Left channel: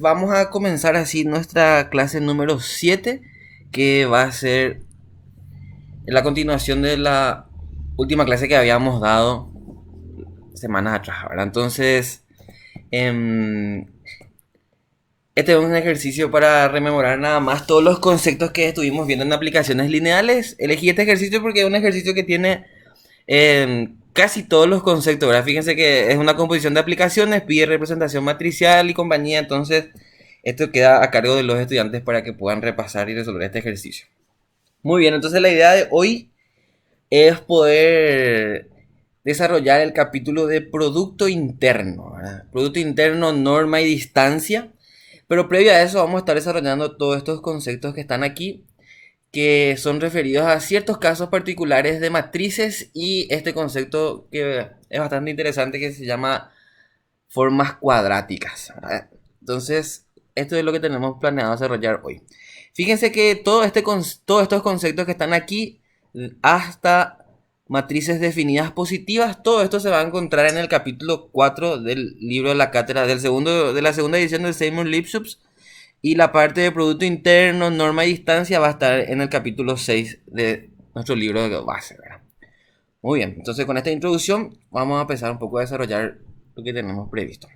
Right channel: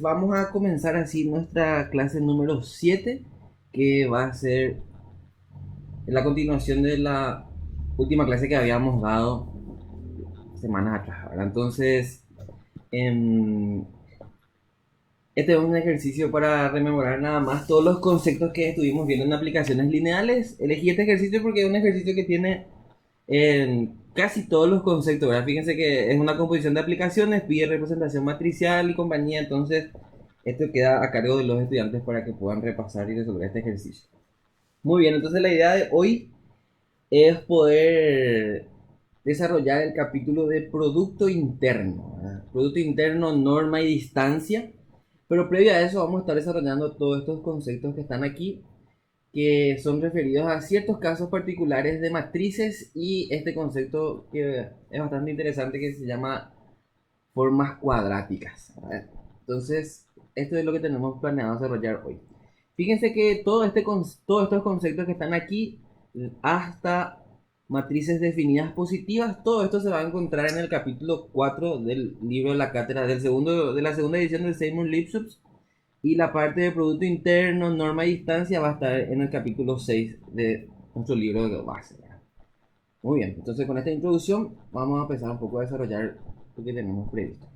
Vamos a comenzar así nuestra clase número 7, que va a ser la continuación de la última clase que habíamos dado semanas atrás, ¿verdad? Entonces, em, este es un ejercicio para rememorar nada más todos los conceptos que estuvimos viendo en aplicaciones lineales. Elegí este ejercicio porque es un ejercicio que tiene casi todos los conceptos, ¿verdad? Fíjense que es una composición de aplicaciones, pide representación matricial y compañía, entonces esto queda a cargo de los estudiantes para que puedan repasar y resolver este ejercicio. Muy bien, entonces la idea de hoy es poder desarrollar el capítulo de producto interno, ¿verdad? Producto interno, norma y distancia. Pero previo a eso vamos a estar desarrollando todos estos conceptos que están aquí, que son referidos a ciertos casos particulares de matrices y este concepto que es bastante interesante que se llama formas cuadráticas, ¿verdad? Entonces, esto es lo que tenemos planeado desarrollar hoy. Fíjense que todos estos conceptos que están aquí, hasta matrices definidas positivas, todo esto se va a encontrar en el capítulo 4 del libro de la cátedra de la segunda edición del Seymour Lipschutz. Y la parte de producto interno, norma y distancia va a estar en el capítulo 6 de nuestro libro de base, ¿verdad? Muy bien, entonces con esta introducción vamos a empezar un poco a desarrollar lo que tenemos previsto.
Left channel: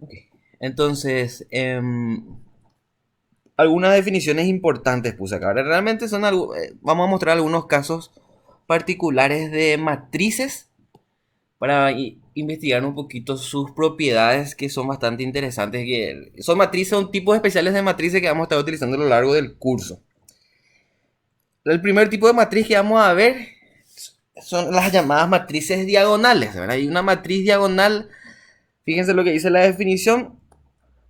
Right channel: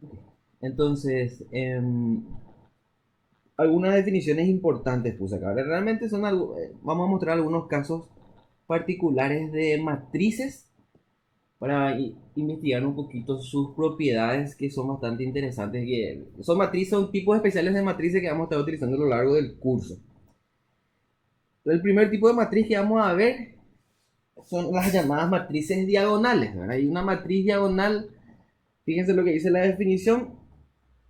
Okay. Entonces, algunas definiciones importantes puse acá. Realmente vamos a mostrar algunos casos particulares de matrices para investigar un poquito sus propiedades, que son bastante interesantes. Que son tipos especiales de matrices que vamos a estar utilizando a lo largo del curso. El primer tipo de matriz que vamos a ver son las llamadas matrices diagonales, ¿verdad? Y una matriz diagonal, fíjense lo que dice la definición,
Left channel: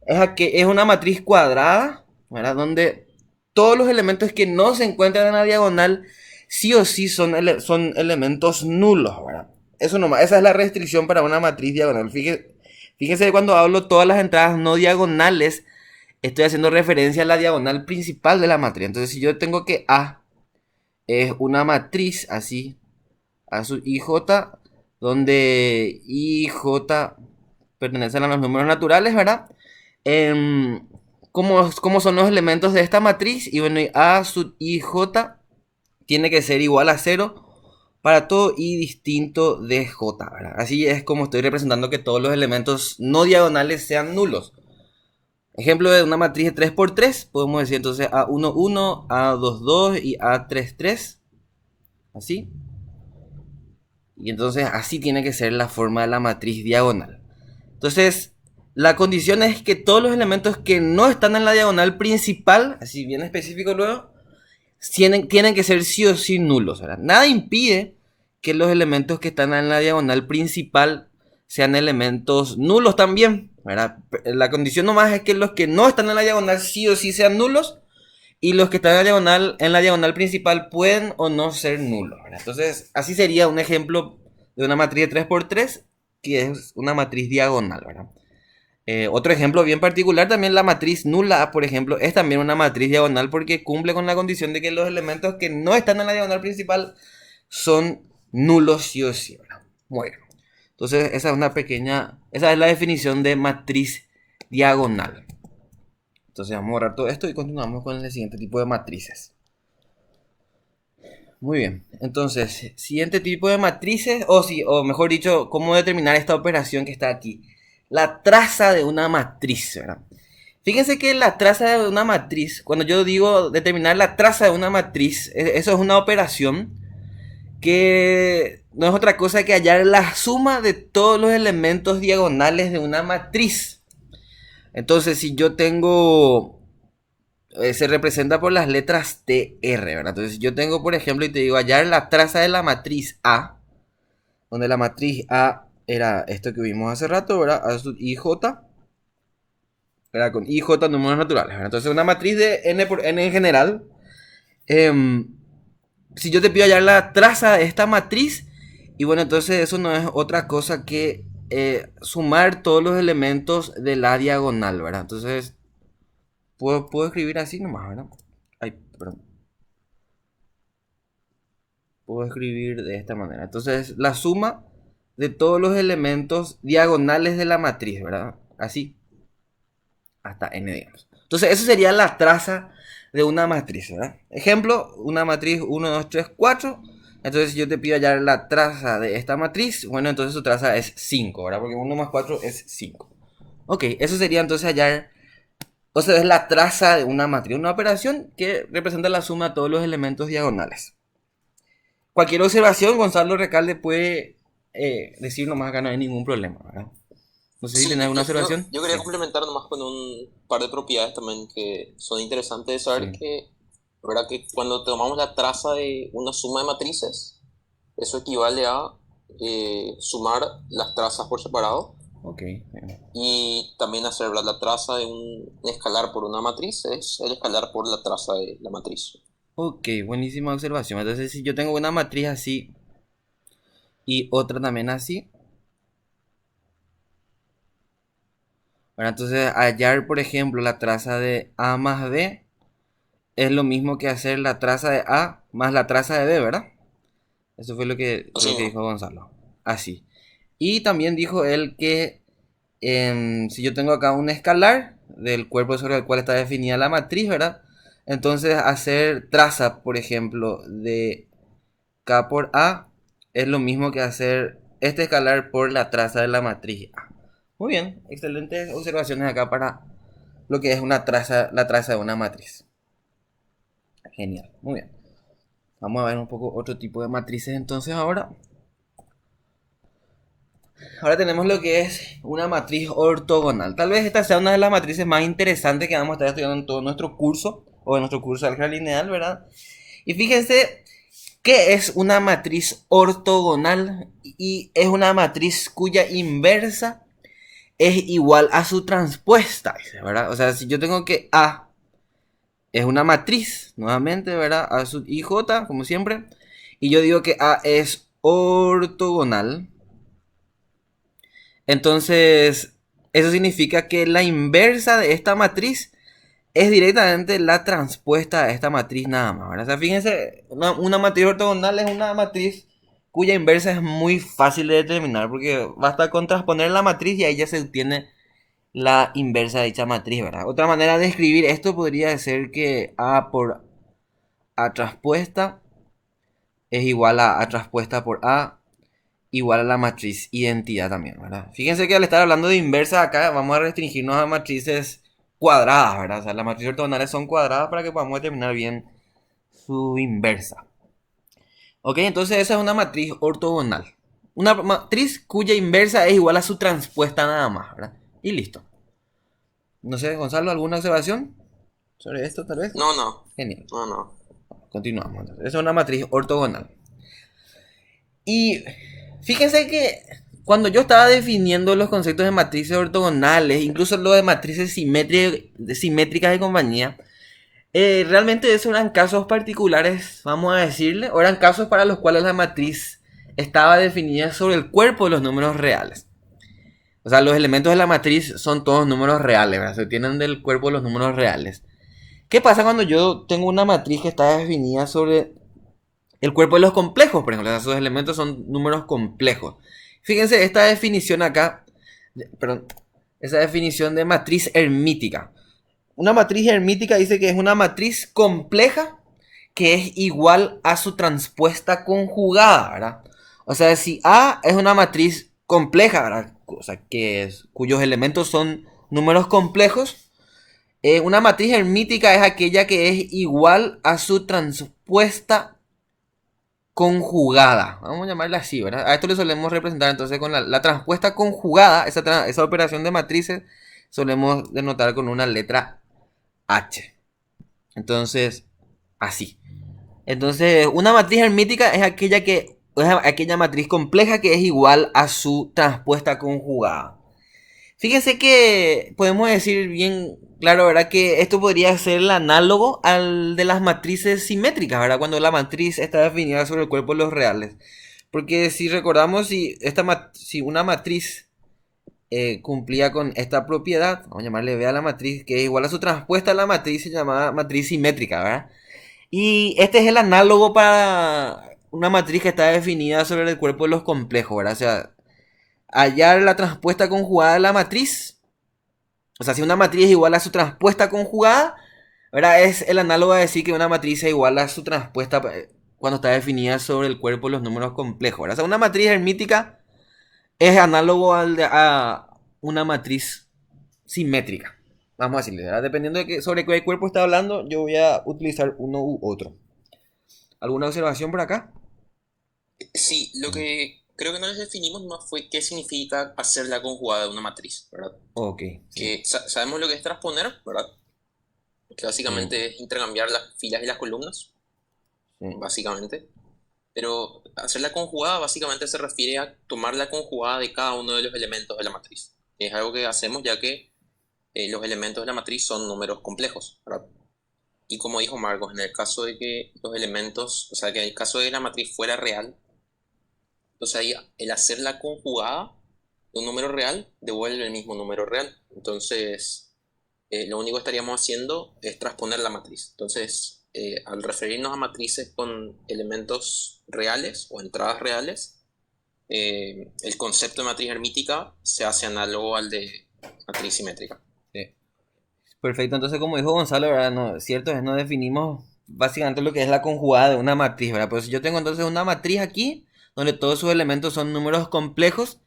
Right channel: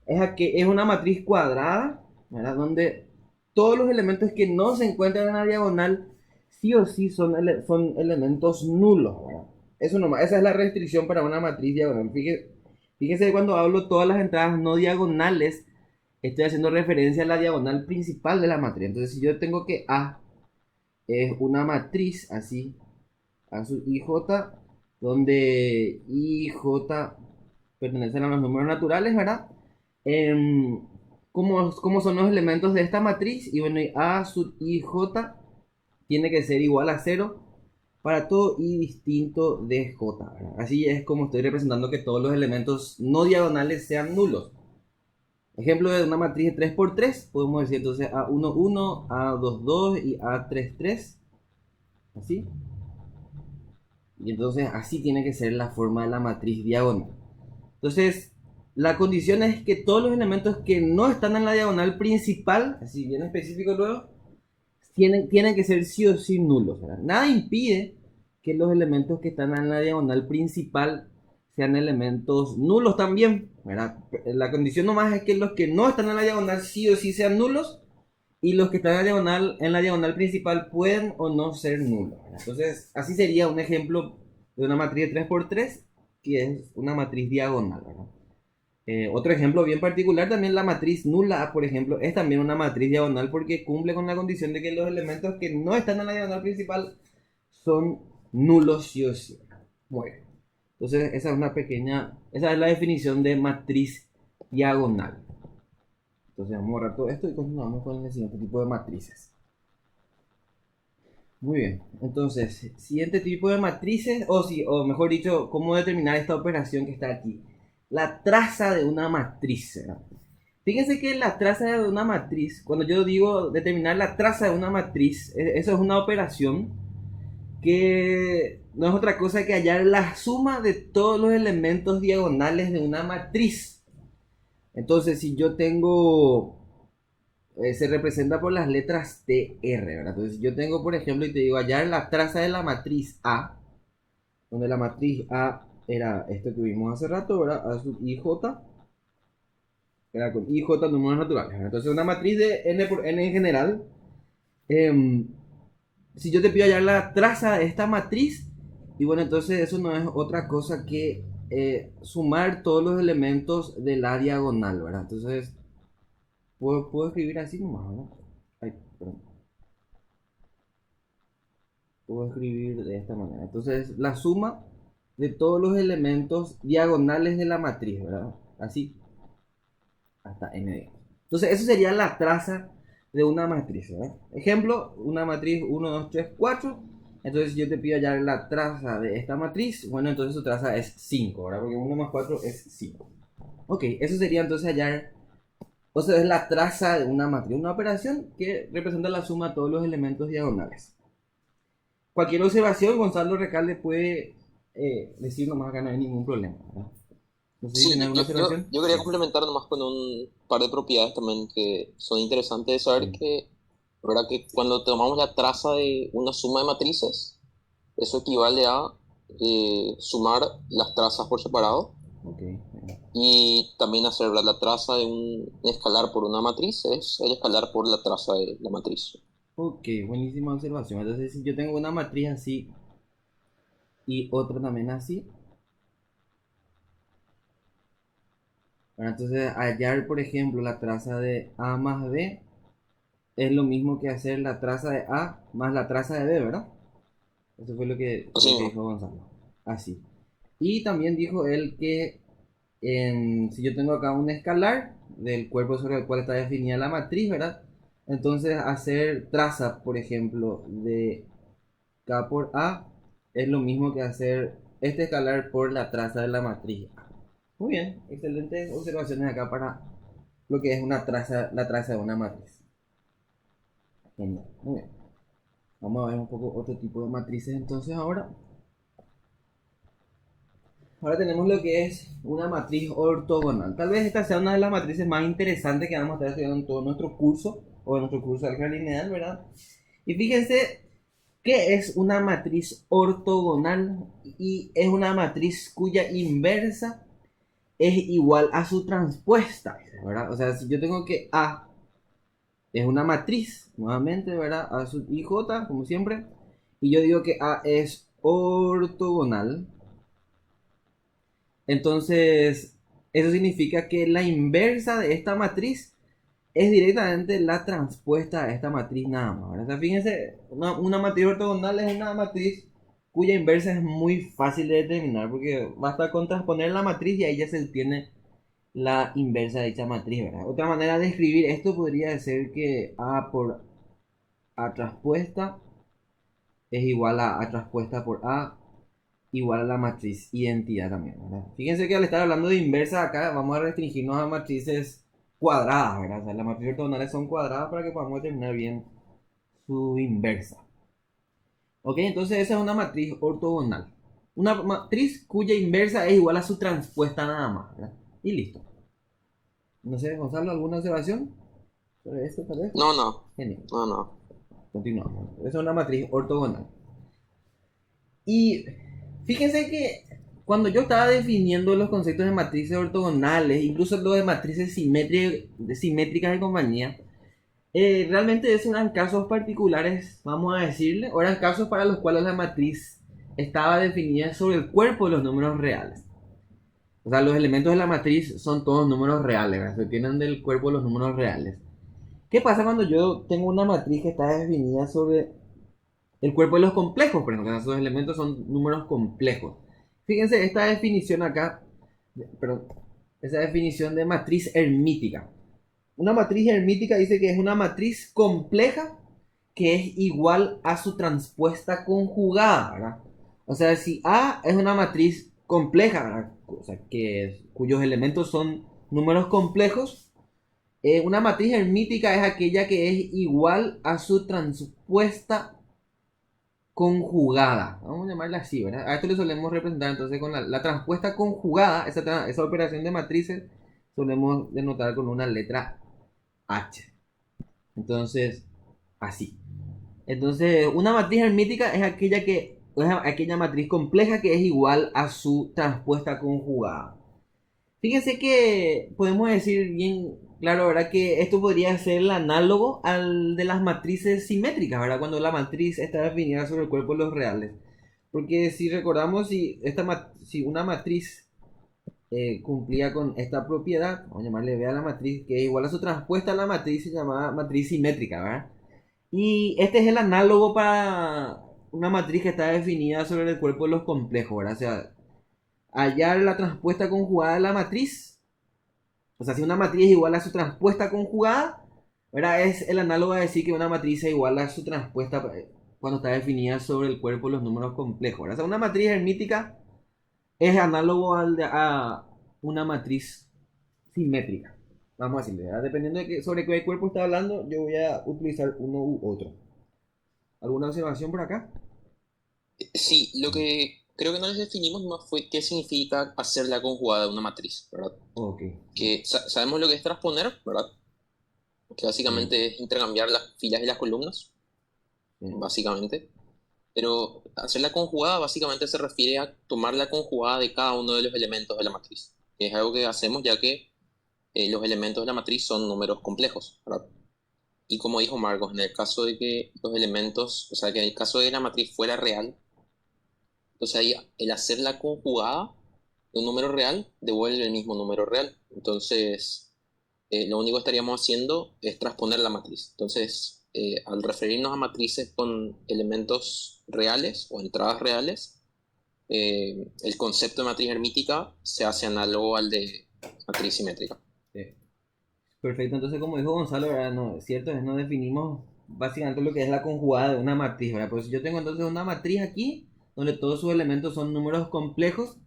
es una matriz cuadrada, ¿verdad? Donde todos los elementos que no se encuentran en la diagonal sí o sí son elementos nulos, ¿verdad? Eso nomás, esa es la restricción para una matriz diagonal. Fíjense que cuando hablo todas las entradas no diagonales, estoy haciendo referencia a la diagonal principal de la matriz. Entonces, si yo tengo que A es una matriz así, a su IJ, donde IJ pertenecen a los números naturales, ¿verdad? ¿Cómo son los elementos de esta matriz? Y bueno, A sub IJ tiene que ser igual a 0 para todo i distinto de j, ¿verdad? Así es como estoy representando que todos los elementos no diagonales sean nulos. Ejemplo de una matriz de 3 por 3, podemos decir entonces A1, 1, A2, 2 y A3, 3. Así. Y entonces así tiene que ser la forma de la matriz diagonal. Entonces, la condición es que todos los elementos que no están en la diagonal principal, así bien específico luego, tienen que ser sí o sí nulos, ¿verdad? Nada impide que los elementos que están en la diagonal principal sean elementos nulos también, ¿verdad? La condición nomás es que los que no están en la diagonal sí o sí sean nulos, y los que están en la diagonal principal pueden o no ser nulos, ¿verdad? Entonces, así sería un ejemplo de una matriz de 3 por 3 que es una matriz diagonal, ¿verdad? Otro ejemplo bien particular, también la matriz nula, por ejemplo, es también una matriz diagonal porque cumple con la condición de que los elementos que no están en la diagonal principal son nulos sí o sí, ¿verdad? Bueno, entonces esa es la definición de matriz diagonal. Entonces vamos a borrar todo esto y continuamos con el siguiente tipo de matrices. Muy bien, entonces, siguiente tipo de matrices, o mejor dicho, cómo determinar esta operación que está aquí. La traza de una matriz, ¿verdad? Fíjense que la traza de una matriz, cuando yo digo determinar la traza de una matriz, eso es una operación que no es otra cosa que hallar la suma de todos los elementos diagonales de una matriz. Entonces, si yo tengo se representa por las letras TR, ¿verdad? Entonces yo tengo, por ejemplo, y te digo, hallar la traza de la matriz A, donde la matriz A era esto que vimos hace rato, ¿verdad? A sub IJ, ¿verdad? Con IJ números naturales, ¿verdad? Entonces una matriz de N por N en general, em, si yo te pido hallar la traza de esta matriz, y bueno, entonces eso no es otra cosa que sumar todos los elementos de la diagonal, ¿verdad? Entonces, puedo escribir así nomás, ¿verdad? Ay, perdón. Puedo escribir de esta manera. Entonces, la suma de todos los elementos diagonales de la matriz, ¿verdad? Así, hasta n, digamos. Entonces, eso sería la traza de una matriz, ¿verdad? Ejemplo, una matriz 1, 2, 3, 4. Entonces, si yo te pido hallar la traza de esta matriz, bueno, entonces su traza es 5, ¿verdad? Porque 1 más 4 es 5. Ok, eso sería entonces hallar, o sea, es la traza de una matriz, una operación que representa la suma de todos los elementos diagonales. Cualquier observación, Gonzalo Recalde puede decir nomás, acá no hay ningún problema, ¿verdad? No sé si tenés Sí, alguna observación. yo quería Sí, complementar nomás con un par de propiedades también que son interesantes de saber sí. que, ¿verdad? Que cuando tomamos la traza de una suma de matrices, eso equivale a sumar las trazas por separado Ok, y también hacer, ¿verdad? La traza de un escalar por una matriz es el escalar por la traza de la matriz. ok, buenísima observación. Entonces, si yo tengo una matriz así y otra también así, bueno, entonces hallar, por ejemplo, la traza de A más B es lo mismo que hacer la traza de A más la traza de B, ¿verdad? Eso fue lo que Así creo que mismo. dijo Gonzalo. Así. Y también dijo él que si yo tengo acá un escalar del cuerpo sobre el cual está definida la matriz, ¿verdad? Entonces hacer traza, por ejemplo, de K por A es lo mismo que hacer este escalar por la traza de la matriz A. Muy bien, excelentes observaciones acá para lo que es una traza, la traza de una matriz. Genial, muy bien. Vamos a ver un poco otro tipo de matrices entonces ahora. Ahora tenemos lo que es una matriz ortogonal. Tal vez esta sea una de las matrices más interesantes que vamos a estar estudiando en todo nuestro curso, o en nuestro curso de álgebra lineal, ¿verdad? Y fíjense que es una matriz ortogonal y es una matriz cuya inversa es igual a su transpuesta, ¿verdad? O sea, si yo tengo que A es una matriz, nuevamente, ¿verdad? A sub i j, como siempre, y yo digo que A es ortogonal, entonces eso significa que la inversa de esta matriz es directamente la transpuesta de esta matriz nada más, ¿verdad? O sea, fíjense, una matriz ortogonal es una matriz cuya inversa es muy fácil de determinar porque basta con transponer la matriz y ahí ya se obtiene la inversa de dicha matriz, ¿verdad? Otra manera de escribir esto podría ser que A por A transpuesta es igual a A transpuesta por A igual a la matriz identidad también, ¿verdad? Fíjense que al estar hablando de inversa acá vamos a restringirnos a matrices cuadradas, ¿verdad? O sea, las matrices ortogonales son cuadradas para que podamos determinar bien su inversa. Ok, entonces esa es una matriz ortogonal. Una matriz cuya inversa es igual a su transpuesta nada más, ¿verdad? Y listo. No sé, Gonzalo, ¿alguna observación sobre esto tal vez? No, no, Genial. no, no. Continuamos. Esa es una matriz ortogonal. Y fíjense que cuando yo estaba definiendo los conceptos de matrices ortogonales, incluso lo de matrices simétricas de compañía, realmente esos eran casos particulares, vamos a decirle, o eran casos para los cuales la matriz estaba definida sobre el cuerpo de los números reales. O sea, los elementos de la matriz son todos números reales, ¿verdad? Se obtienen del cuerpo de los números reales. ¿Qué pasa cuando yo tengo una matriz que está definida sobre el cuerpo de los complejos, por ejemplo? Esos elementos son números complejos. Fíjense esta definición acá, perdón, esa definición de matriz hermítica. Una matriz hermítica dice que es una matriz compleja que es igual a su transpuesta conjugada, ¿verdad? O sea, si A es una matriz compleja, ¿verdad? O sea, cuyos elementos son números complejos, una matriz hermítica es aquella que es igual a su transpuesta conjugada. Vamos a llamarla así, ¿verdad? A esto le solemos representar entonces con la transpuesta conjugada, esa operación de matrices, solemos denotar con una letra H. Entonces, así. Entonces, una matriz hermítica es aquella matriz compleja que es igual a su transpuesta conjugada. Fíjense que podemos decir bien claro, ¿verdad? Que esto podría ser el análogo al de las matrices simétricas, ¿verdad? Cuando la matriz está definida sobre el cuerpo de los reales. Porque si recordamos, si una matriz cumplía con esta propiedad, vamos a llamarle B a la matriz, que es igual a su transpuesta a la matriz, se llamaba matriz simétrica, ¿verdad? Y este es el análogo para una matriz que está definida sobre el cuerpo de los complejos, ¿verdad? O sea, hallar la transpuesta conjugada de la matriz. O sea, si una matriz es igual a su transpuesta conjugada, ¿verdad? Es el análogo a decir que una matriz es igual a su transpuesta cuando está definida sobre el cuerpo de los números complejos, ¿verdad? O sea, una matriz hermítica es análogo a una matriz simétrica. Vamos a decirle, ¿verdad? Dependiendo de sobre qué cuerpo está hablando, yo voy a utilizar uno u otro. ¿Alguna observación por acá? Sí, lo que creo que no les definimos más fue qué significa hacer la conjugada de una matriz, ¿verdad? Ok, sí. Que sabemos lo que es transponer, ¿verdad? Que Sí, básicamente es intercambiar las filas y las columnas, sí. básicamente. Pero hacer la conjugada básicamente se refiere a tomar la conjugada de cada uno de los elementos de la matriz. Es algo que hacemos ya que los elementos de la matriz son números complejos, ¿verdad? Y como dijo Marcos, en el caso de que los elementos, o sea, que en el caso de que la matriz fuera real, entonces ahí el hacer la conjugada de un número real devuelve el mismo número real. Entonces, lo único que estaríamos haciendo es transponer la matriz. Entonces, al referirnos a matrices con elementos reales o entradas reales, el concepto de matriz hermítica se hace análogo al de matriz simétrica. Sí. Perfecto, entonces como dijo Gonzalo, ¿verdad? No, cierto es, no definimos básicamente lo que es la conjugada de una matriz, ¿verdad? Pues si yo tengo entonces una matriz aquí, donde todos sus elementos son números complejos,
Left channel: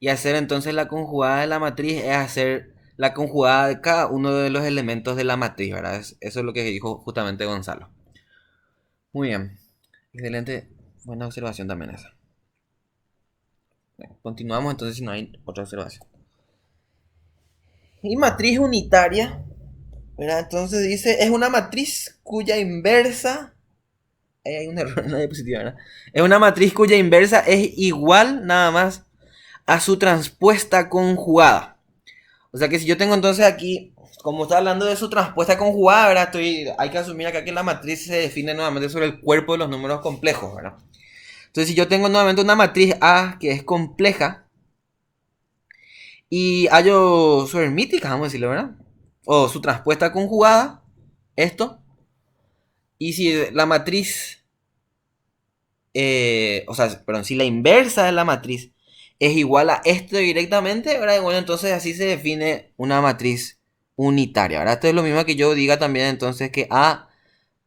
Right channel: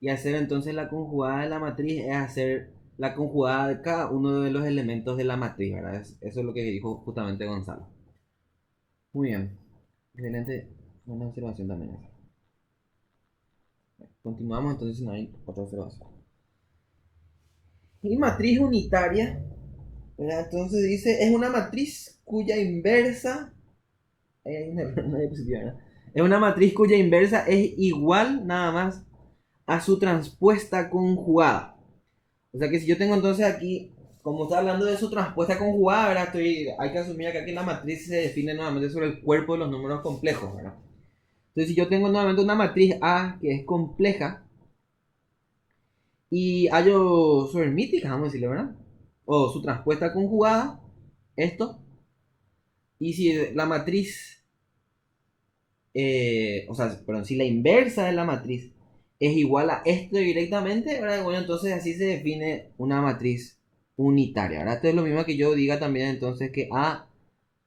y hacer entonces la conjugada de la matriz es hacer la conjugada de cada uno de los elementos de la matriz, ¿verdad? Eso es lo que dijo justamente Gonzalo. Muy bien, excelente, buena observación también esa. Bueno, continuamos entonces si no hay otra observación. Y matriz unitaria, ¿verdad? Entonces dice, es una matriz cuya inversa, ahí hay un error en la diapositiva, ¿verdad? Es una matriz cuya inversa es igual nada más a su transpuesta conjugada. O sea que si yo tengo entonces aquí, como está hablando de su transpuesta conjugada, ¿verdad? Hay que asumir acá que la matriz se define nuevamente sobre el cuerpo de los números complejos, ¿verdad? Entonces si yo tengo nuevamente una matriz A que es compleja y hallo su hermítica, vamos a decirlo, ¿verdad? O su transpuesta conjugada, esto. Y si la matriz, o sea, perdón, si la inversa de la matriz es igual a esto directamente, ¿verdad? Bueno, entonces así se define una matriz unitaria, ¿verdad? Esto es lo mismo que yo diga también entonces que A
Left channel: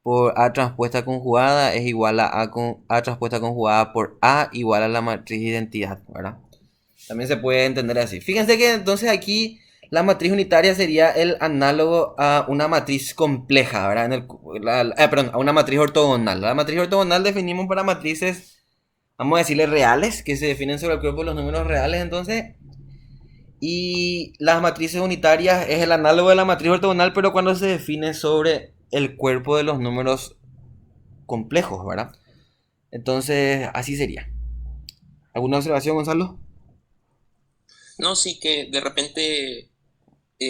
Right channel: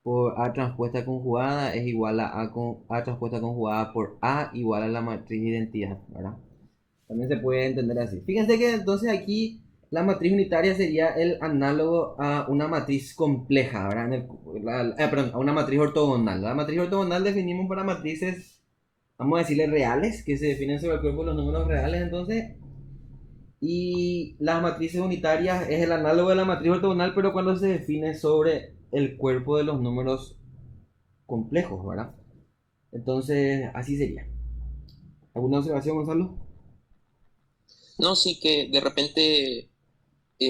por A transpuesta conjugada es igual a A transpuesta conjugada por A igual a la matriz de identidad, ¿verdad? También se puede entender así. Fíjense que entonces aquí la matriz unitaria sería el análogo a una matriz compleja, ¿verdad? Perdón, a una matriz ortogonal. La matriz ortogonal definimos para matrices, vamos a decirle reales, que se definen sobre el cuerpo de los números reales, entonces. Y las matrices unitarias es el análogo de la matriz ortogonal, pero cuando se define sobre el cuerpo de los números complejos, ¿verdad? Entonces, así sería. ¿Alguna observación, Gonzalo? No, sí que de repente,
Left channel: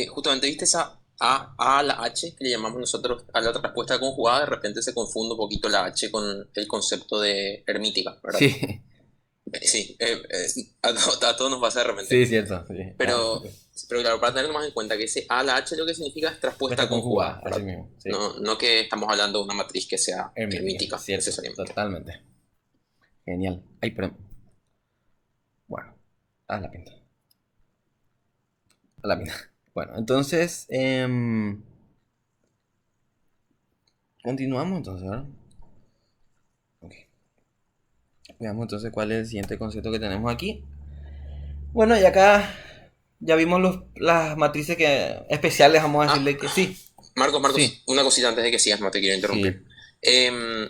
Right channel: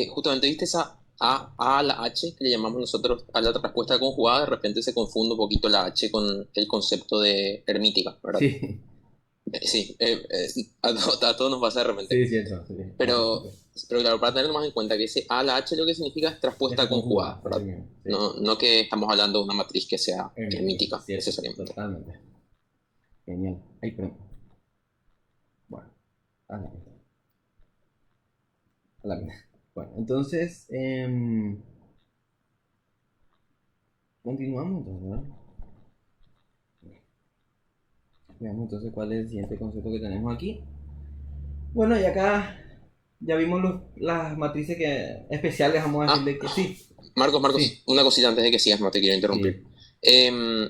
justamente viste esa A a la H que le llamamos nosotros a la transpuesta conjugada, de repente se confunde un poquito la H con el concepto de hermítica, ¿verdad? Sí, Sí, a todos nos pasa de repente. sí, cierto. Sí. Pero, pero claro, para tener más en cuenta que ese A a la H lo que significa es Respuesta transpuesta conjugada, conjugada, así ¿verdad? mismo. Sí. No, no que estamos hablando de una matriz que sea Hermética, hermítica cierto, necesariamente. totalmente. Genial. Ay, perdón. Bueno, a la pinta. A la pinta. Bueno, entonces, continuamos entonces, ¿verdad? Ok. Veamos entonces cuál es el siguiente concepto que tenemos aquí. Bueno, y acá ya vimos las matrices especiales, vamos a Ah, decirle que sí. Marcos, Sí, una cosita antes de que sigas, no te quiero sí. interrumpir. Em,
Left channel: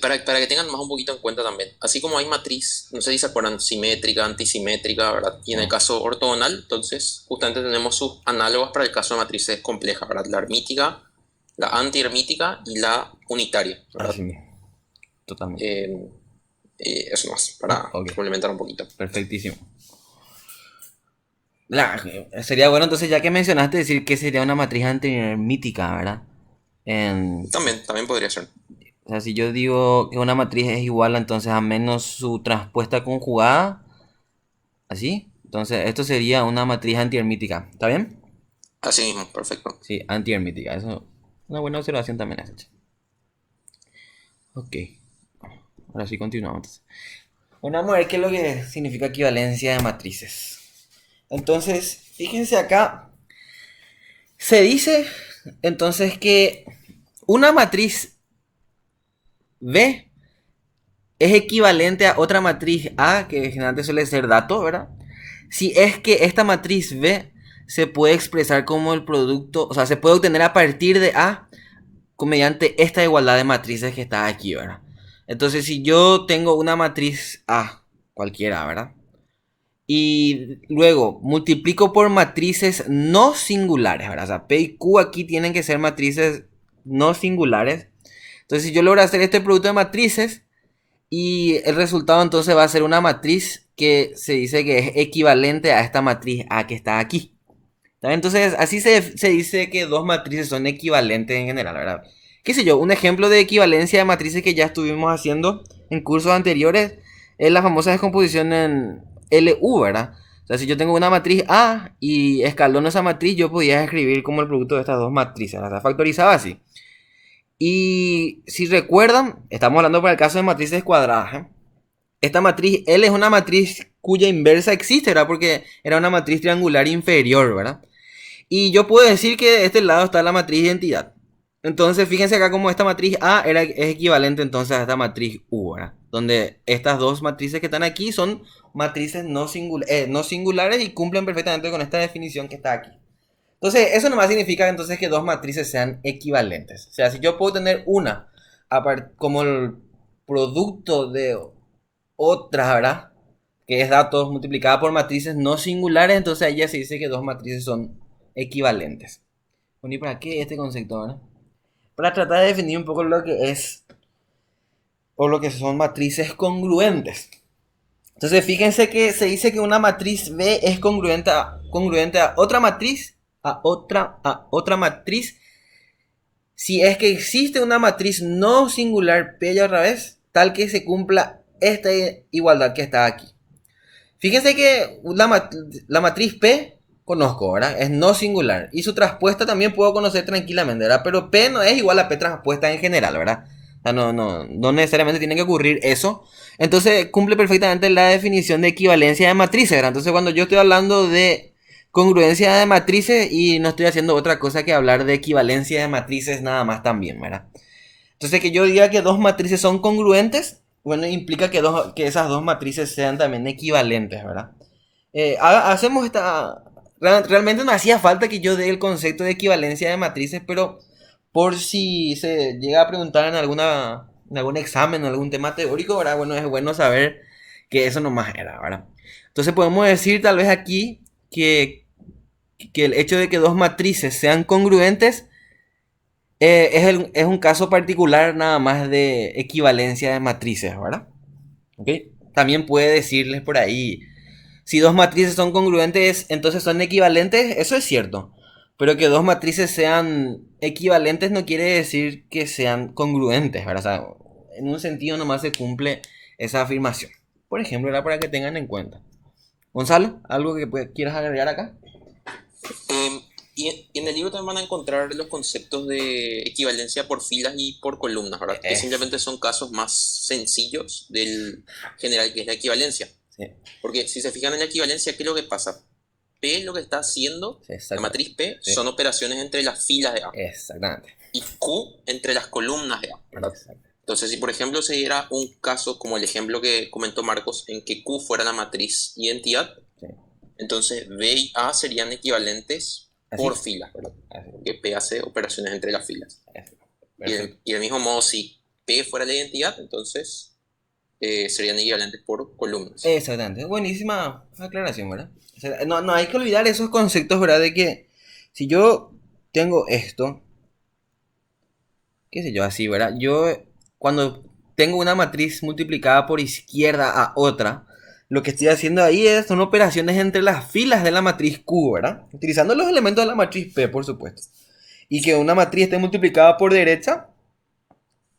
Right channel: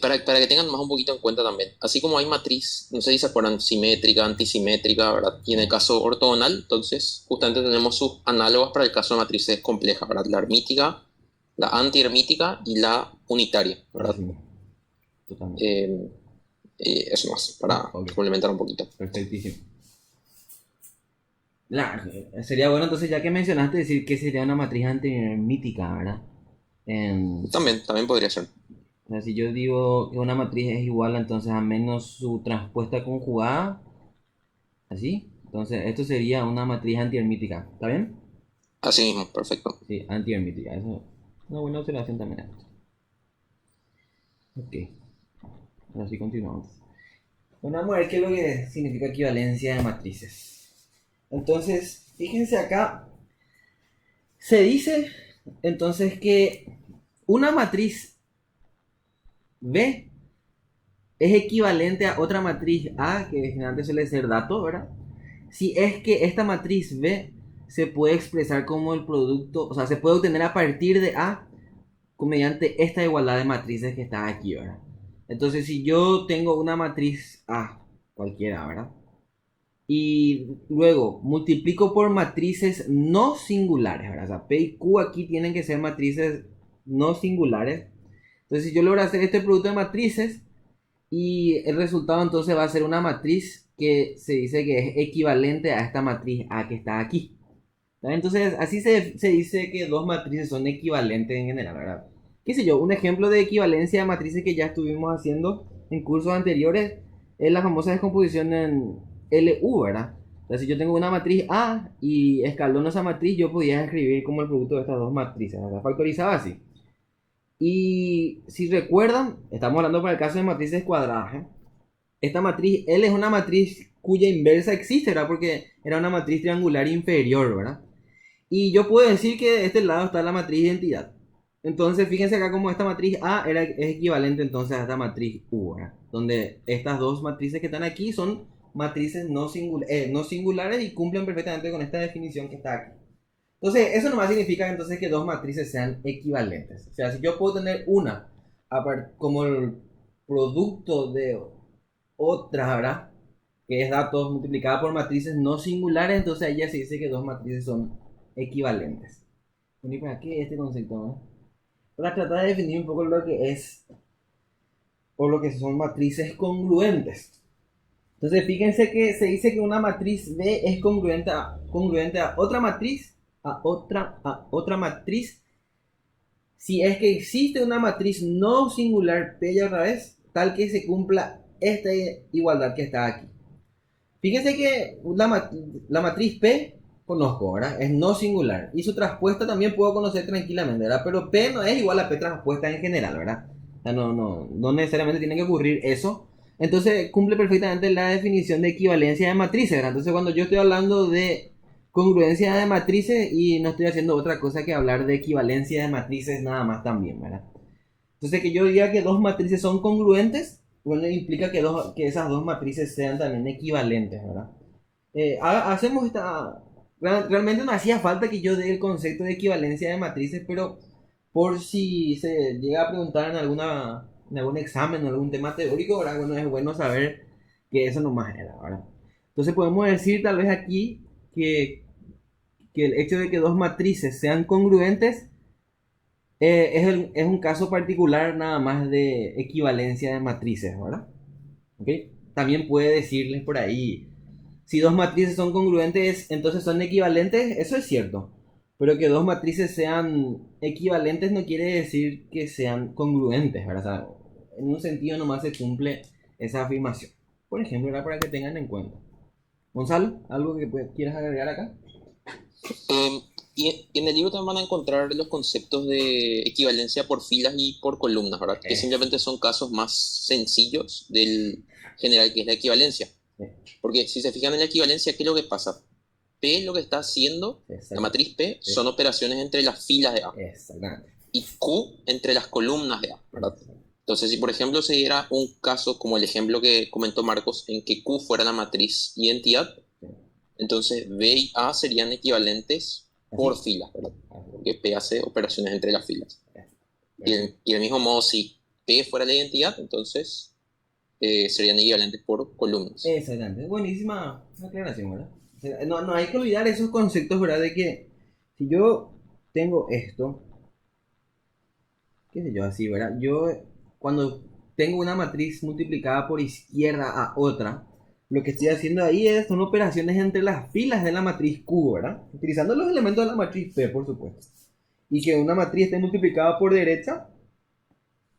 para que tengan más un poquito en cuenta también, así como hay matriz, no sé si se acuerdan, simétrica, antisimétrica, ¿verdad? Y en el Ah, caso ortogonal, entonces, justamente tenemos sus análogas para el caso de matrices complejas, ¿verdad? La hermítica, la antihermítica y la unitaria, ¿verdad? así mismo. Totalmente. Eh, eso más, para Ok, complementar un poquito. perfectísimo. Sería bueno entonces, ya que mencionaste, decir que sería una matriz antihermítica, ¿verdad? En, También podría ser. o sea, si yo digo que una matriz es igual entonces a menos su transpuesta conjugada, ¿así? Entonces, esto sería una matriz antihermítica. ¿Está bien? Así mismo, perfecto. Sí, antihermítica. Eso es una buena observación también has hecho. Ok. Ahora sí continuamos entonces. Bueno, vamos a ver qué es lo que significa equivalencia de matrices. Entonces, fíjense acá, se dice entonces que una matriz B es equivalente a otra matriz A, que generalmente suele ser dato, ¿verdad? Si es que esta matriz B se puede expresar como el producto, o sea, se puede obtener a partir de A mediante esta igualdad de matrices que está aquí, ¿verdad? Entonces, si yo tengo una matriz A, cualquiera, ¿verdad? Y luego multiplico por matrices no singulares, ¿verdad? O sea, P y Q aquí tienen que ser matrices no singulares. Entonces, si yo logro hacer este producto de matrices, y el resultado entonces va a ser una matriz que se dice que es equivalente a esta matriz A que está aquí. Entonces, así se dice que dos matrices son equivalentes en general, ¿verdad? ¿Qué sé yo? Un ejemplo de equivalencia de matrices que ya estuvimos haciendo en cursos anteriores es la famosa descomposición en LU, ¿verdad? O sea, si yo tengo una matriz A y escalono esa matriz, yo podía escribir como el producto de estas dos matrices, ¿verdad? Factorizaba así. Y si recuerdan, estamos hablando para el caso de matrices cuadradas, ¿eh? Esta matriz L es una matriz cuya inversa existe, ¿verdad? Porque era una matriz triangular inferior, ¿verdad? Y yo puedo decir que de este lado está la matriz identidad. Entonces, fíjense acá como esta matriz A es equivalente entonces a esta matriz U, ¿verdad? Donde estas dos matrices que están aquí son matrices no singulares y cumplen perfectamente con esta definición que está aquí. Entonces, eso nomás significa entonces que dos matrices sean equivalentes. O sea, si yo puedo tener una como el producto de otra, ¿verdad? Que es datos multiplicada por matrices no singulares, entonces ahí ya se dice que dos matrices son equivalentes. Bueno, ¿y para qué este concepto, verdad? Para tratar de definir un poco lo que es o lo que son matrices congruentes. Entonces, fíjense que se dice que una matriz B es congruente a otra matriz, a otra matriz, si es que existe una matriz no singular P y otra vez, tal que se cumpla esta igualdad que está aquí. Fíjense que la matriz P conozco, ¿verdad? Es no singular. Y su traspuesta también puedo conocer tranquilamente, ¿verdad? Pero P no es igual a P traspuesta en general, ¿verdad? O sea, no necesariamente tiene que ocurrir eso. Entonces cumple perfectamente la definición de equivalencia de matrices, ¿verdad? Entonces cuando yo estoy hablando de congruencia de matrices y no estoy haciendo otra cosa que hablar de equivalencia de matrices nada más también, ¿verdad? Entonces que yo diga que dos matrices son congruentes, bueno, implica que esas dos matrices sean también equivalentes, ¿verdad? Hacemos esta... Realmente no hacía falta que yo dé el concepto de equivalencia de matrices, pero por si se llega a preguntar en algún examen o algún tema teórico, ¿verdad? Bueno, es bueno saber que eso nomás era, ¿verdad? Entonces podemos decir tal vez aquí que el hecho de que dos matrices sean congruentes es un caso particular nada más de equivalencia de matrices, ¿verdad? ¿Ok? También puede decirles por ahí, si dos matrices son congruentes, entonces son equivalentes, eso es cierto. Pero que dos matrices sean equivalentes no quiere decir que sean congruentes, ¿verdad? O sea, en un sentido nomás se cumple esa afirmación. Por ejemplo, era para que tengan en cuenta. Gonzalo, ¿algo que quieras agregar acá? Y en el libro también van a encontrar los conceptos de equivalencia por filas y por columnas, ¿verdad? Que simplemente son casos más sencillos del general, que es la equivalencia. Sí. Porque si se fijan en la equivalencia, ¿qué es lo que pasa? P lo que está haciendo, Sí, la matriz P, sí, son operaciones entre las filas de A. Exactamente. Y Q entre las columnas de A, ¿verdad? Exacto. Entonces, si por ejemplo se diera un caso como el ejemplo que comentó Marcos, en que Q fuera la matriz identidad, Sí. entonces B y A serían equivalentes por Así. filas, ¿verdad? Así. Porque P hace operaciones entre las filas. Así. Y del mismo modo, si P fuera la identidad, entonces serían equivalentes por columnas. Exactamente. Buenísima aclaración, ¿verdad? O sea, no hay que olvidar esos conceptos, ¿verdad? De que si yo tengo esto, qué sé yo, así, ¿verdad? Yo cuando tengo una matriz multiplicada por izquierda a otra, lo que estoy haciendo ahí son operaciones entre las filas de la matriz Q, ¿verdad? Utilizando los elementos de la matriz P, por supuesto. Y que una matriz esté multiplicada por derecha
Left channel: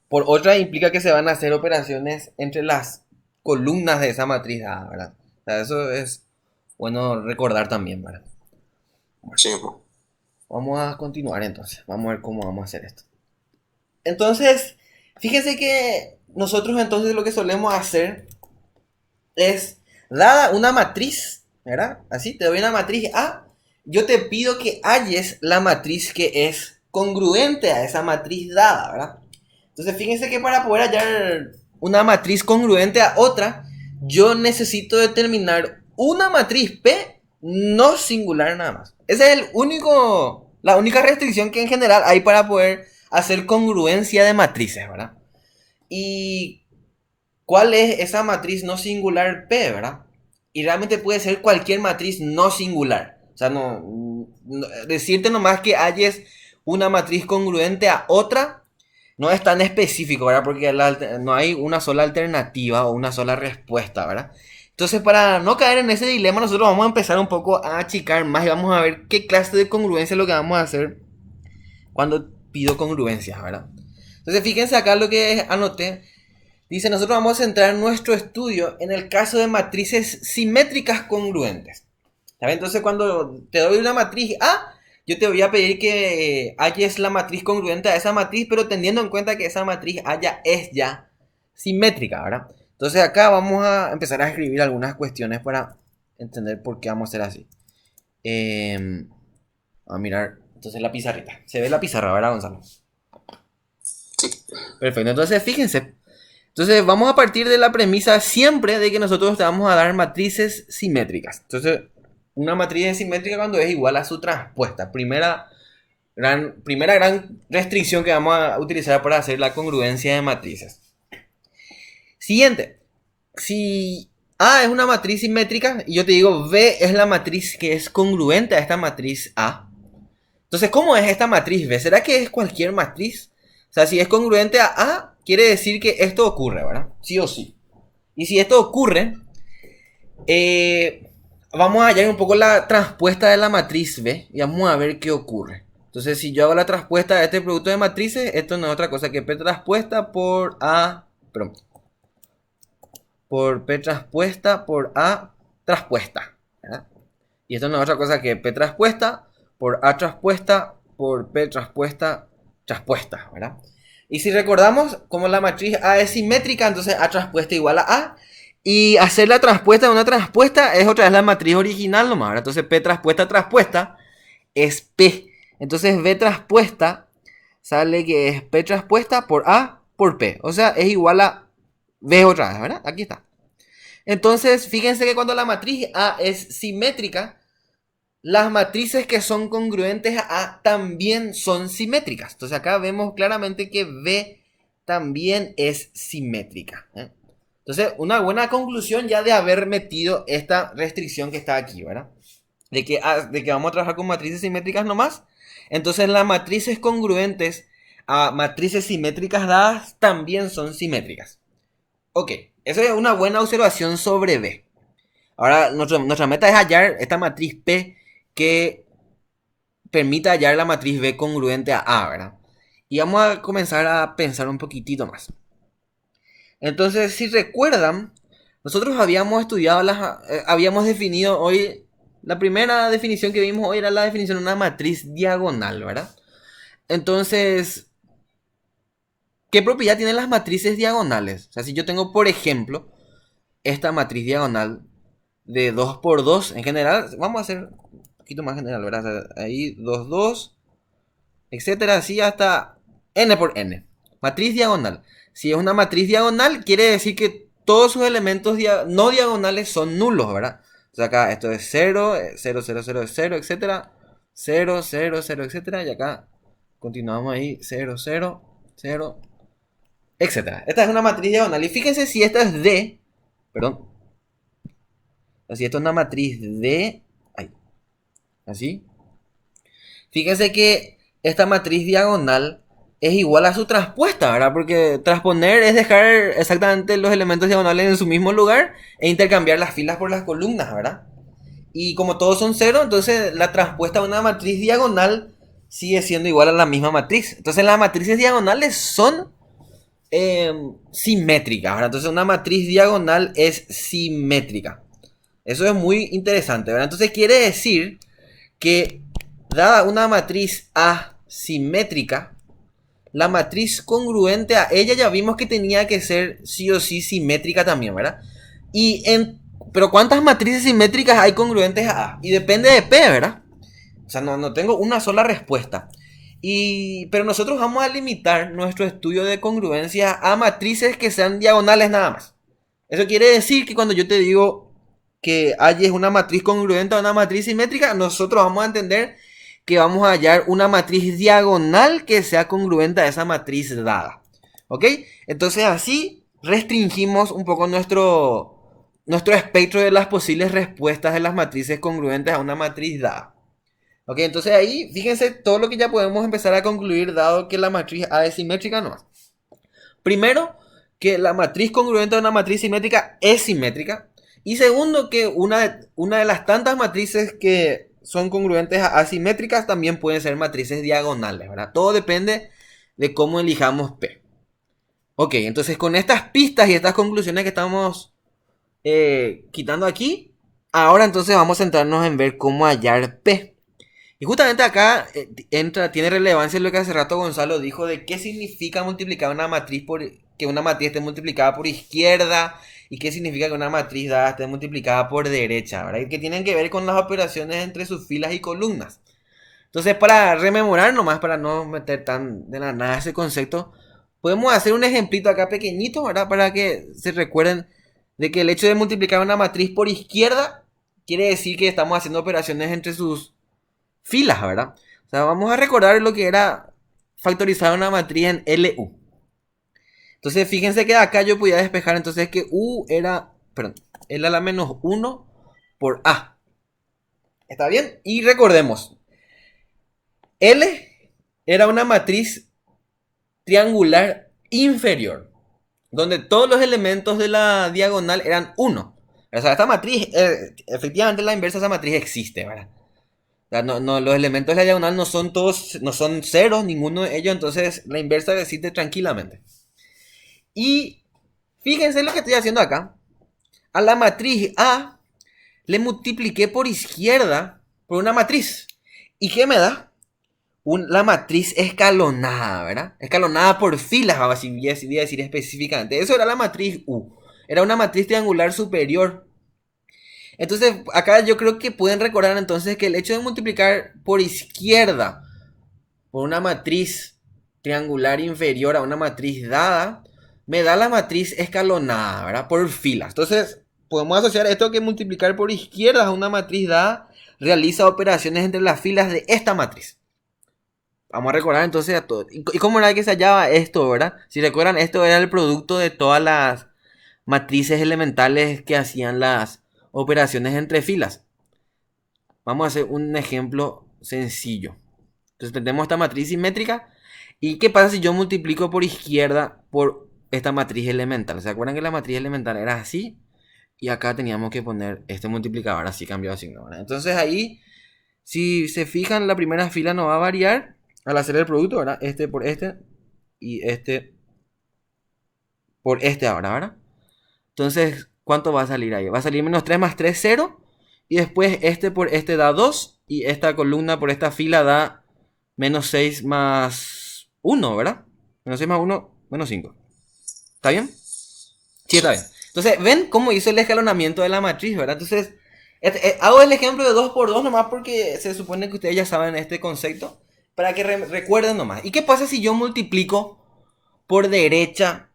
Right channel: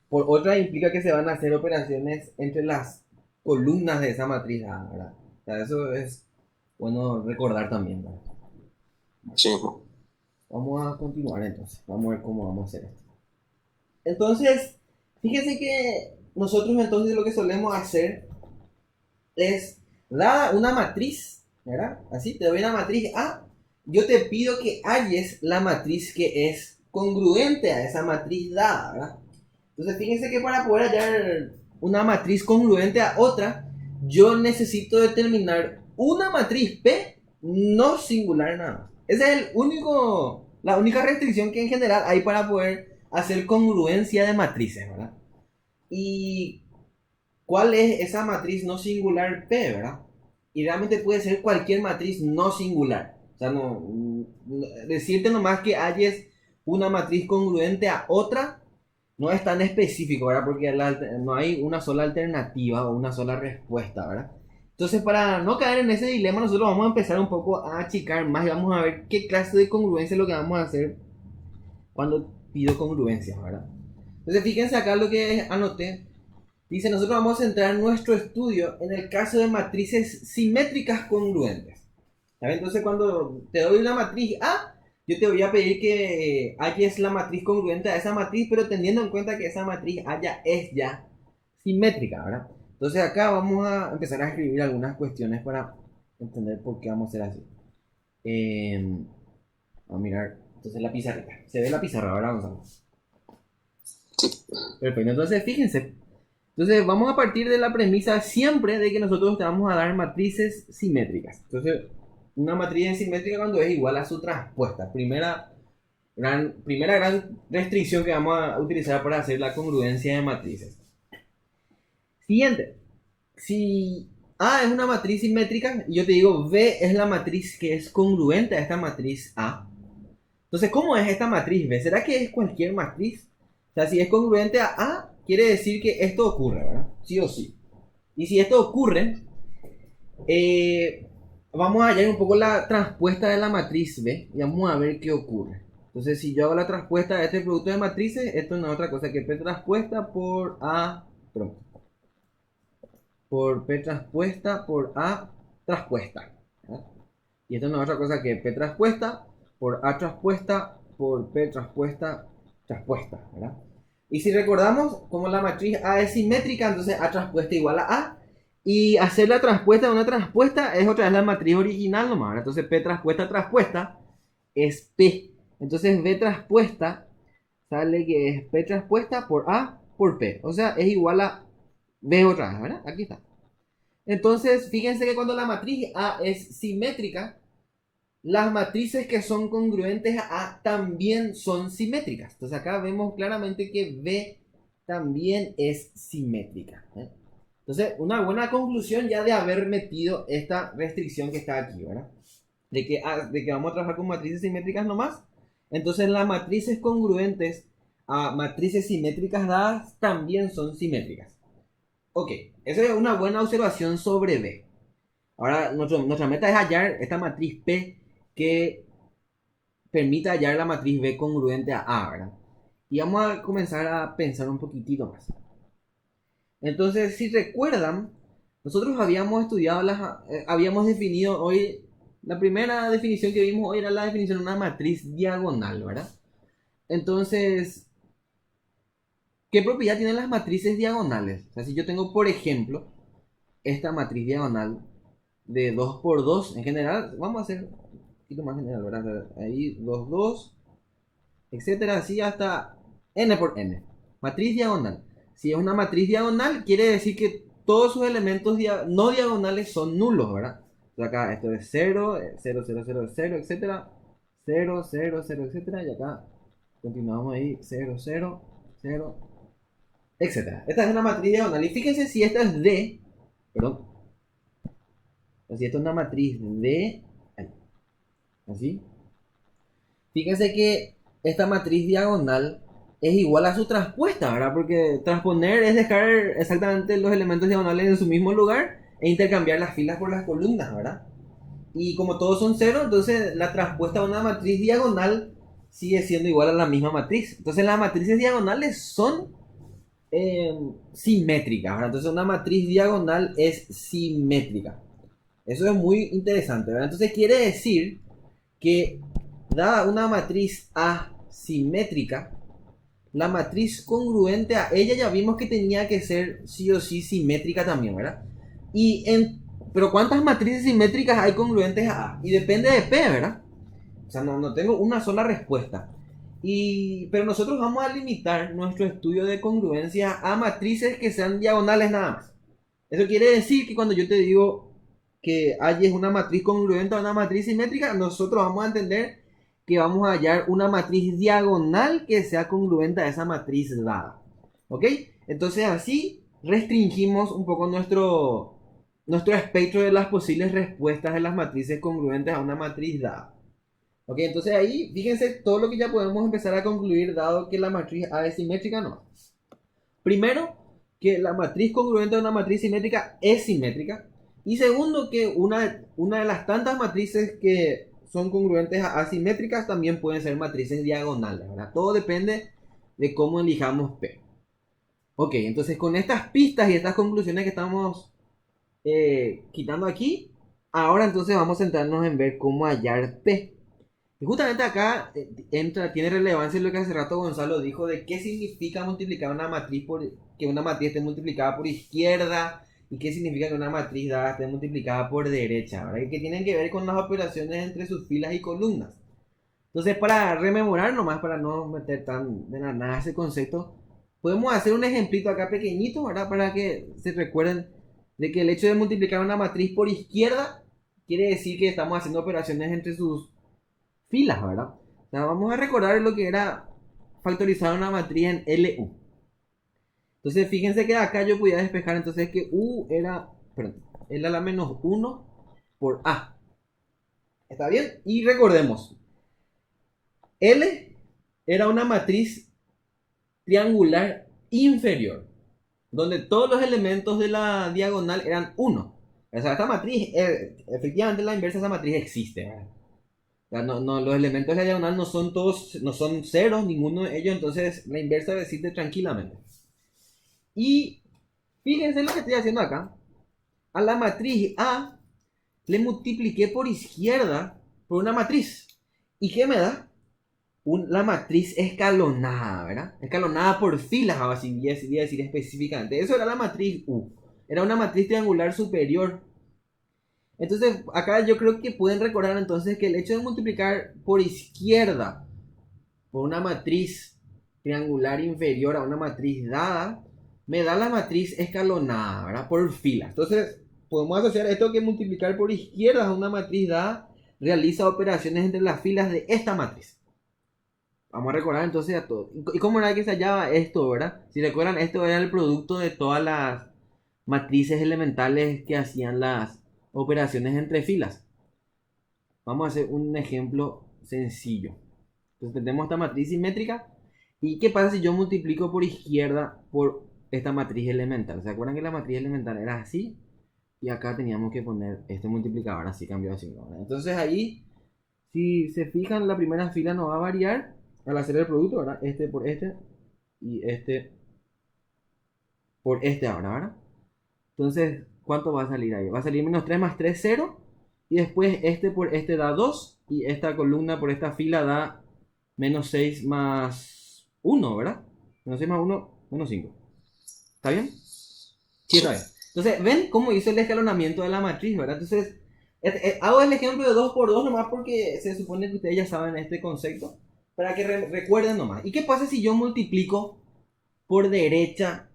por otra implica que se van a hacer operaciones entre las columnas de esa matriz A, ¿verdad? O sea, eso es bueno recordar también, ¿verdad? Bueno, Sí. vamos a continuar entonces. Vamos a ver cómo vamos a hacer esto. Entonces, fíjense que nosotros entonces lo que solemos hacer es, dada una matriz, ¿verdad? Así, te doy una matriz A, yo te pido que halles la matriz que es congruente a esa matriz dada, ¿verdad? Entonces, fíjense que para poder hallar una matriz congruente a otra, yo necesito determinar una matriz P no singular nada más. Esa es la única restricción que en general hay para poder hacer congruencia de matrices, ¿verdad? ¿Y cuál es esa matriz no singular P, verdad? Y realmente puede ser cualquier matriz no singular. O sea, decirte nomás que halles una matriz congruente a otra no es tan específico, ¿verdad? Porque no hay una sola alternativa o una sola respuesta, ¿verdad? Entonces, para no caer en ese dilema, nosotros vamos a empezar un poco a achicar más y vamos a ver qué clase de congruencia es lo que vamos a hacer cuando pido congruencias, ¿verdad? Entonces, fíjense acá lo que anoté. Dice, nosotros vamos a centrar nuestro estudio en el caso de matrices simétricas congruentes. ¿Sabe? Entonces, cuando te doy una matriz A, yo te voy a pedir que halles la matriz congruente a esa matriz, pero teniendo en cuenta que esa matriz A ya es ya simétrica, ¿verdad? Entonces, acá vamos a empezar a escribir algunas cuestiones para entender por qué vamos a hacer así. A mirar, entonces la pizarrita. Se ve la pizarra, ¿verdad, Gonzalo? Sí. Perfecto, entonces fíjense. Entonces vamos a partir de la premisa siempre de que nosotros te vamos a dar matrices simétricas. Entonces, una matriz es simétrica cuando es igual a su transpuesta. Primera gran restricción que vamos a utilizar para hacer la congruencia de matrices. Siguiente. Si A es una matriz simétrica y yo te digo B es la matriz que es congruente a esta matriz A. Entonces, ¿cómo es esta matriz B? ¿Será que es cualquier matriz? O sea, si es congruente a A, quiere decir que esto ocurre, ¿verdad? Sí o sí. Y si esto ocurre, vamos a hallar un poco la transpuesta de la matriz B y vamos a ver qué ocurre. Entonces, si yo hago la transpuesta de este producto de matrices, esto no es otra cosa que P transpuesta por A, perdón, por P transpuesta por A transpuesta, ¿verdad? Y esto no es otra cosa que P transpuesta por A transpuesta por P transpuesta transpuesta, ¿verdad? Y si recordamos, como la matriz A es simétrica, entonces A transpuesta igual a A. Y hacer la transpuesta de una transpuesta es otra vez la matriz original nomás, ¿verdad? Entonces P transpuesta transpuesta es P. Entonces B transpuesta sale que es P transpuesta por A por P. O sea, es igual a B otra vez, ¿verdad? Aquí está. Entonces, fíjense que cuando la matriz A es simétrica, las matrices que son congruentes a A también son simétricas. Entonces acá vemos claramente que B también es simétrica, ¿eh? Entonces, una buena conclusión ya de haber metido esta restricción que está aquí, ¿verdad? De que vamos a trabajar con matrices simétricas nomás. Entonces, las matrices congruentes a matrices simétricas dadas también son simétricas. Ok, eso es una buena observación sobre B. Ahora, nuestra meta es hallar esta matriz P que permita hallar la matriz B congruente a A, ¿verdad? Y vamos a comenzar a pensar un poquitito más. Entonces, si recuerdan, nosotros habíamos estudiado habíamos definido hoy, la primera definición que vimos hoy era la definición de una matriz diagonal, ¿verdad? Entonces, ¿qué propiedad tienen las matrices diagonales? O sea, si yo tengo, por ejemplo, esta matriz diagonal de 2 por 2 en general, vamos a hacer un poquito más general, ¿verdad? O sea, ahí 2, 2, etcétera, así hasta n por n. Matriz diagonal. Si es una matriz diagonal, quiere decir que todos sus elementos no diagonales son nulos, ¿verdad? O sea, acá esto es 0, 0, 0, 0, 0, etcétera. 0, 0, 0, etcétera. Y acá continuamos ahí, 0, 0, 0, etcétera. Esta es una matriz diagonal. Y fíjense si esta es D, perdón. Si esto es una matriz D, así. Fíjense que esta matriz diagonal es igual a su transpuesta, ¿verdad? Porque transponer es dejar exactamente los elementos diagonales en su mismo lugar e intercambiar las filas por las columnas, ¿verdad? Y como todos son cero, entonces la transpuesta de una matriz diagonal sigue siendo igual a la misma matriz. Entonces las matrices diagonales son simétricas, ¿verdad? Entonces una matriz diagonal es simétrica. Eso es muy interesante, ¿verdad? Entonces quiere decir que dada una matriz A simétrica, la matriz congruente a ella ya vimos que tenía que ser sí o sí simétrica también, ¿verdad? Pero ¿cuántas matrices simétricas hay congruentes a A? Y depende de P, ¿verdad? O sea, no tengo una sola respuesta. Pero nosotros vamos a limitar nuestro estudio de congruencia a matrices que sean diagonales nada más. Eso quiere decir que cuando yo te digo que Y es una matriz congruente a una matriz simétrica, nosotros vamos a entender que vamos a hallar una matriz diagonal que sea congruente a esa matriz dada. ¿Ok? Entonces así restringimos un poco nuestro espectro de las posibles respuestas de las matrices congruentes a una matriz dada. Ok, entonces ahí fíjense todo lo que ya podemos empezar a concluir dado que la matriz A es simétrica no. Primero, que la matriz congruente a una matriz simétrica es simétrica. Y segundo, que una de las tantas matrices que son congruentes a asimétricas también pueden ser matrices diagonales, ¿verdad? Todo depende de cómo elijamos P. Ok, entonces con estas pistas y estas conclusiones que estamos quitando aquí, ahora entonces vamos a centrarnos en ver cómo hallar P. Y justamente acá tiene relevancia lo que hace rato Gonzalo dijo de qué significa multiplicar una matriz que una matriz esté multiplicada por izquierda y qué significa que una matriz dada esté multiplicada por derecha, ¿verdad? Y que tienen que ver con las operaciones entre sus filas y columnas. Entonces, para rememorar nomás, para no meter tan de la nada ese concepto, podemos hacer un ejemplito acá pequeñito, ¿verdad? Para que se recuerden de que el hecho de multiplicar una matriz por izquierda quiere decir que estamos haciendo operaciones entre sus filas, ¿verdad? O sea, vamos a recordar lo que era factorizar una matriz en LU. Entonces, fíjense que acá yo podía despejar entonces que U era, perdón, L a la menos 1 por A. ¿Está bien? Y recordemos, L era una matriz triangular inferior, donde todos los elementos de la diagonal eran 1. O sea, esta matriz, efectivamente la inversa de esa matriz existe, ¿verdad? O sea, los elementos de la diagonal no son ceros, ninguno de ellos, entonces la inversa existe tranquilamente. Y fíjense lo que estoy haciendo acá. A la matriz A le multipliqué por izquierda por una matriz. ¿Y qué me da? La matriz escalonada, ¿verdad? Escalonada por filas, así voy a decir específicamente. Eso era la matriz U. Era una matriz triangular superior. Entonces, acá yo creo que pueden recordar entonces que el hecho de multiplicar por izquierda por una matriz triangular inferior a una matriz dada, me da la matriz escalonada, ¿verdad? Por filas. Entonces, podemos asociar esto que multiplicar por izquierda a una matriz dada realiza operaciones entre las filas de esta matriz. Vamos a recordar entonces a todo. ¿Y cómo era que se hallaba esto, verdad? Si recuerdan, esto era el producto de todas las matrices elementales que hacían las operaciones entre filas. Vamos a hacer un ejemplo sencillo. Entonces tenemos esta matriz simétrica. ¿Y qué pasa si yo multiplico por izquierda por esta matriz elemental? ¿Se acuerdan que la matriz elemental era así? Y acá teníamos que poner este multiplicador así cambiado de signo, ¿verdad? Entonces ahí, si se fijan, la primera fila no va a variar al hacer el producto, ¿verdad? Este por este y este por este ahora, ¿verdad? Entonces, ¿cuánto va a salir ahí? Va a salir menos 3 más 3, 0. Y después este por este da 2. Y esta columna por esta fila da menos 6 más 1, ¿verdad? Menos 6 más 1, menos 5. ¿Está bien? Sí, está bien. Entonces, ¿ven cómo hizo el escalonamiento de la matriz, verdad? Entonces, hago el ejemplo de 2 por 2 nomás porque se supone que ustedes ya saben este concepto. Para que recuerden nomás. ¿Y qué pasa si yo multiplico por derecha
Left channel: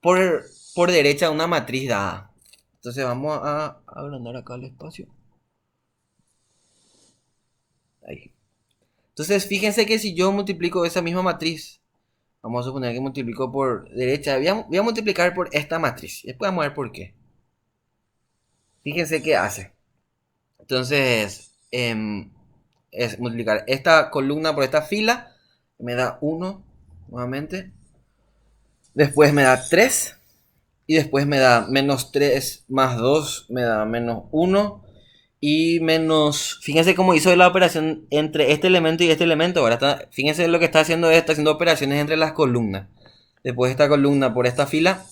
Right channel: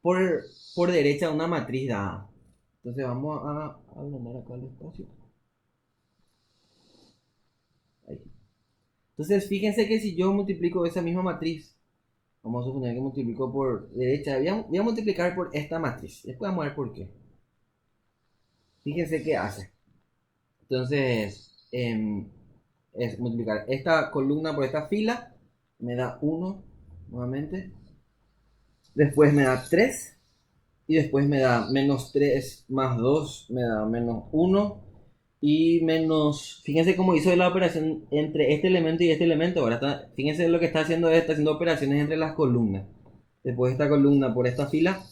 por derecha una matriz dada? Entonces vamos a agrandar acá el espacio. Ahí. Entonces fíjense que si yo multiplico esa misma matriz, vamos a suponer que multiplico por derecha, voy a multiplicar por esta matriz. Y después vamos a ver por qué. Fíjense qué hace. Entonces es multiplicar esta columna por esta fila. Me da 1 nuevamente. Después me da 3. Y después me da menos 3 más 2, me da menos 1. Y menos, fíjense cómo hizo la operación entre este elemento y este elemento. Ahora fíjense lo que está haciendo, está haciendo operaciones entre las columnas. Después esta columna por esta fila.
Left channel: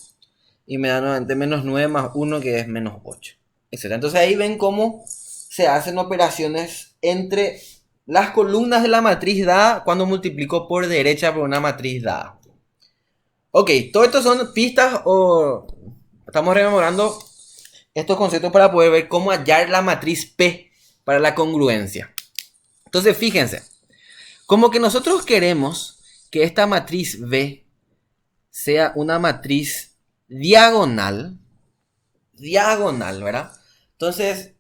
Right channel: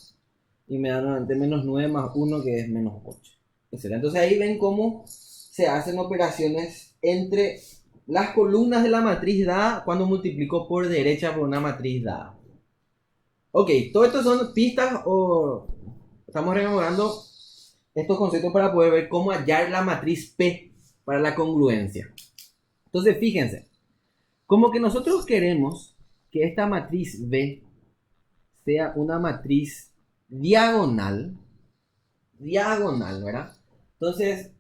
Y me da nuevamente menos 9 más 1, que es menos 8. Etc. Entonces ahí ven cómo se hacen operaciones entre las columnas de la matriz dada cuando multiplico por derecha por una matriz dada. Ok, todo esto son pistas o estamos rememorando estos conceptos para poder ver cómo hallar la matriz P para la congruencia. Entonces, fíjense, como que nosotros queremos que esta matriz V sea una matriz diagonal, ¿verdad? Entonces,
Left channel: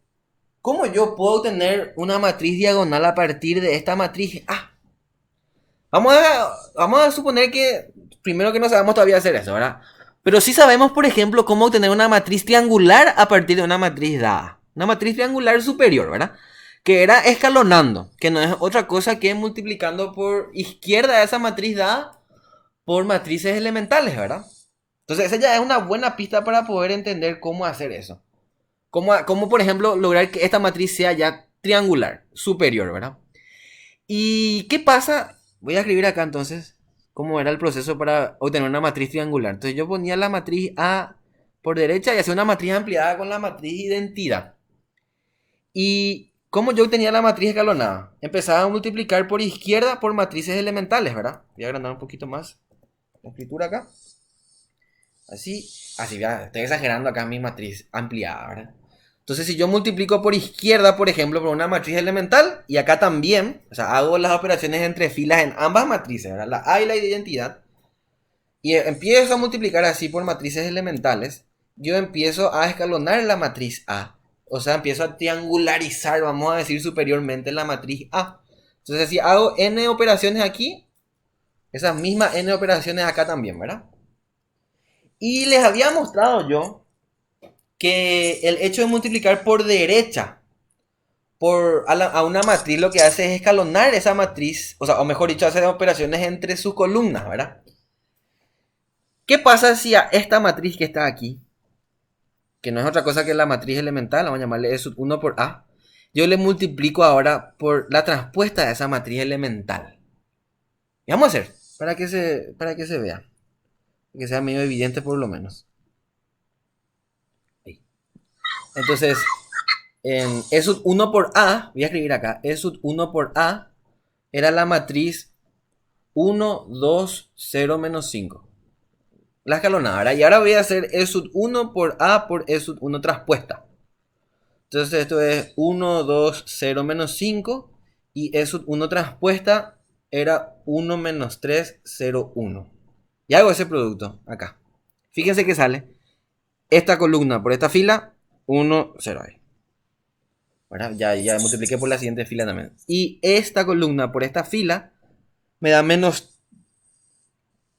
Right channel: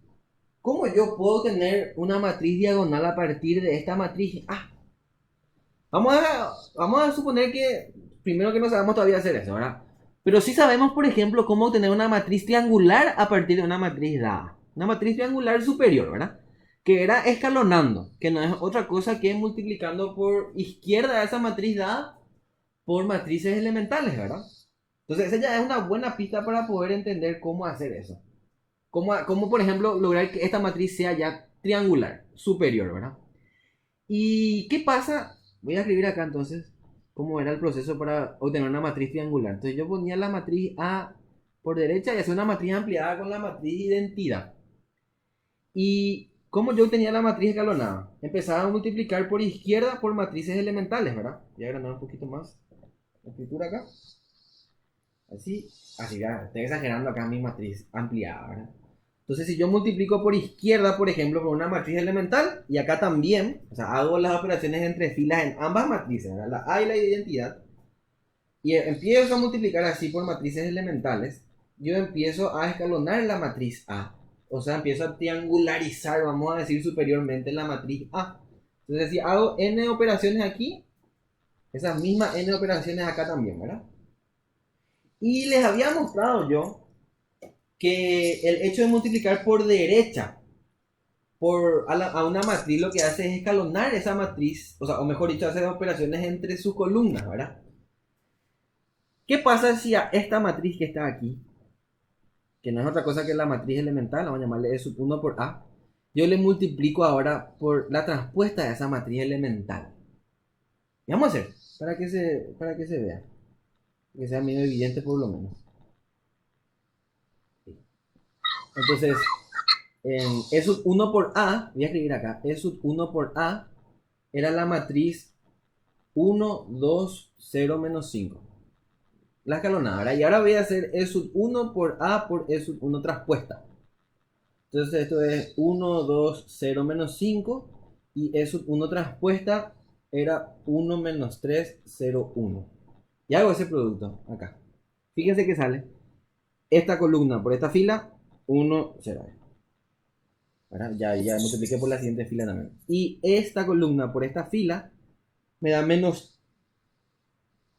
¿cómo yo puedo tener una matriz diagonal a partir de esta matriz A? Vamos a suponer que, primero que no sabemos todavía hacer eso, ¿verdad? Pero sí sabemos, por ejemplo, cómo obtener una matriz triangular a partir de una matriz dada. Una matriz triangular superior, ¿verdad? Que era escalonando, que no es otra cosa que multiplicando por izquierda esa matriz dada por matrices elementales, ¿verdad? Entonces esa ya es una buena pista para poder entender cómo hacer eso. Cómo por ejemplo, lograr que esta matriz sea ya triangular, superior, ¿verdad? ¿Y qué pasa? Voy a escribir acá entonces cómo era el proceso para obtener una matriz triangular. Entonces yo ponía la matriz A por derecha y hacía una matriz ampliada con la matriz identidad. ¿Y cómo yo obtenía la matriz escalonada? Empezaba a multiplicar por izquierda por matrices elementales, ¿verdad? Voy a agrandar un poquito más la escritura acá. Así, ya estoy exagerando acá mi matriz ampliada, ¿verdad? Entonces, si yo multiplico por izquierda, por ejemplo, por una matriz elemental, y acá también, o sea, hago las operaciones entre filas en ambas matrices, ¿verdad? La A y la de identidad, y empiezo a multiplicar así por matrices elementales, yo empiezo a escalonar la matriz A. O sea, empiezo a triangularizar, vamos a decir, superiormente la matriz A. Entonces, si hago n operaciones aquí, esas mismas n operaciones acá también, ¿verdad? Y les había mostrado yo que el hecho de multiplicar por derecha a una matriz lo que hace es escalonar esa matriz, o mejor dicho, hacer operaciones entre sus columnas, ¿verdad? ¿Qué pasa si a esta matriz que está aquí, que no es otra cosa que la matriz elemental, vamos a llamarle E sub 1 por A, yo le multiplico ahora por la transpuesta de esa matriz elemental? Y vamos a hacer, para que se vea, que sea medio evidente por lo menos. Entonces, en E sub 1 por A, voy a escribir acá, E sub 1 por A era la matriz 1, 2, 0, menos 5. La escalonada, ¿verdad? Y ahora voy a hacer E sub 1 por A por E sub 1 transpuesta. Entonces esto es 1, 2, 0, menos 5. Y E sub 1 transpuesta era 1, menos 3, 0, 1. Y hago ese producto acá. Fíjense que sale esta columna por esta fila, 1, 0 ahí. ¿Verdad? Ya multipliqué por la siguiente fila también. Y esta columna por esta fila me da menos...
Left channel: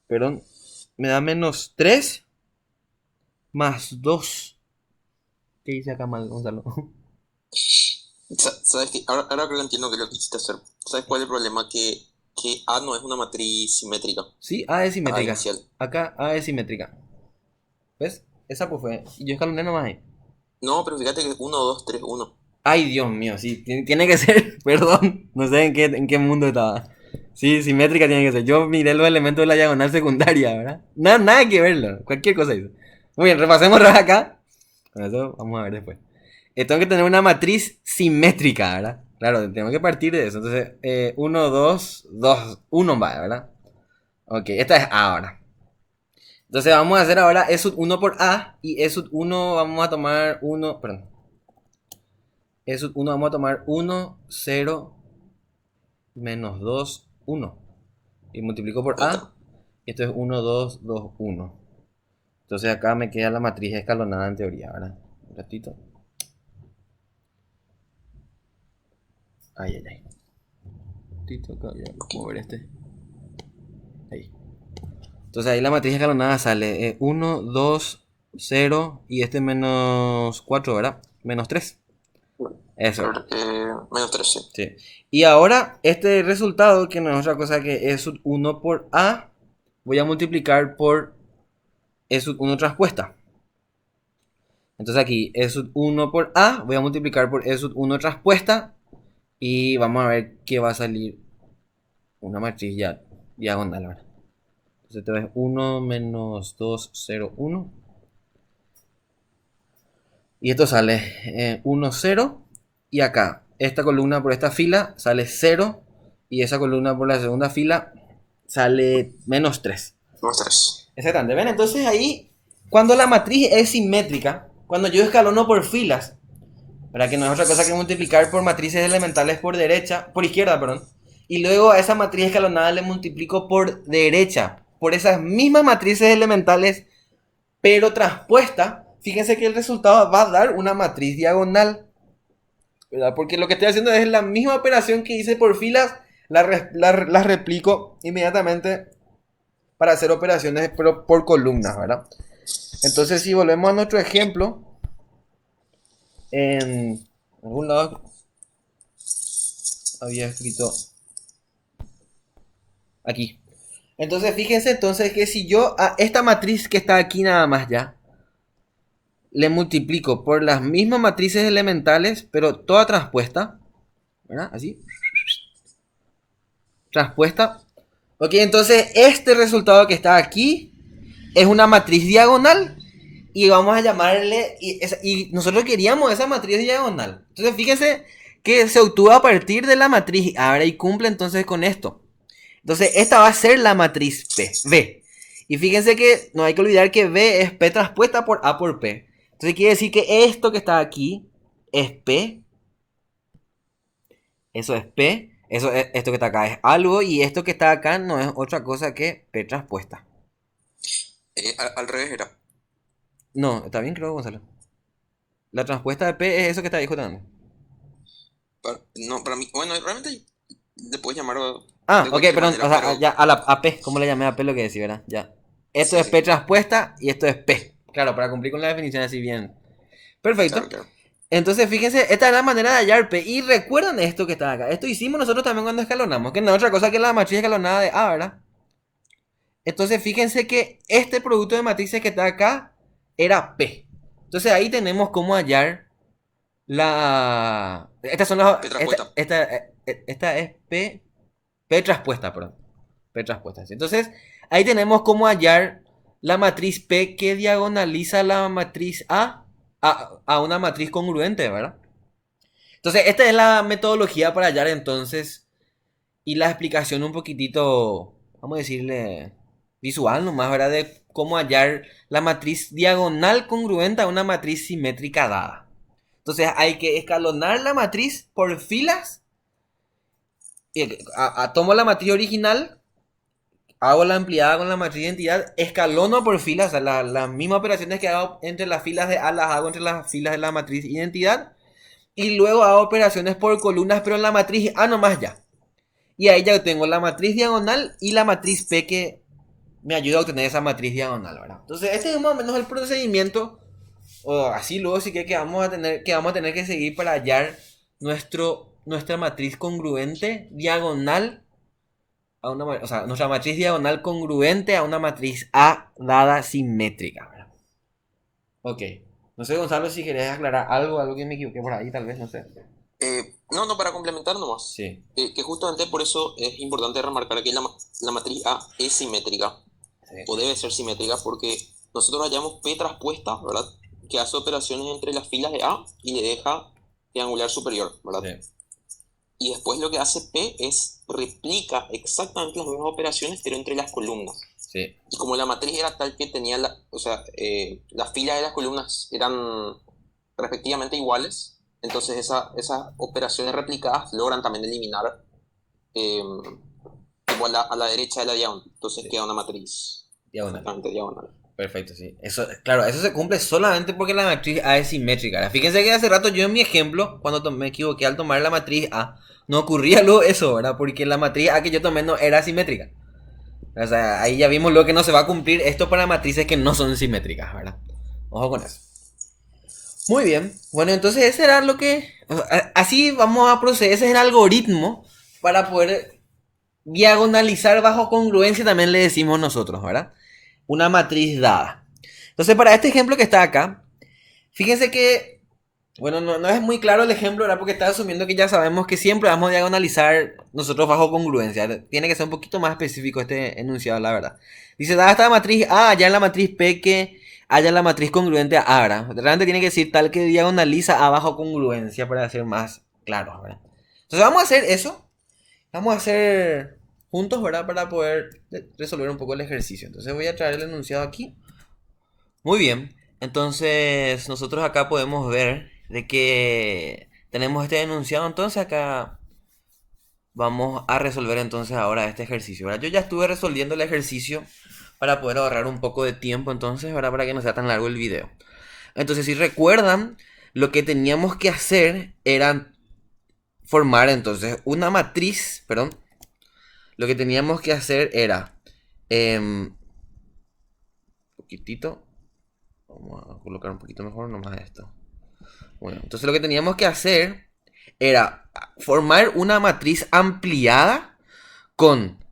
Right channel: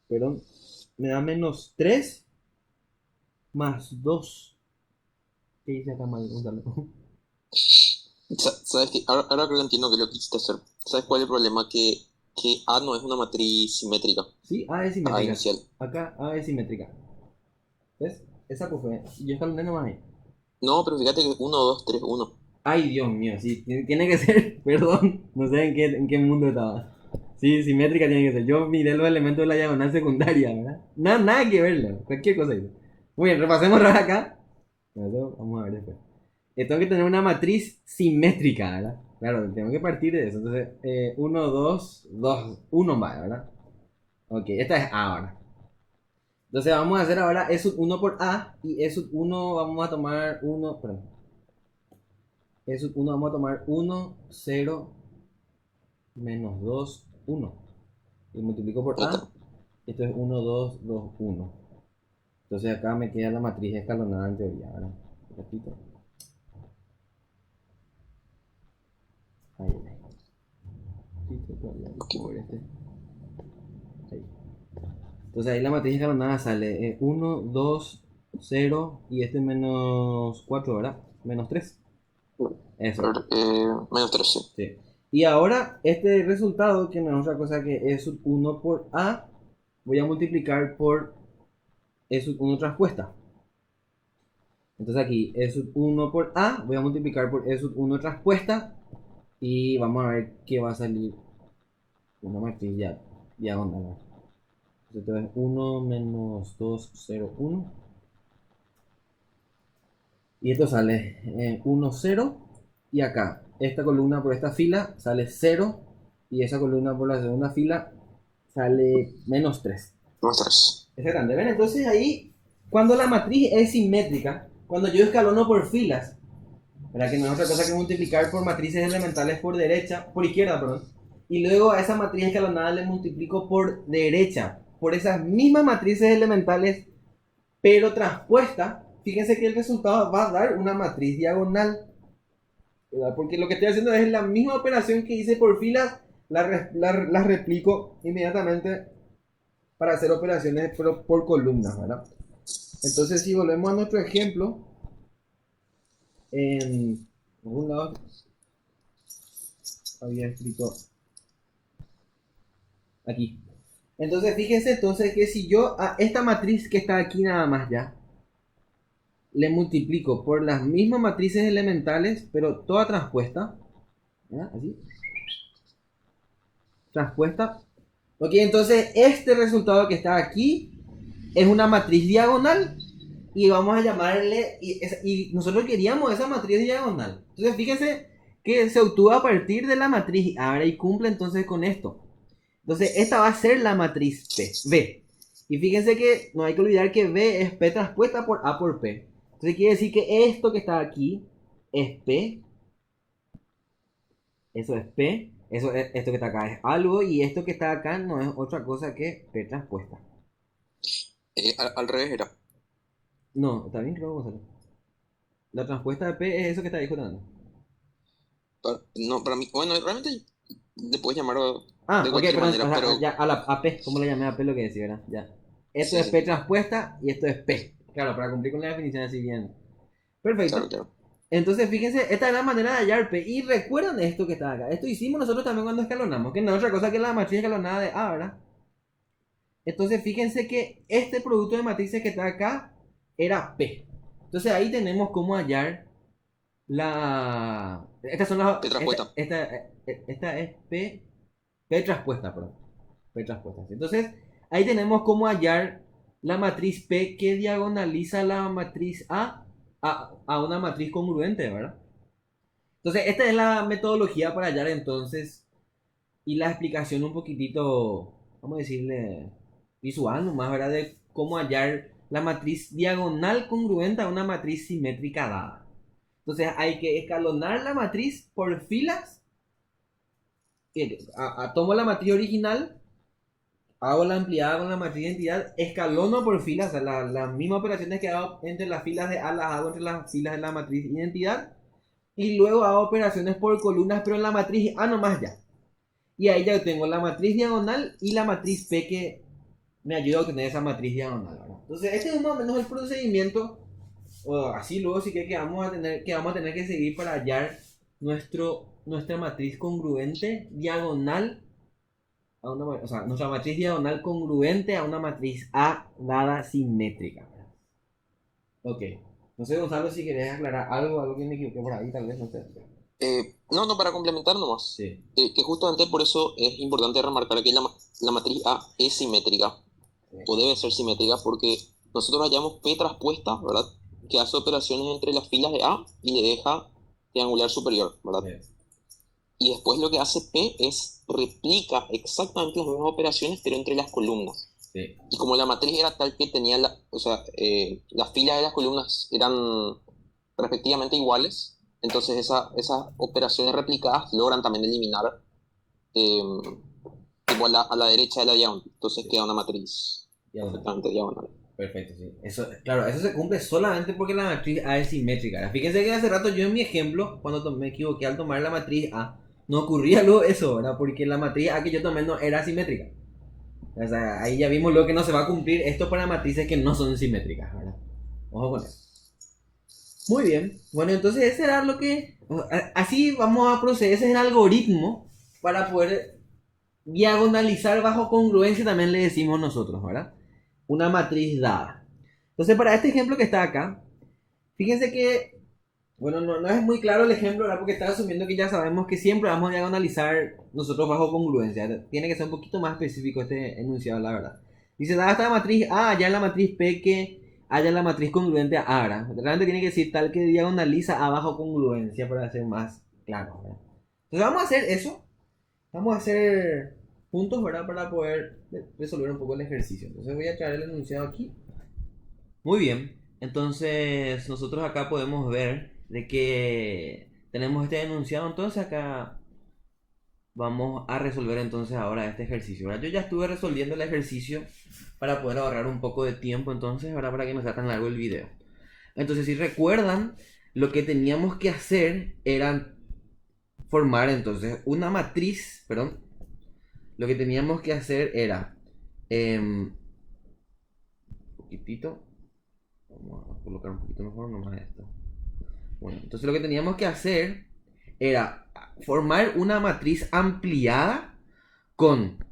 Perdón. Me da menos 3 más 2. ¿Qué hice acá mal, Gonzalo? ¿Sabes qué? Ahora creo que entiendo qué es lo que quisiste hacer. ¿Sabes cuál es el problema? Que A no es una matriz simétrica. Sí, A es A simétrica. inicial. Acá A es simétrica. ¿Ves? Esa pues fue. Y yo escaloné nomás ahí. No, pero fíjate que es 1, 2, 3, 1. Ay, Dios mío, sí. Tiene que ser. Perdón. No sé en qué mundo estaba. Sí, simétrica tiene que ser. Yo miré los elementos de la diagonal secundaria, ¿verdad? Nada que verlo. Cualquier cosa hizo. Muy bien, repasemos acá. Con eso vamos a ver después. Tengo que tener una matriz simétrica, ¿verdad? Claro, tengo que partir de eso. Entonces, 1, 2, 2, 1 va, ¿verdad? Ok, esta es A ahora. Entonces vamos a hacer ahora E sub 1 por A. Y E sub 1 vamos a tomar 1, perdón. E sub 1 vamos a tomar 1, 0, menos 2, 1. Y multiplico por A. Y esto es 1, 2, 2, 1. Entonces acá me queda la matriz escalonada en teoría, ¿verdad? Un ratito. Ay. Acá, ya, ¿cómo ver este? Ahí. Entonces ahí la matriz escalonada sale 1, 2, 0 y este menos 4, ¿verdad? Menos 3. Eso. Menos 3, sí. Sí. Y ahora este resultado, que no es otra cosa que E sub 1 por A, voy a multiplicar por E sub 1 transpuesta. Entonces aquí E sub 1 por A, voy a multiplicar por E sub 1 transpuesta. Y vamos a ver que va a salir una matriz ya diagonal, ¿verdad? Entonces esto es 1 menos 2, 0, 1. Y esto sale 1, 0. Y acá, esta columna por esta fila sale 0. Y esa columna por la segunda fila sale menos 3. Menos 3. Exactamente. ¿Ven? Entonces ahí Cuando la matriz es simétrica, cuando yo escalono por filas, ¿verdad? Que no es otra cosa que multiplicar por matrices elementales por derecha, por izquierda, perdón. Y luego a esa matriz escalonada le multiplico por derecha, por esas mismas matrices elementales, pero traspuesta. Fíjense que el resultado va a dar una matriz diagonal, ¿verdad? Porque lo que estoy haciendo es la misma operación que hice por filas, la replico inmediatamente para hacer operaciones pero por columnas, ¿verdad? Entonces, si volvemos a nuestro ejemplo, en algún lado había escrito aquí. Entonces, fíjense entonces que si yo a esta matriz que está aquí nada más ya, le multiplico por las mismas matrices elementales, pero toda transpuesta, ¿verdad? Así. Transpuesta. Ok, entonces este resultado que está aquí es una matriz diagonal y vamos a llamarle, y nosotros queríamos esa matriz diagonal. Entonces fíjense que se obtuvo a partir de la matriz ahora y cumple entonces con esto. Entonces esta va a ser la matriz P, V. Y fíjense que no hay que olvidar que V es P transpuesta por A por P. Entonces quiere decir que esto que está aquí es P. Eso es P. Esto que está acá es algo. Y esto que está acá no es otra cosa que P transpuesta. Al revés era. No, está bien creo, Gonzalo. La transpuesta de P es eso que está ahí justamente. No, para mí, bueno, realmente le puedes llamar Ah, de ok, cualquier perdón. manera, O sea, pero ya a P, ¿cómo le llamé a P lo que decía, verdad? Ya. Esto sí, es P sí, transpuesta y esto es P. Claro, para cumplir con la definición así bien. claro, Perfecto. claro. Entonces, fíjense, esta es la manera de hallar P. Y recuerdan esto que está acá. Esto hicimos nosotros también cuando escalonamos, que no es otra cosa que la matriz escalonada de A, ¿verdad? Entonces, fíjense que este producto de matrices que está acá era P. Entonces, ahí tenemos cómo hallar la... Estas son las... Petra puesta. Esta es P... P transpuesta, perdón. P transpuesta. ¿Sí? Entonces, ahí tenemos cómo hallar la matriz P que diagonaliza la matriz A una matriz congruente, ¿verdad? Entonces, esta es la metodología para hallar entonces y la explicación un poquitito, vamos a decirle, visual nomás, ¿verdad? De cómo hallar la matriz diagonal congruente a una matriz simétrica dada. Entonces, hay que escalonar la matriz por filas. Tomo la matriz original, hago la ampliada con la matriz de identidad, escalono por filas, o sea, las mismas operaciones que hago entre las filas de A las hago entre las filas de la matriz identidad. Y luego hago operaciones por columnas, pero en la matriz A nomás ya. Y ahí ya tengo la matriz diagonal y la matriz P que me ayuda a obtener esa matriz diagonal, ¿verdad? Entonces este es más o menos el procedimiento, o así luego sí que vamos a tener que seguir para hallar nuestra matriz congruente diagonal a una, o sea, nuestra matriz diagonal congruente a una matriz A dada simétrica, ¿verdad? Ok. No sé, Gonzalo, si querés aclarar algo que me equivoqué por ahí, tal vez, no sé. No, para complementar nomás. Sí. Que justamente por eso es importante remarcar que la matriz A es simétrica, Sí. o debe ser simétrica, porque nosotros hallamos P transpuesta, ¿verdad? Que hace operaciones entre las filas de A y le deja triangular superior, ¿verdad? Sí. Y después lo que hace P es replica exactamente las mismas operaciones, pero entre las columnas. Sí. Y como la matriz era tal que tenía, las filas de las columnas eran respectivamente iguales, entonces esas operaciones replicadas logran también eliminar eh, tipo a la derecha de la diagonal. Entonces Sí. queda una matriz Diagonal. perfectamente diagonal. Perfecto, sí. Eso, claro, eso se cumple solamente porque la matriz A es simétrica. Fíjense que hace rato yo en mi ejemplo, cuando me equivoqué al tomar la matriz A, no ocurría lo eso, ¿verdad? Porque la matriz A que yo tomé no era simétrica. O sea, ahí ya vimos lo que no se va a cumplir esto para matrices que no son simétricas, ¿verdad? Ojo con eso. Muy bien. Bueno, entonces ese era lo que... Así vamos a proceder. Ese es el algoritmo para poder diagonalizar bajo congruencia, también le decimos nosotros, ¿verdad? Una matriz dada. Entonces, para este ejemplo que está acá, fíjense que, bueno, no es muy claro el ejemplo, ¿verdad? Porque está asumiendo que ya sabemos que siempre vamos a diagonalizar nosotros bajo congruencia. Tiene que ser un poquito más específico este enunciado, la verdad. Dice, dada esta matriz A, allá en la matriz P que haya la matriz congruente a A, ¿verdad? Realmente tiene que decir tal que diagonaliza A bajo congruencia para ser más claro, ¿verdad? Entonces vamos a hacer eso. Vamos a hacer juntos, ¿verdad? Para poder resolver un poco el ejercicio. Entonces voy a traer el enunciado aquí. Muy bien. Entonces, nosotros acá podemos ver de que tenemos este enunciado. Entonces, acá vamos a resolver entonces ahora este ejercicio, ¿verdad? Yo ya estuve resolviendo el ejercicio para poder ahorrar un poco de tiempo, entonces, ¿verdad? Para que no sea tan largo el video. Entonces, si recuerdan, lo que teníamos que hacer era formar entonces una matriz, perdón. Lo que teníamos que hacer era, poquitito, vamos a colocar un poquito mejor nomás esto. Bueno, entonces lo que teníamos que hacer era formar una matriz ampliada con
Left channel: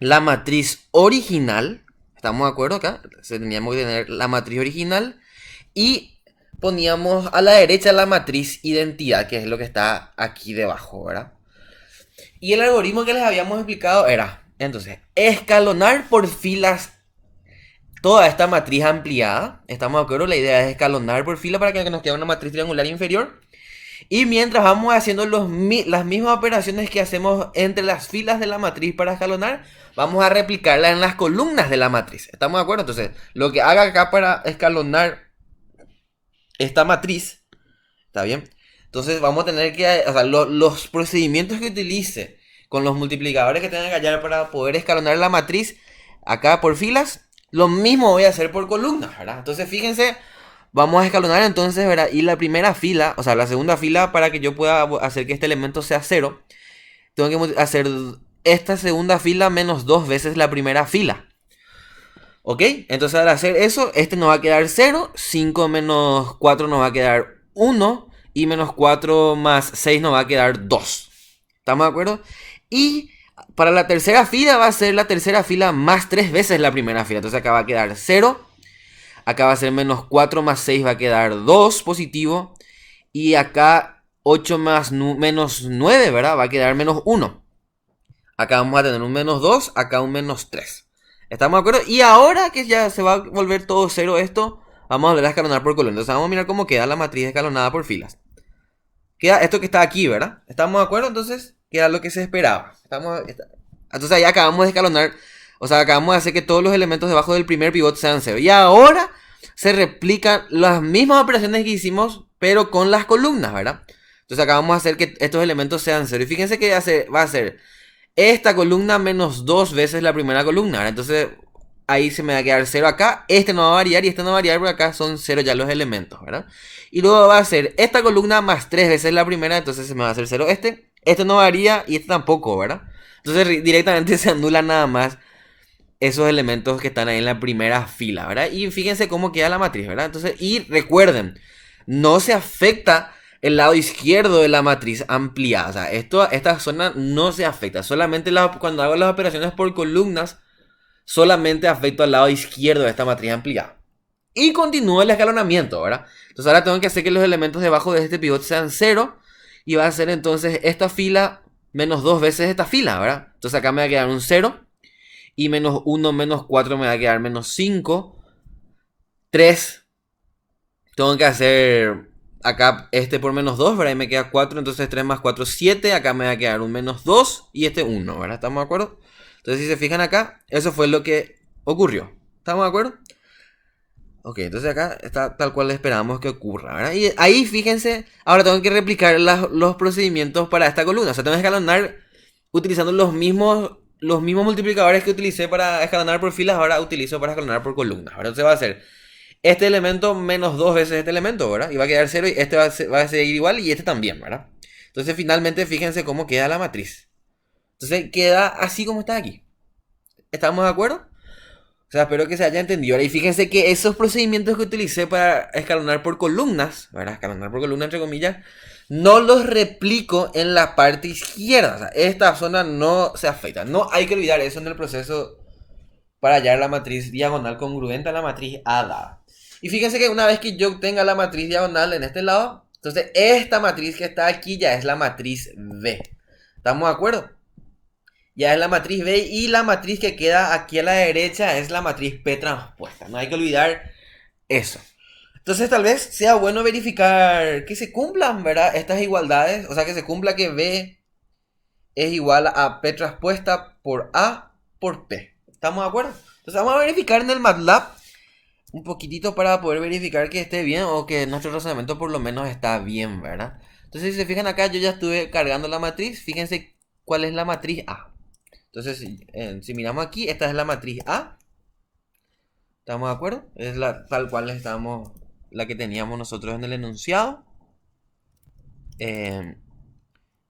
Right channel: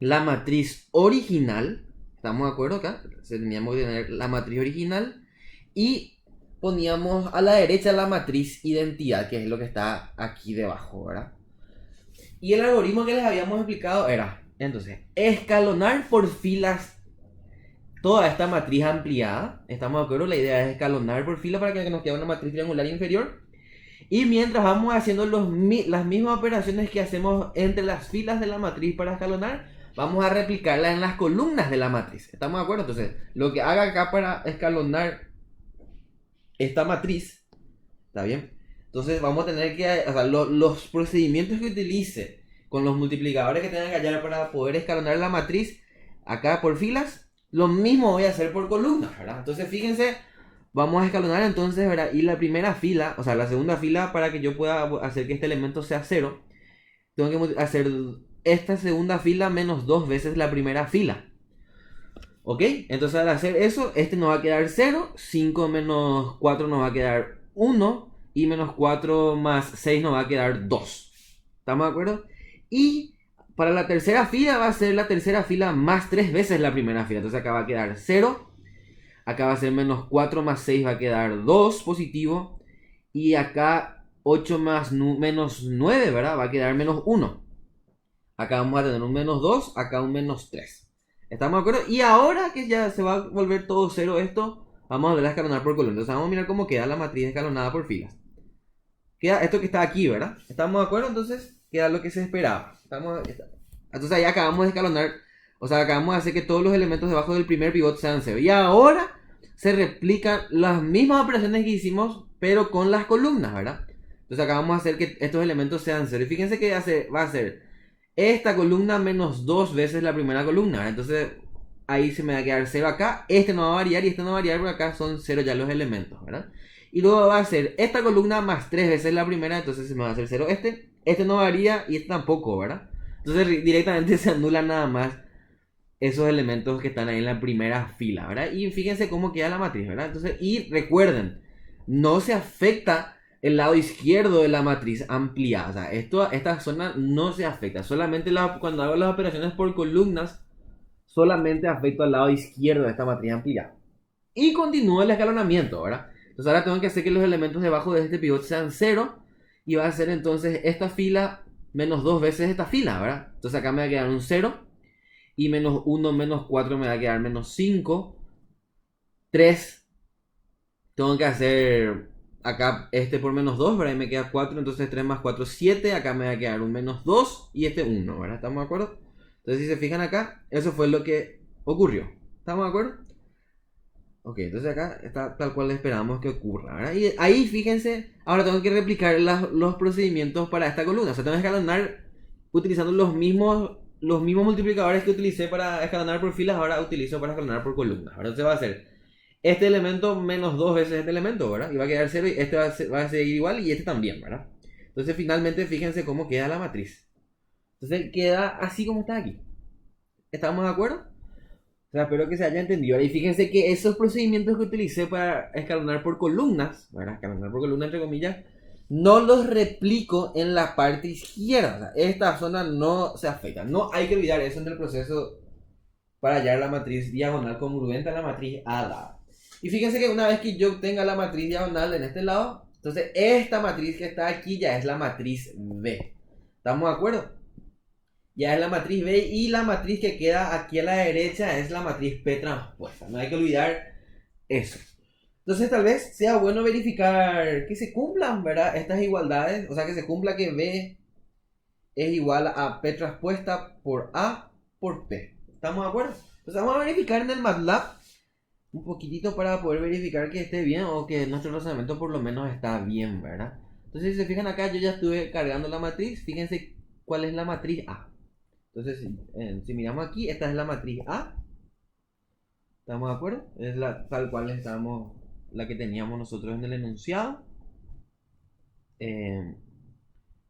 la matriz original. ¿Estamos de acuerdo acá? Teníamos que tener la matriz original y poníamos a la derecha la matriz identidad, que es lo que está aquí debajo, ¿verdad? Y el algoritmo que les habíamos explicado era, entonces, escalonar por filas toda esta matriz ampliada. ¿Estamos de acuerdo? La idea es escalonar por fila para que nos quede una matriz triangular inferior. Y mientras vamos haciendo las mismas operaciones que hacemos entre las filas de la matriz para escalonar, vamos a replicarla en las columnas de la matriz. ¿Estamos de acuerdo? Entonces, lo que haga acá para escalonar esta matriz, ¿está bien? Entonces vamos a tener que, o sea, los procedimientos que utilice con los multiplicadores que tenga que hallar para poder escalonar la matriz acá por filas, lo mismo voy a hacer por columnas, ¿verdad? Entonces fíjense, vamos a escalonar entonces, ¿verdad? Y la primera fila, o sea, la segunda fila, para que yo pueda hacer que este elemento sea 0, tengo que hacer esta segunda fila menos 2 veces la primera fila. ¿Ok? Entonces al hacer eso, este nos va a quedar 0, 5 menos 4 nos va a quedar 1 y menos 4 más 6 nos va a quedar 2. ¿Estamos de acuerdo? Y para la tercera fila va a ser la tercera fila más 3 veces la primera fila. Entonces acá va a quedar 0. Acá va a ser menos 4 más 6 va a quedar 2 positivo. Y acá 8 más menos 9, ¿verdad? Va a quedar menos 1. Acá vamos a tener un menos 2, acá un menos 3. ¿Estamos de acuerdo? Y ahora que ya se va a volver todo 0 esto, vamos a volver a escalonar por columna. Entonces vamos a mirar cómo queda la matriz escalonada por filas. Queda esto que está aquí, ¿verdad? ¿Estamos de acuerdo? Entonces queda lo que se esperaba. Entonces ahí acabamos de escalonar. O sea, acabamos de hacer que todos los elementos debajo del primer pivot sean 0. Y ahora se replican las mismas operaciones que hicimos, pero con las columnas, ¿verdad? Entonces acá vamos a hacer que estos elementos sean 0. Y fíjense que va a ser esta columna menos 2 veces la primera columna, ¿verdad? Entonces ahí se me va a quedar 0 acá. Este no va a variar y este no va a variar porque acá son 0 ya los elementos, ¿verdad? Y luego va a ser esta columna más 3 veces la primera, entonces se me va a hacer 0 este. Este no varía y este tampoco, ¿verdad? Entonces directamente se anula nada más esos elementos que están ahí en la primera fila, ¿verdad? Y fíjense cómo queda la matriz, ¿verdad? Entonces, y recuerden, no se afecta el lado izquierdo de la matriz ampliada. O sea, esta zona no se afecta. Solamente cuando hago las operaciones por columnas, solamente afecto al lado izquierdo de esta matriz ampliada. Y continúa el escalonamiento, ¿verdad? Entonces ahora tengo que hacer que los elementos debajo de este pivot sean 0. Y va a ser entonces esta fila menos 2 veces esta fila, ¿verdad? Entonces acá me va a quedar un 0. Y menos 1 menos 4 me va a quedar menos 5. 3. Tengo que hacer acá este por menos 2, ¿verdad? Y me queda 4. Entonces 3 más 4, 7. Acá me va a quedar un menos 2 y este 1, ¿verdad? ¿Estamos de acuerdo? Entonces si se fijan acá, eso fue lo que ocurrió. ¿Estamos de acuerdo? Ok, entonces acá está tal cual esperamos que ocurra, ¿verdad? Y ahí fíjense, ahora tengo que replicar los procedimientos para esta columna. O sea, tengo que escalonar utilizando los mismos multiplicadores que utilicé para escalonar por filas, ahora utilizo para escalonar por columnas. Ahora se va a hacer este elemento menos 2 veces este elemento, ¿verdad? Y va a quedar 0 y este va a seguir igual y este también, ¿verdad? Entonces finalmente fíjense cómo queda la matriz. Entonces queda así como está aquí. ¿Estamos de acuerdo? O sea, espero que se haya entendido. Y fíjense que esos procedimientos que utilicé para escalonar por columnas, ¿verdad? Escalonar por columnas entre comillas, no los replico en la parte izquierda. O sea, esta zona no se afecta. No hay que olvidar eso en el proceso para hallar la matriz diagonal congruente a la matriz A dada. Y fíjense que una vez que yo obtenga la matriz diagonal en este lado, entonces esta matriz que está aquí ya es la matriz B. ¿Estamos de acuerdo? Ya es la matriz B y la matriz que queda aquí a la derecha es la matriz P transpuesta. No hay que olvidar eso. Entonces tal vez sea bueno verificar que se cumplan, ¿verdad? Estas igualdades. O sea, que se cumpla que B es igual a P transpuesta por A por P. ¿Estamos de acuerdo? Entonces vamos a verificar en el MATLAB un poquitito para poder verificar que esté bien o que nuestro razonamiento por lo menos está bien, ¿verdad? Entonces, si se fijan acá, yo ya estuve cargando la matriz. Fíjense cuál es la matriz A. Entonces, si miramos aquí, esta es la matriz A. ¿Estamos de acuerdo? Es la tal cual la que teníamos nosotros en el enunciado.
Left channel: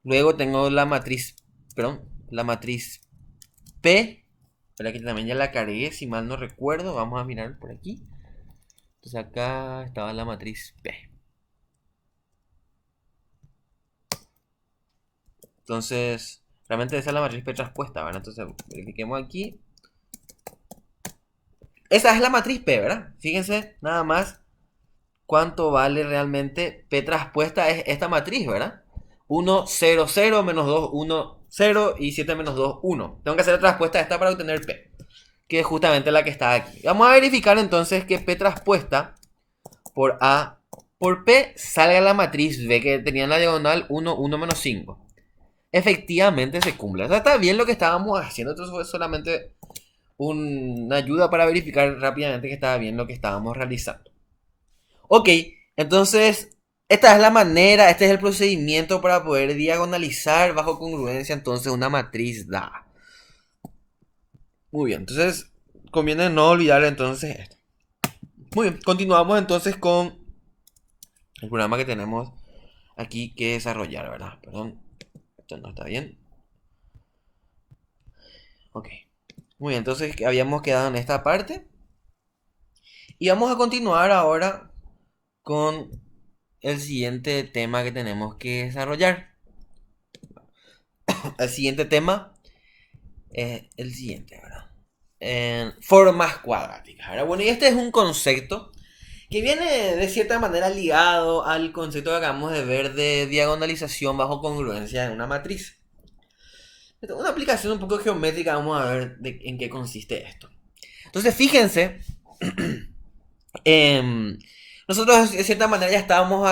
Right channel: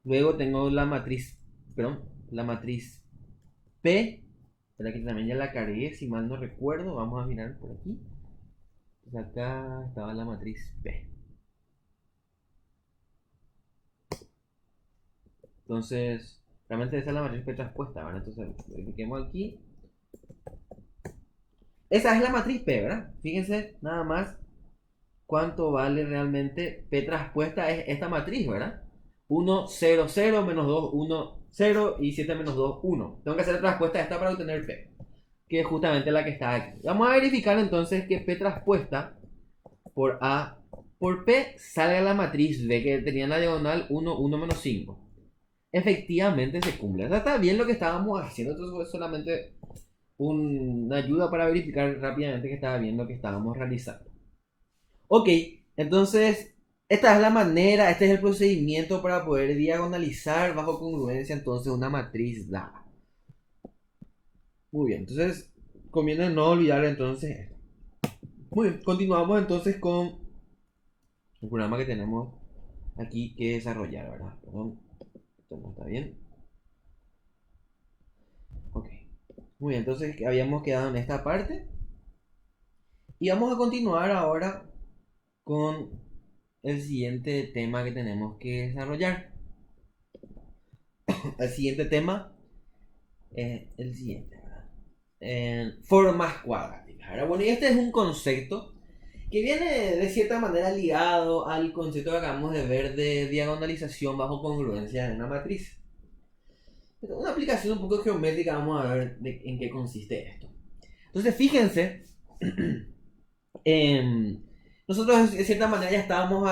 Luego tengo la matriz, perdón, la matriz P. Pero aquí también ya la cargué, si mal no recuerdo. Vamos a mirar por aquí. Entonces acá estaba la matriz P. Entonces, realmente esa es la matriz P traspuesta, ¿verdad? Entonces, verifiquemos aquí. Esa es la matriz P, ¿verdad? Fíjense nada más cuánto vale realmente P traspuesta es esta matriz, ¿verdad? 1, 0, 0, menos 2, 1, 0 y 7 menos 2, 1. Tengo que hacer la traspuesta de esta para obtener P, que es justamente la que está aquí. Vamos a verificar entonces que P traspuesta por A por P salga la matriz B que tenía en la diagonal 1, 1 menos 5. Efectivamente se cumple. O sea, está bien lo que estábamos haciendo. Entonces fue solamente una ayuda para verificar rápidamente que estaba bien lo que estábamos realizando. Ok, entonces esta es la manera, este es el procedimiento para poder diagonalizar bajo congruencia entonces una matriz dada. Muy bien, entonces conviene no olvidar entonces esto. Muy bien, continuamos entonces con el programa que tenemos aquí que desarrollar, ¿verdad? Perdón, esto no está bien. Ok, muy bien, entonces habíamos quedado en esta parte. Y vamos a continuar ahora con el siguiente tema que tenemos que desarrollar. El siguiente tema es el siguiente, ¿verdad? Formas cuadráticas, ¿verdad? Bueno, y este es un concepto que viene de cierta manera ligado al concepto que acabamos de ver de diagonalización bajo congruencia en una matriz. Una aplicación un poco geométrica, vamos a ver en qué consiste esto. Entonces, fíjense, nosotros de cierta manera ya estábamos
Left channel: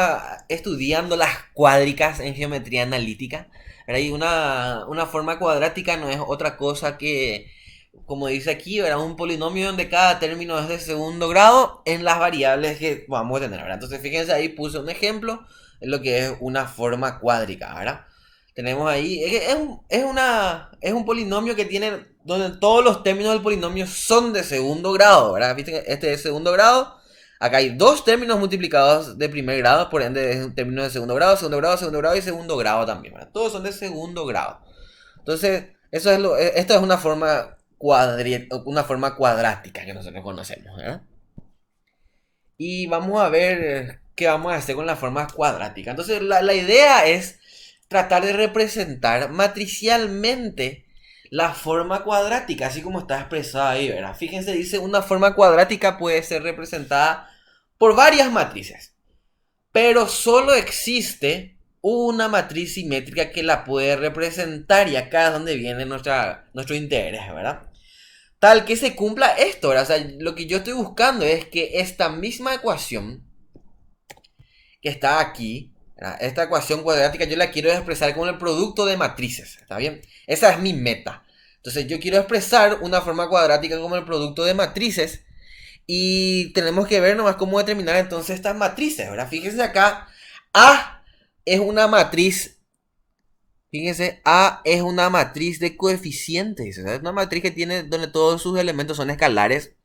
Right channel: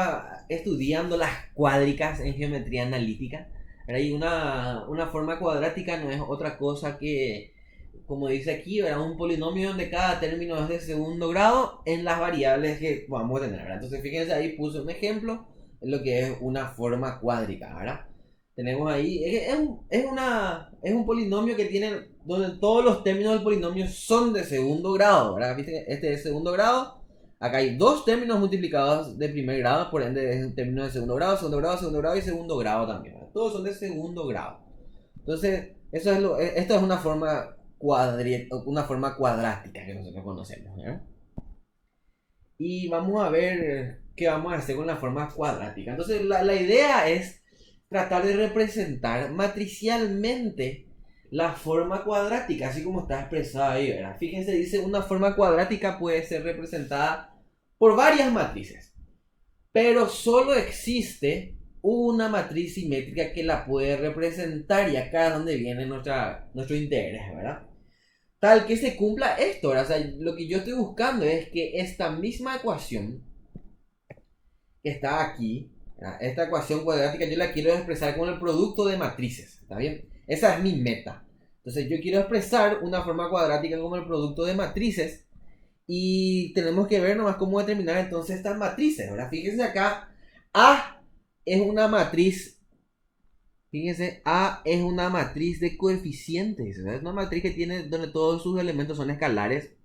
estudiando las cuádricas en geometría analítica. ¿Verdad? Y una forma cuadrática no es otra cosa que, como dice aquí, ¿verdad? Un polinomio donde cada término es de segundo grado en las variables que vamos a tener, ¿verdad? Entonces fíjense, ahí puse un ejemplo de lo que es una forma cuádrica, ¿verdad? Tenemos ahí, es un polinomio que tiene, donde todos los términos del polinomio son de segundo grado, ¿verdad? ¿Viste? Este es segundo grado. Acá hay dos términos multiplicados de primer grado, por ende es un término de segundo grado, segundo grado, segundo grado y segundo grado también, ¿verdad? Todos son de segundo grado. Entonces, esto es una forma cuadrática que nosotros conocemos, ¿verdad? Y vamos a ver qué vamos a hacer con las formas cuadráticas. Entonces, la idea es tratar de representar matricialmente la forma cuadrática, así como está expresada ahí, ¿verdad? Fíjense, dice, una forma cuadrática puede ser representada por varias matrices, pero solo existe una matriz simétrica que la puede representar, y acá es donde viene nuestro interés, ¿verdad? Tal que se cumpla esto, ¿verdad? O sea, lo que yo estoy buscando es que esta misma ecuación que está aquí, ¿verdad? Esta ecuación cuadrática yo la quiero expresar con el producto de matrices, ¿está bien? Esa es mi meta. Entonces yo quiero expresar una forma cuadrática como el producto de matrices y tenemos que ver nomás cómo determinar entonces estas matrices, ¿verdad? Fíjense acá, A es una matriz, fíjense, A es una matriz de coeficientes, ¿verdad? Es una matriz que tiene donde todos sus elementos son escalares,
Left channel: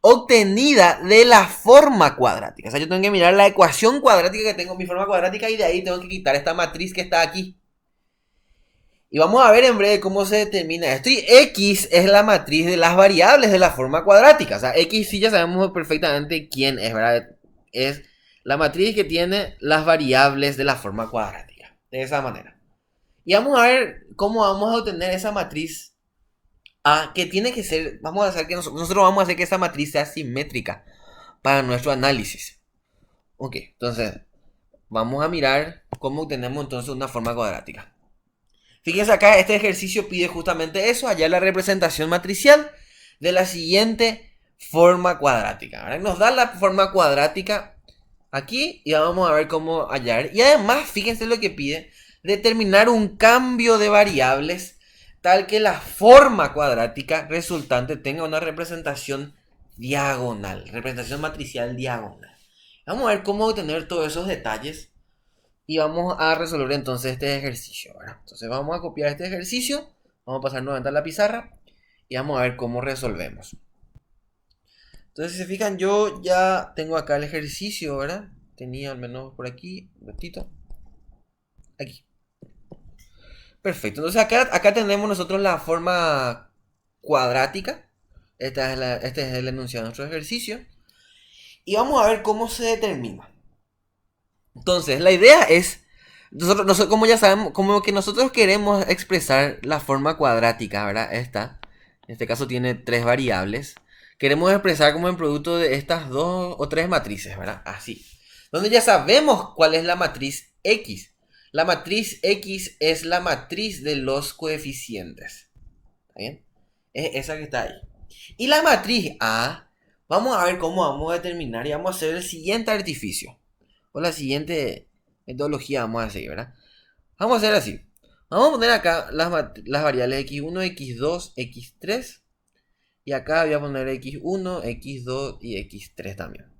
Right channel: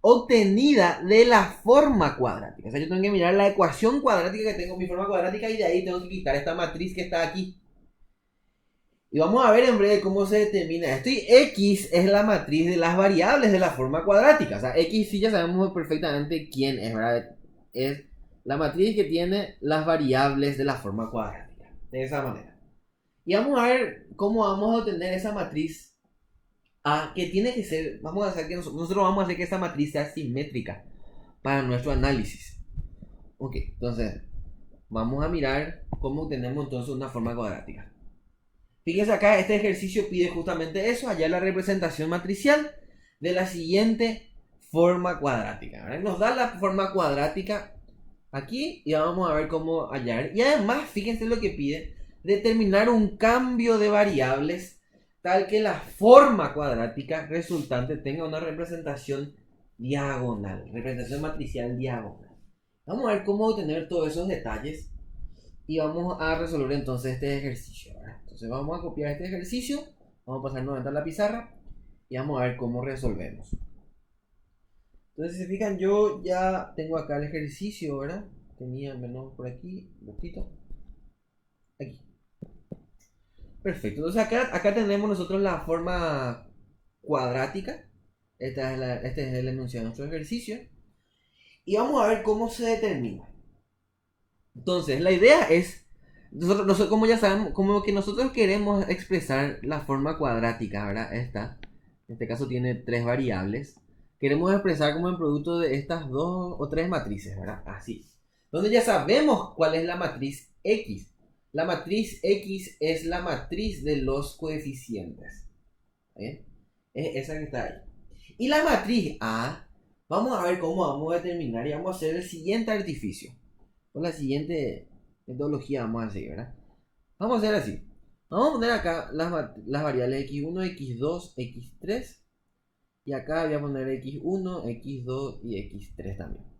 obtenida de la forma cuadrática. O sea, yo tengo que mirar la ecuación cuadrática que tengo en mi forma cuadrática y de ahí tengo que quitar esta matriz que está aquí. Y vamos a ver en breve cómo se determina esto. Y X es la matriz de las variables de la forma cuadrática. O sea, X sí ya sabemos perfectamente quién es, ¿verdad? Es la matriz que tiene las variables de la forma cuadrática. De esa manera. Y vamos a ver cómo vamos a obtener esa matriz A, que tiene que ser, vamos a hacer que nosotros vamos a hacer que esa matriz sea simétrica para nuestro análisis. Ok, entonces vamos a mirar cómo obtenemos entonces una forma cuadrática. Fíjense acá, este ejercicio pide justamente eso, hallar la representación matricial de la siguiente forma cuadrática, ¿verdad? Nos da la forma cuadrática aquí y vamos a ver cómo hallar. Y además, fíjense lo que pide, determinar un cambio de variables tal que la forma cuadrática resultante tenga una representación diagonal, representación matricial diagonal. Vamos a ver cómo obtener todos esos detalles y vamos a resolver entonces este ejercicio, ¿verdad? Entonces vamos a copiar este ejercicio, vamos a pasar nuevamente a la pizarra y vamos a ver cómo resolvemos. Entonces si se fijan, yo ya tengo acá el ejercicio, ¿verdad? Tenía al menos por aquí, un ratito, aquí. Perfecto, entonces acá tenemos nosotros la forma cuadrática. Este es el enunciado de nuestro ejercicio. Y vamos a ver cómo se determina. Entonces, la idea es, nosotros como ya sabemos, como que nosotros queremos expresar la forma cuadrática, ¿verdad? Esta, en este caso tiene 3 variables. Queremos expresar como el producto de estas 2 o 3 matrices, ¿verdad? Así. Donde ya sabemos cuál es la matriz X. La matriz X es la matriz de los coeficientes. ¿Está bien? Es esa que está ahí. Y la matriz A, vamos a ver cómo vamos a determinar y vamos a hacer el siguiente artificio. O la siguiente metodología vamos a seguir, ¿verdad? Vamos a hacer así. Vamos a poner acá las variables x1, x2, x3. Y acá voy a poner x1, x2 y x3 también.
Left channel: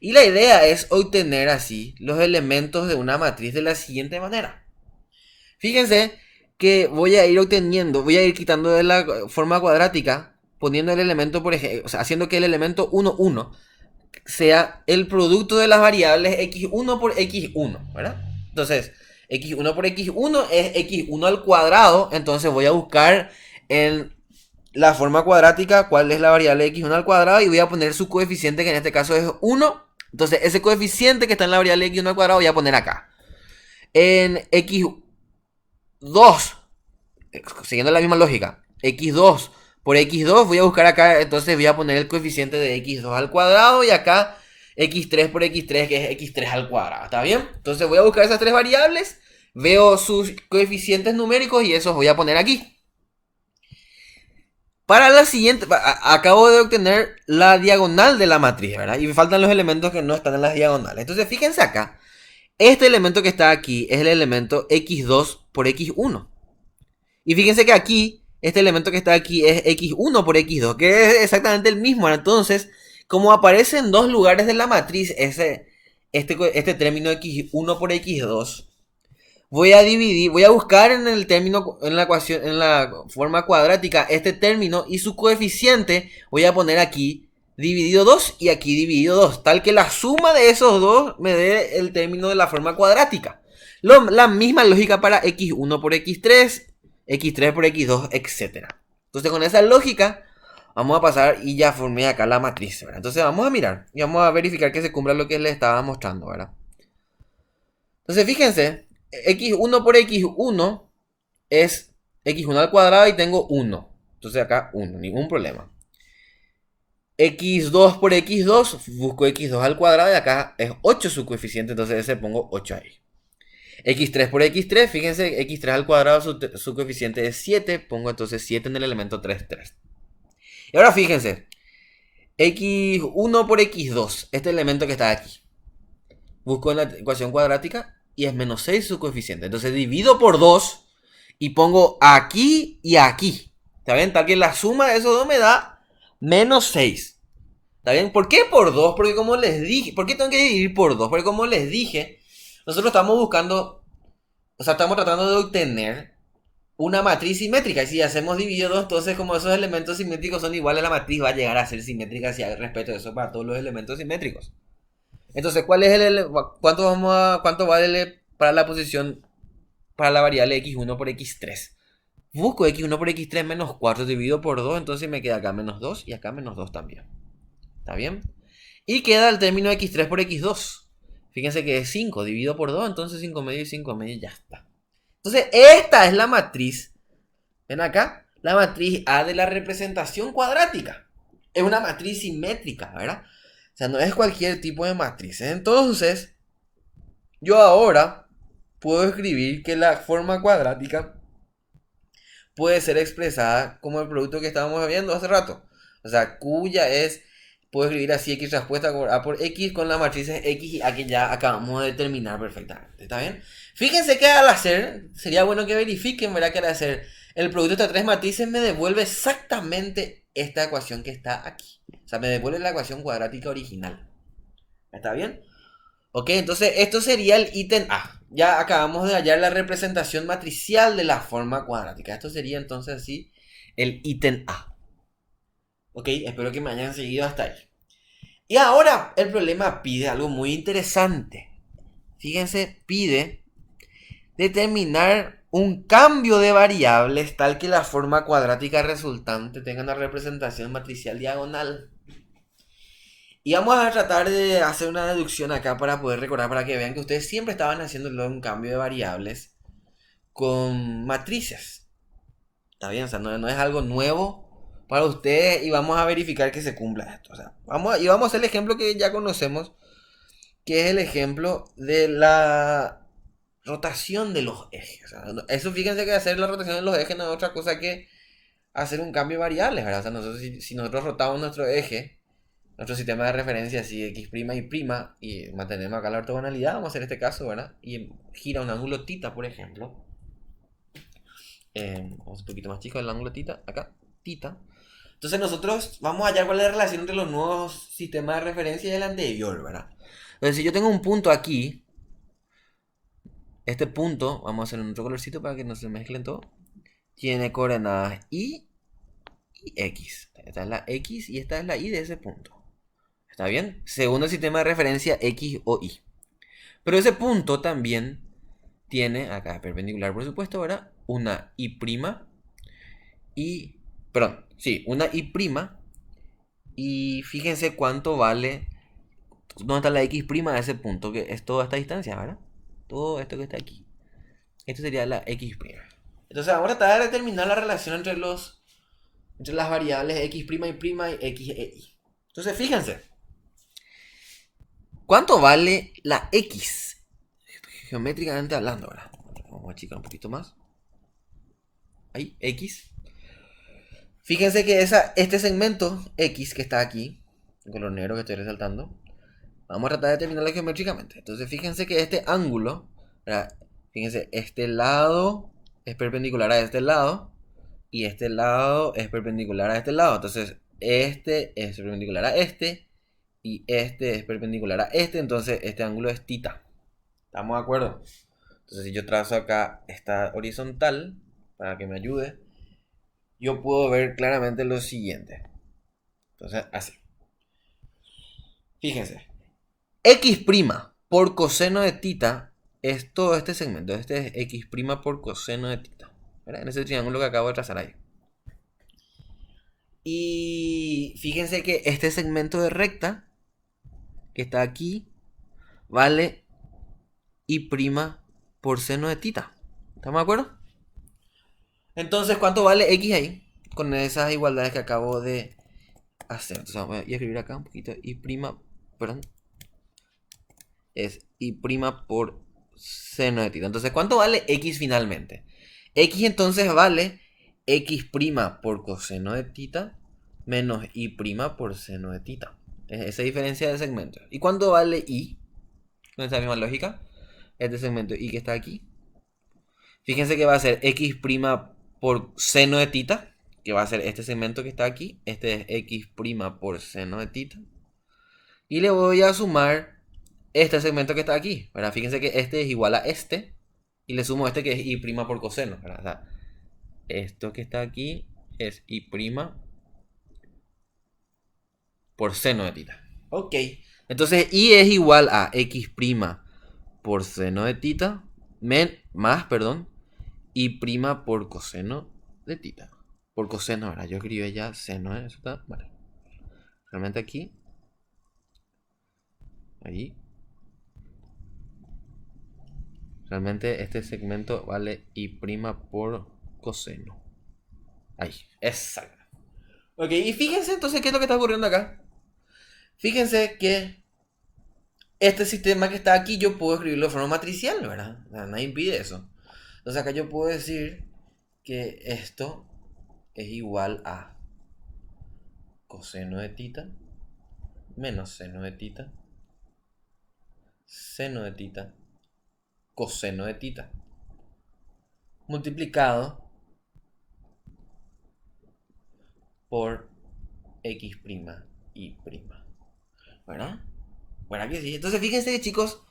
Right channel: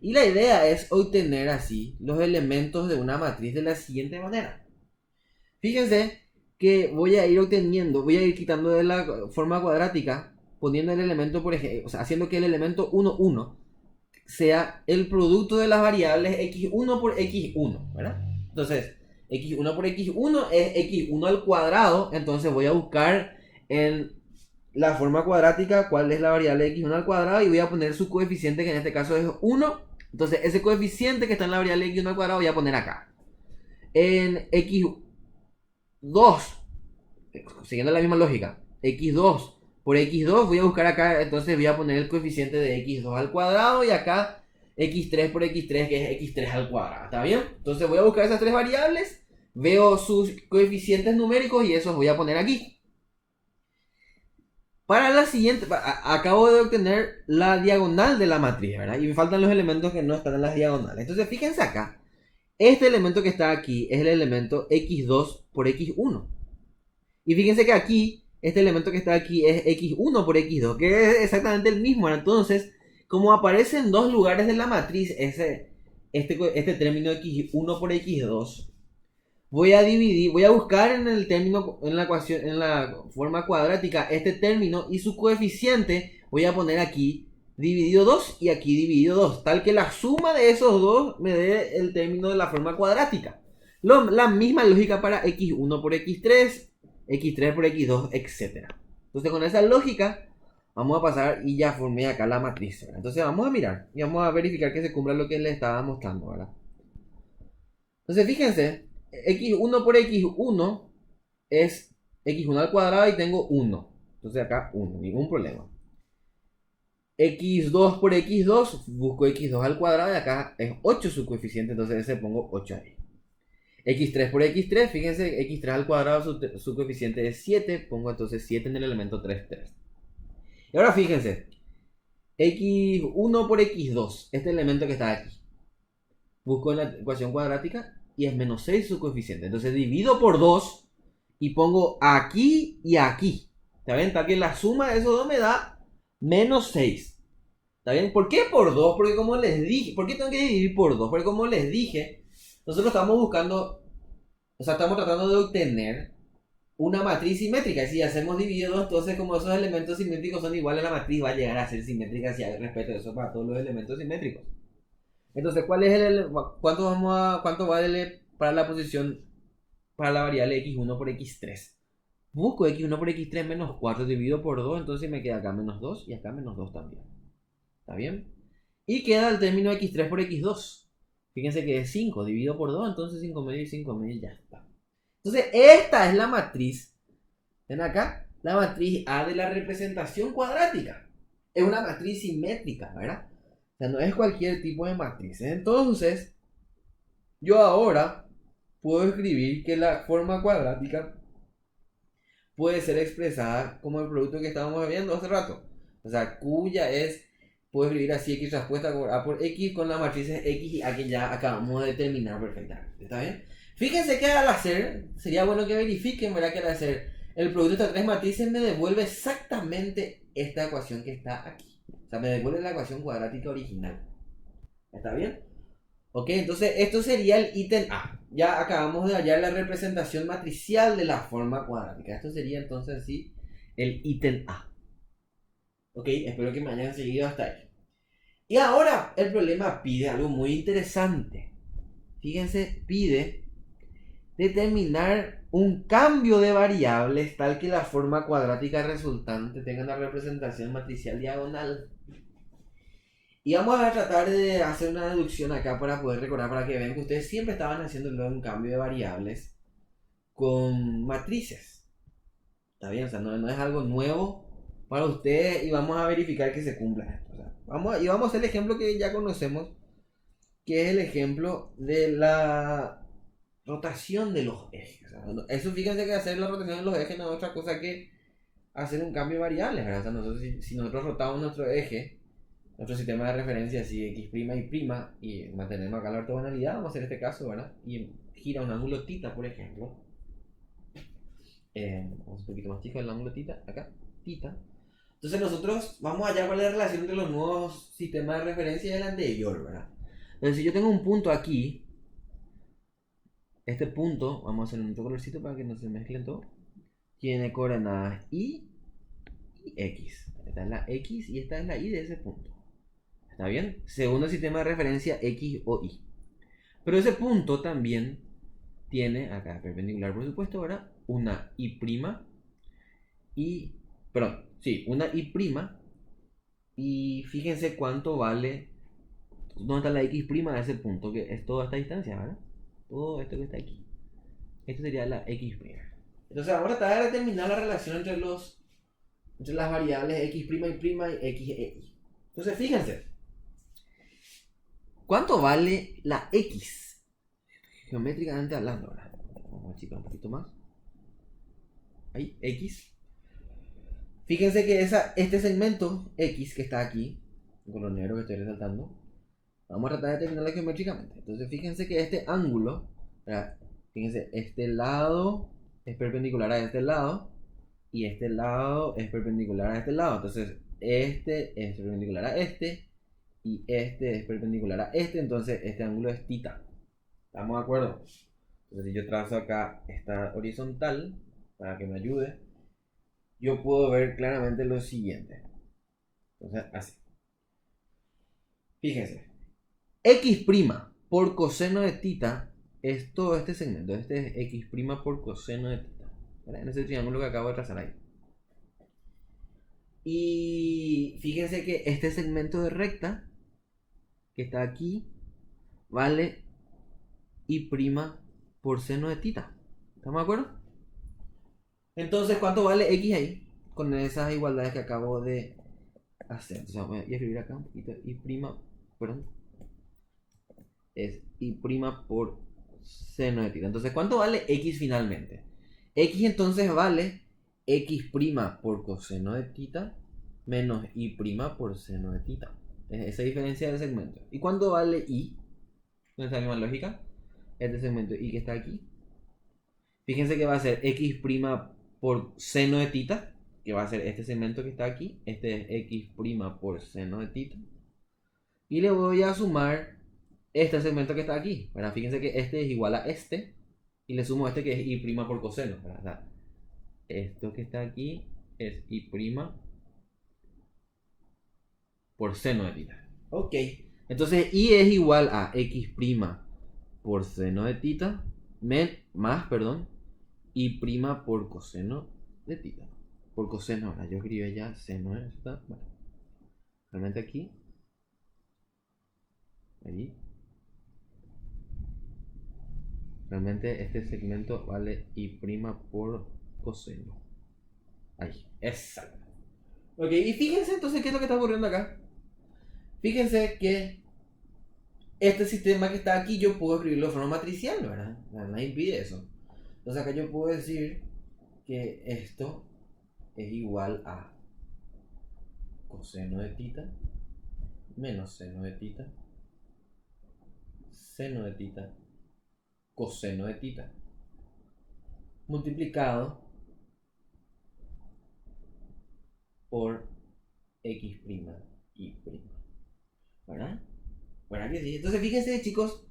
Y la idea es obtener así los elementos de una matriz de la siguiente manera. Fíjense que voy a ir obteniendo, voy a ir quitando de la forma cuadrática, poniendo el elemento, por ejemplo, o sea, haciendo que el elemento 1, 1 sea el producto de las variables x1 por x1, ¿verdad? Entonces, x1 por x1 es x1 al cuadrado, entonces voy a buscar en la forma cuadrática cuál es la variable x1 al cuadrado y voy a poner su coeficiente, que en este caso es 1. Entonces, ese coeficiente que está en la variable x1 al cuadrado voy a poner acá. En x2, siguiendo la misma lógica, x2 por x2 voy a buscar acá, entonces voy a poner el coeficiente de x2 al cuadrado y acá x3 por x3 que es x3 al cuadrado, ¿está bien? Entonces voy a buscar esas 3 variables, veo sus coeficientes numéricos y esos voy a poner aquí. Para la siguiente, acabo de obtener la diagonal de la matriz, ¿verdad? Y me faltan los elementos que no están en las diagonales. Entonces fíjense acá, este elemento que está aquí es el elemento x2 por x1. Y fíjense que aquí, este elemento que está aquí es x1 por x2, que es exactamente el mismo. Entonces, como aparece en 2 lugares de la matriz, este término x1 por x2, voy a dividir, voy a buscar en el término, en la ecuación, en la forma cuadrática, este término y su coeficiente voy a poner aquí dividido 2 y aquí dividido 2, tal que la suma de esos dos me dé el término de la forma cuadrática. La misma lógica para x1 por x3, x3 por x2, etc. Entonces con esa lógica vamos a pasar y ya formé acá la matriz, ¿verdad? Entonces vamos a mirar y vamos a verificar que se cumpla lo que les estaba mostrando, ¿verdad? Entonces fíjense, x1 por x1 es x1 al cuadrado y tengo 1. Entonces acá 1, ningún problema. x2 por x2, busco x2 al cuadrado y acá es 8 su coeficiente, entonces ese pongo 8 ahí. x3 por x3, fíjense, x3 al cuadrado, su coeficiente es 7, pongo entonces 7 en el elemento 3, 3. Y ahora fíjense, x1 por x2, este elemento que está aquí. Busco en la ecuación cuadrática y es menos 6 su coeficiente. Entonces divido por 2 y pongo aquí y aquí. ¿Está bien? Tal que la suma de esos dos me da menos 6. ¿Está bien? ¿Por qué por 2? Porque como les dije, ¿por qué tengo que dividir por 2? Porque como les dije, nosotros estamos buscando, o sea, estamos tratando de obtener una matriz simétrica. Y si hacemos dividido 2, entonces como esos elementos simétricos son iguales, la matriz va a llegar a ser simétrica si hay respeto de eso para todos los elementos simétricos. Entonces, ¿cuánto vale para la posición, para la variable x1 por x3? Busco x1 por x3 menos 4 dividido por 2, entonces me queda acá menos 2 y acá menos 2 también. ¿Está bien? Y queda el término x3 por x2. Fíjense que es 5 dividido por 2, entonces 5 medio y 5 medio y ya está. Entonces, esta es la matriz. Ven acá, la matriz A de la representación cuadrática. Es una matriz simétrica, ¿verdad? O sea, no es cualquier tipo de matriz. Entonces, yo ahora puedo escribir que la forma cuadrática puede ser expresada como el producto que estábamos viendo hace rato. O sea, puedo escribir así x respuesta a por x con las matrices x y a que ya acabamos de determinar perfectamente. ¿Está bien? Fíjense que al hacer, sería bueno que verifiquen, ¿verdad? Que al hacer el producto de estas 3 matrices me devuelve exactamente esta ecuación que está aquí. O sea, me devuelve la ecuación cuadrática original. ¿Está bien? Ok, entonces esto sería el ítem A. Ya acabamos de hallar la representación matricial de la forma cuadrática. Esto sería entonces así el ítem A. Ok, espero que me hayan seguido hasta ahí. Y ahora el problema pide algo muy interesante. Fíjense, pide determinar un cambio de variables tal que la forma cuadrática resultante tenga una representación matricial diagonal. Y vamos a tratar de hacer una deducción acá para poder recordar, para que vean que ustedes siempre estaban haciendo un cambio de variables con matrices. ¿Está bien? O sea, no es algo nuevo para ustedes y vamos a verificar que se cumpla esto. O sea, vamos a hacer el ejemplo que ya conocemos, que es el ejemplo de la rotación de los ejes. O sea, eso fíjense que hacer la rotación de los ejes no es otra cosa que hacer un cambio de variables, ¿verdad? O sea, nosotros, si nosotros rotamos nuestro eje, nuestro sistema de referencia, así x' y mantenemos acá la ortogonalidad, vamos a hacer este caso, ¿verdad? Y gira un ángulo θ, por ejemplo. Vamos un poquito más chico el ángulo θ, acá, θ. Entonces nosotros vamos a hallar cuál es la relación entre los nuevos sistemas de referencia y el anterior, ¿verdad? Entonces si yo tengo un punto aquí, este punto, vamos a hacer un otro colorcito para que no se mezclen todo, tiene coordenadas y x. Esta es la x y esta es la y de ese punto. ¿Está bien? Según el sistema de referencia x o y. Pero ese punto también tiene, acá perpendicular por supuesto, ¿verdad? Una y prima y, perdón, sí, una y prima. Y fíjense cuánto vale, dónde está la x prima de ese punto, que es toda esta distancia, ¿verdad? Todo esto que está aquí. Esto sería la x prima. Entonces vamos a tratar de determinar la relación entre las variables x prima y x e y. Entonces fíjense, ¿cuánto vale la x? Geométricamente hablando, ¿verdad? Vamos a achicar un poquito más. Ahí, x. Fíjense que este segmento x que está aquí, el color negro que estoy resaltando, vamos a tratar de determinarlo geométricamente. Entonces fíjense que este ángulo, ¿verdad? Fíjense, este lado es perpendicular a este lado y este lado es perpendicular a este lado. Entonces este es perpendicular a este y este es perpendicular a este. Entonces este ángulo es θ. ¿Estamos de acuerdo? Entonces si yo trazo acá esta horizontal para que me ayude, yo puedo ver claramente lo siguiente. Entonces así. Fíjense. X' por coseno de θ es todo este segmento. Este es X' por coseno de θ. ¿Verdad? En ese triángulo que acabo de trazar ahí. Y fíjense que este segmento de recta que está aquí vale Y' por seno de θ. ¿Estamos de acuerdo? Entonces, ¿cuánto vale X ahí? Con esas igualdades que acabo de hacer. Entonces, voy a escribir acá un poquito. Y', perdón. Es Y' por seno de θ. Entonces, ¿cuánto vale X finalmente? X entonces vale X' por coseno de θ menos Y' por seno de θ. Esa diferencia de segmento. ¿Y cuánto vale Y? Con esa misma lógica. Este segmento Y que está aquí. Fíjense que va a ser X' por seno de θ, que va a ser este segmento que está aquí. Este es X' por seno de θ. Y le voy a sumar este segmento que está aquí, ¿verdad? Fíjense que este es igual a este. Y le sumo este que es Y' por coseno, ¿verdad? O sea, esto que está aquí es Y' por seno de θ. Ok. Entonces Y es igual a X' por seno de θ más, perdón, Y' por coseno de θ. Por coseno, ahora yo escribí ya seno, eso está vale. Realmente aquí, ahí. Realmente este segmento vale Y' por coseno. Ahí, exacto. Ok, y fíjense entonces qué es lo que está ocurriendo acá. Fíjense que este sistema que está aquí yo puedo escribirlo de forma matricial, ¿verdad? Nadie impide eso. Entonces acá yo puedo decir que esto es igual a coseno de θ menos seno de θ, seno de θ, coseno de θ, multiplicado por X'. y'. ¿Verdad? ¿Verdad que sí? Entonces fíjense, chicos,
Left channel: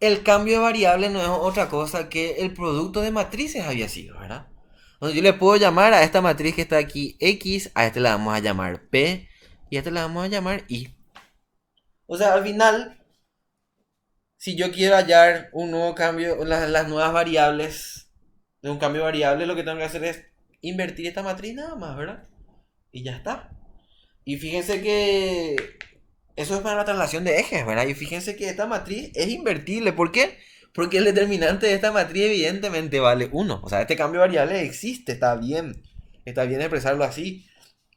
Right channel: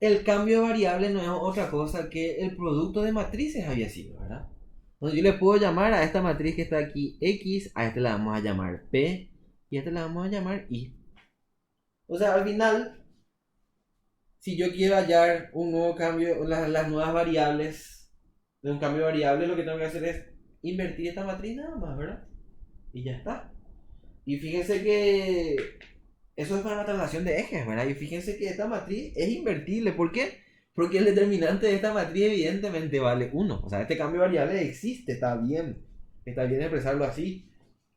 el cambio de variable no es otra cosa que el producto de matrices había sido, ¿verdad? Entonces yo le puedo llamar a esta matriz que está aquí X, a este la vamos a llamar P y a este la vamos a llamar Y. O sea, al final, si yo quiero hallar un nuevo cambio, las nuevas variables de un cambio de variable, lo que tengo que hacer es invertir esta matriz nada más, ¿verdad? Y ya está. Y fíjense que eso es para la traslación de ejes, ¿verdad? Y fíjense que esta matriz es invertible. ¿Por qué? Porque el determinante de esta matriz evidentemente vale 1. O sea, este cambio de variable existe, está bien. Está bien expresarlo así.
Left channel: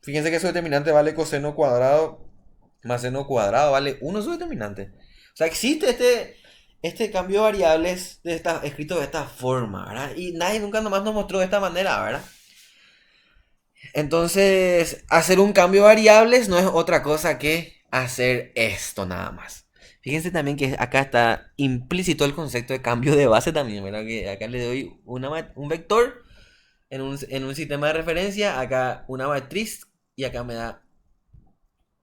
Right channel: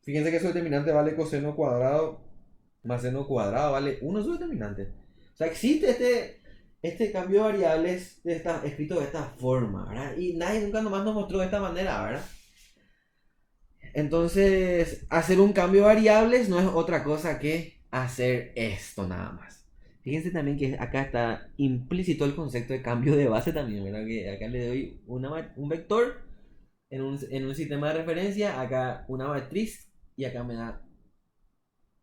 Fíjense que su determinante vale coseno cuadrado más seno cuadrado, vale 1 su determinante. O sea, existe este cambio de variables escrito de esta forma, ¿verdad? Y nadie nunca nomás nos mostró de esta manera, ¿verdad? Entonces, hacer un cambio de variables no es otra cosa que hacer esto nada más. Fíjense también que acá está implícito el concepto de cambio de base también, ¿verdad? Que acá le doy un vector en un sistema de referencia, acá una matriz y acá me da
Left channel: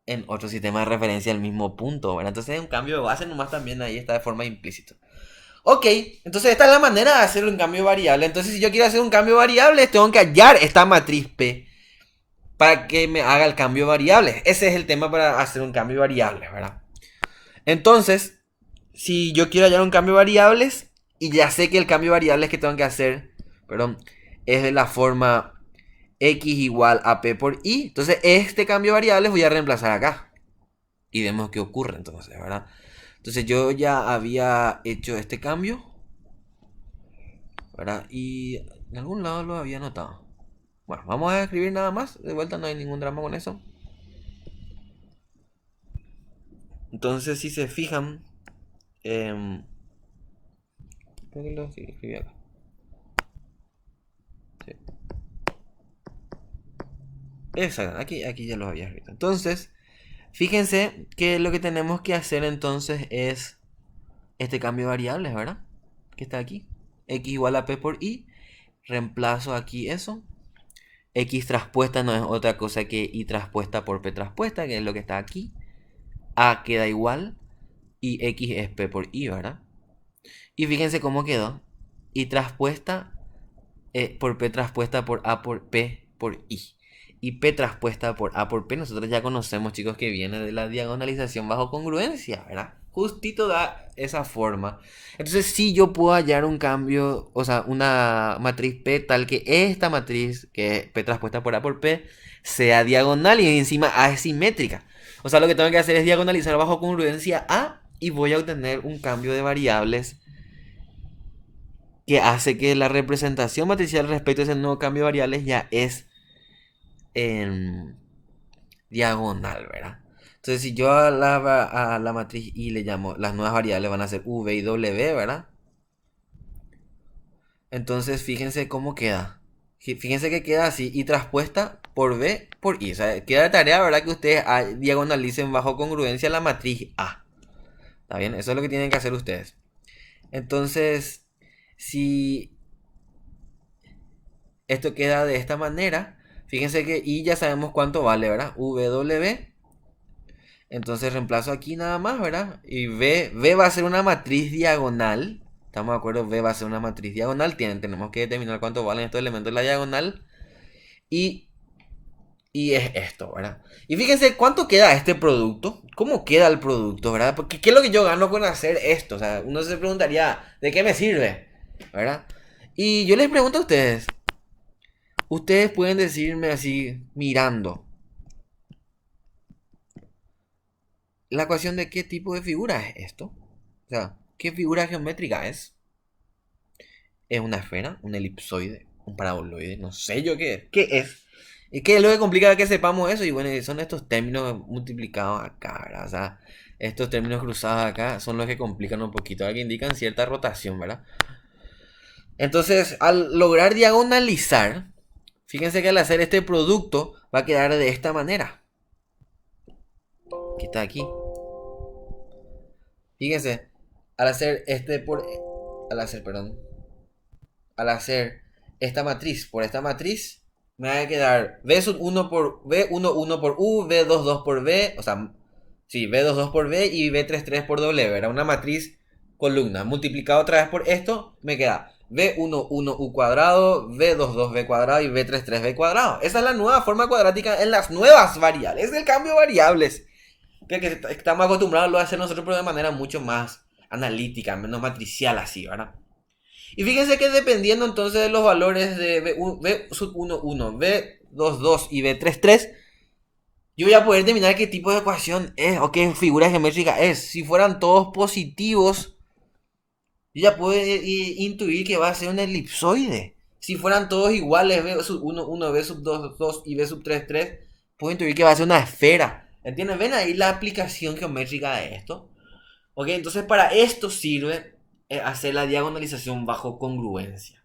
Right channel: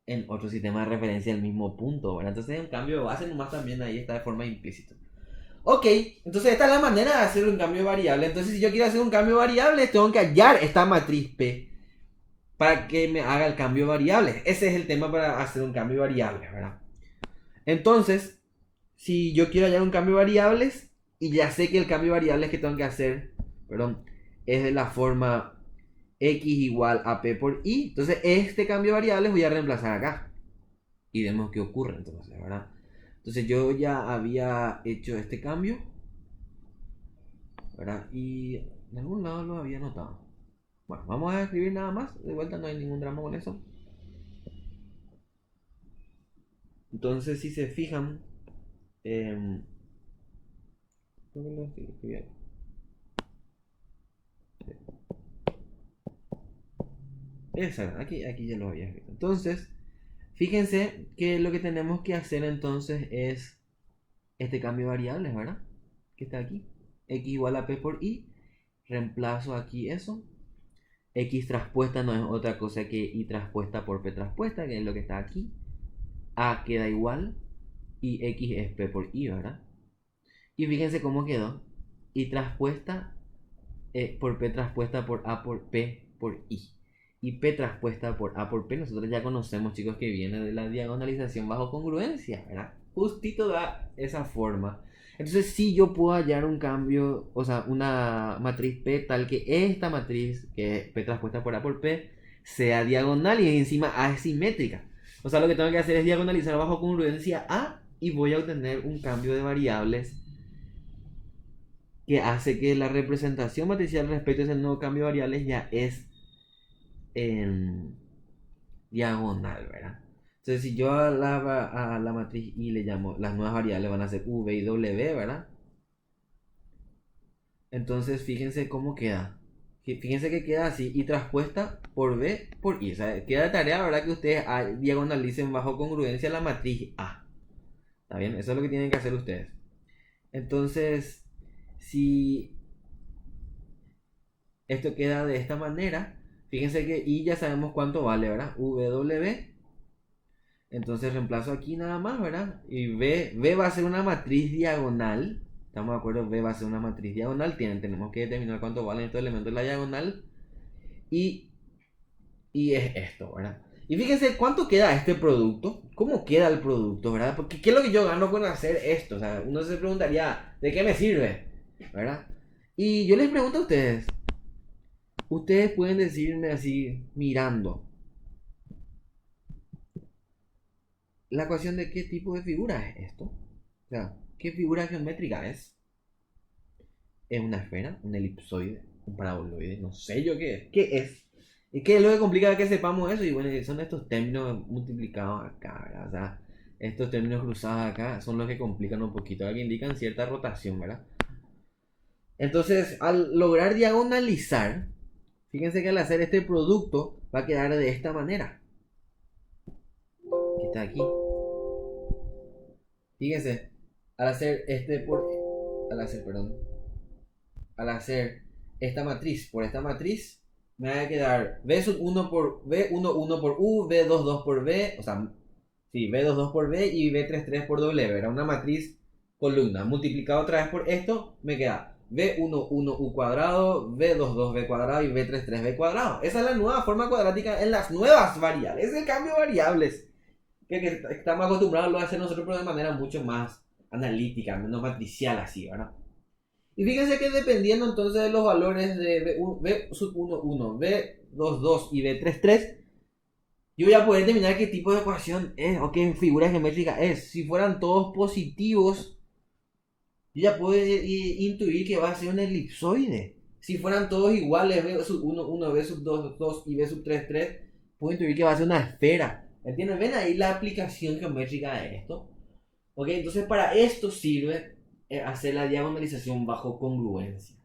en otro sistema de referencia el mismo punto, ¿verdad? Entonces es un cambio de base nomás también ahí está de forma implícita. Ok, entonces esta es la manera de hacer un cambio de variable. Entonces si yo quiero hacer un cambio de variable, tengo que hallar esta matriz P para que me haga el cambio de variables. Ese es el tema para hacer un cambio de variables, ¿verdad? Entonces, si yo quiero hallar un cambio de variables y ya sé que el cambio de variables que tengo que hacer, perdón, es de la forma x igual a p por y, entonces este cambio de variables voy a reemplazar acá. Y vemos qué ocurre entonces, ¿verdad? Entonces yo ya había hecho este cambio, ¿verdad? Y en algún lado lo había notado. Bueno, vamos a escribir nada más. De vuelta no hay ningún drama con eso. Entonces, si se fijan, creo que lo escribí acá. Sí. Exacto, aquí ya lo había escrito. Entonces, fíjense que lo que tenemos que hacer entonces es este cambio de variables, ¿verdad? Que está aquí. X igual a P por Y. Reemplazo aquí eso. X traspuesta no es otra cosa que Y traspuesta por P traspuesta, que es lo que está aquí. A queda igual. Y X es P por Y, ¿verdad? Y fíjense cómo quedó. Y traspuesta por P traspuesta por A por P por Y. Y P traspuesta por A por P, nosotros ya conocemos, chicos, que viene de la diagonalización bajo congruencia, ¿verdad? Justito da esa forma. Entonces, si yo puedo hallar un cambio, o sea, una matriz P tal que esta matriz, que es P traspuesta por A por P, sea diagonal y encima asimétrica. O sea, lo que tengo que hacer es diagonalizar bajo congruencia A y voy a obtener un cambio de variables que hace que la representación matricial respecto a ese nuevo cambio de variables ya es en diagonal, ¿verdad? Entonces, si yo a la matriz Y le llamo, las nuevas variables van a ser V y W, ¿verdad? Entonces, fíjense cómo queda. Fíjense que queda así, Y traspuesta por V por Y. O sea, queda de tarea, ¿verdad? Que ustedes diagonalicen bajo congruencia la matriz A. ¿Está bien? Eso es lo que tienen que hacer ustedes. Entonces, si esto queda de esta manera, fíjense que Y ya sabemos cuánto vale, ¿verdad? W. Entonces reemplazo aquí nada más, ¿verdad? Y V va a ser una matriz diagonal. ¿Estamos de acuerdo? V va a ser una matriz diagonal. Tenemos que determinar cuánto valen estos elementos de la diagonal. Y es esto, ¿verdad? Y fíjense cuánto queda este producto. ¿Cómo queda el producto, verdad? Porque ¿qué es lo que yo gano con hacer esto? O sea, uno se preguntaría, ¿de qué me sirve? ¿Verdad? Y yo les pregunto a ustedes. Ustedes pueden decirme así, mirando, la ecuación de qué tipo de figura es esto. O sea, ¿qué figura geométrica es? ¿Es una esfera? ¿Un elipsoide? ¿Un paraboloide? No sé yo qué es. ¿Qué es? ¿Y qué es lo que complica que sepamos eso? Y bueno, son estos términos multiplicados acá, ¿verdad? O sea, estos términos cruzados acá son los que complican un poquito, que indican cierta rotación, ¿verdad? Entonces, al lograr diagonalizar, fíjense que al hacer este producto va a quedar de esta manera. Que está aquí. Fíjense, al hacer al hacer esta matriz por esta matriz, me va a quedar V sub 1 por V1 por U, V22 por V, o sea, sí, V22 por V y V33 por W, era una matriz columna. Multiplicado otra vez por esto, me queda V11U cuadrado, V22V cuadrado y V33V cuadrado. Esa es la nueva forma cuadrática en las nuevas variables, es el cambio de variables. Que estamos acostumbrados a hacer nosotros, pero de manera mucho más analítica, menos matricial así, ¿verdad? Y fíjense que dependiendo entonces de los valores de V sub 1, 1, V22 y V33, yo voy a poder determinar qué tipo de ecuación es o qué figura geométrica es. Si fueran todos positivos, yo ya puedo intuir que va a ser un elipsoide. Si fueran todos iguales, V sub 1, 1, V sub 2, 2 y V sub 3, 3, puedo intuir que va a ser una esfera. ¿Entienden? ¿Ven ahí la aplicación geométrica de esto? Ok, entonces para esto sirve hacer la diagonalización bajo congruencia.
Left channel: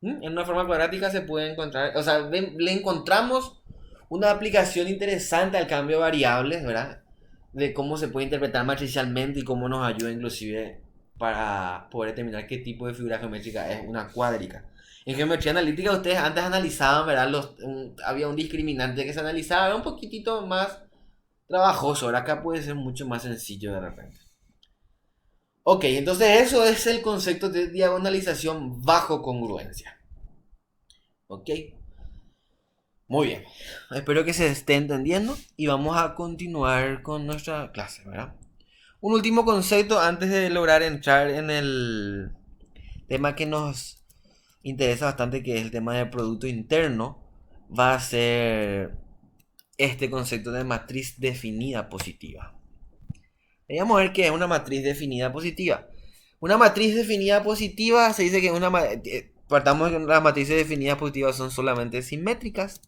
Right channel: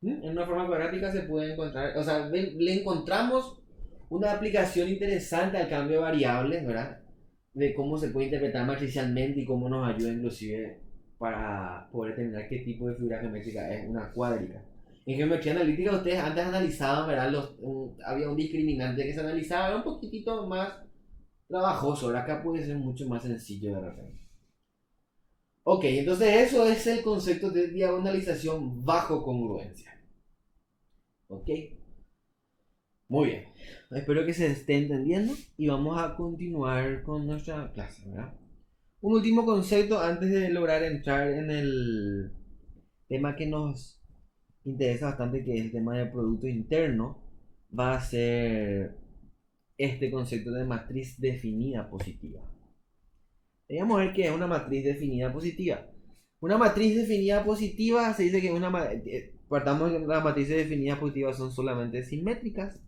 En una forma cuadrática se puede encontrar, o sea, le encontramos una aplicación interesante al cambio de variables, ¿verdad? De cómo se puede interpretar matricialmente y cómo nos ayuda inclusive para poder determinar qué tipo de figura geométrica es una cuádrica. En geometría analítica ustedes antes analizaban, ¿verdad? Había un discriminante que se analizaba, era un poquitito más trabajoso, ahora acá puede ser mucho más sencillo de repente. Ok, entonces eso es el concepto de diagonalización bajo congruencia. Ok, muy bien. Espero que se esté entendiendo y vamos a continuar con nuestra clase, ¿verdad? Un último concepto antes de lograr entrar en el tema que nos interesa bastante, que es el tema del producto interno, va a ser este concepto de matriz definida positiva. Vamos a ver qué es una matriz definida positiva. Una matriz definida positiva se dice que partamos de que las matrices definidas positivas son solamente simétricas.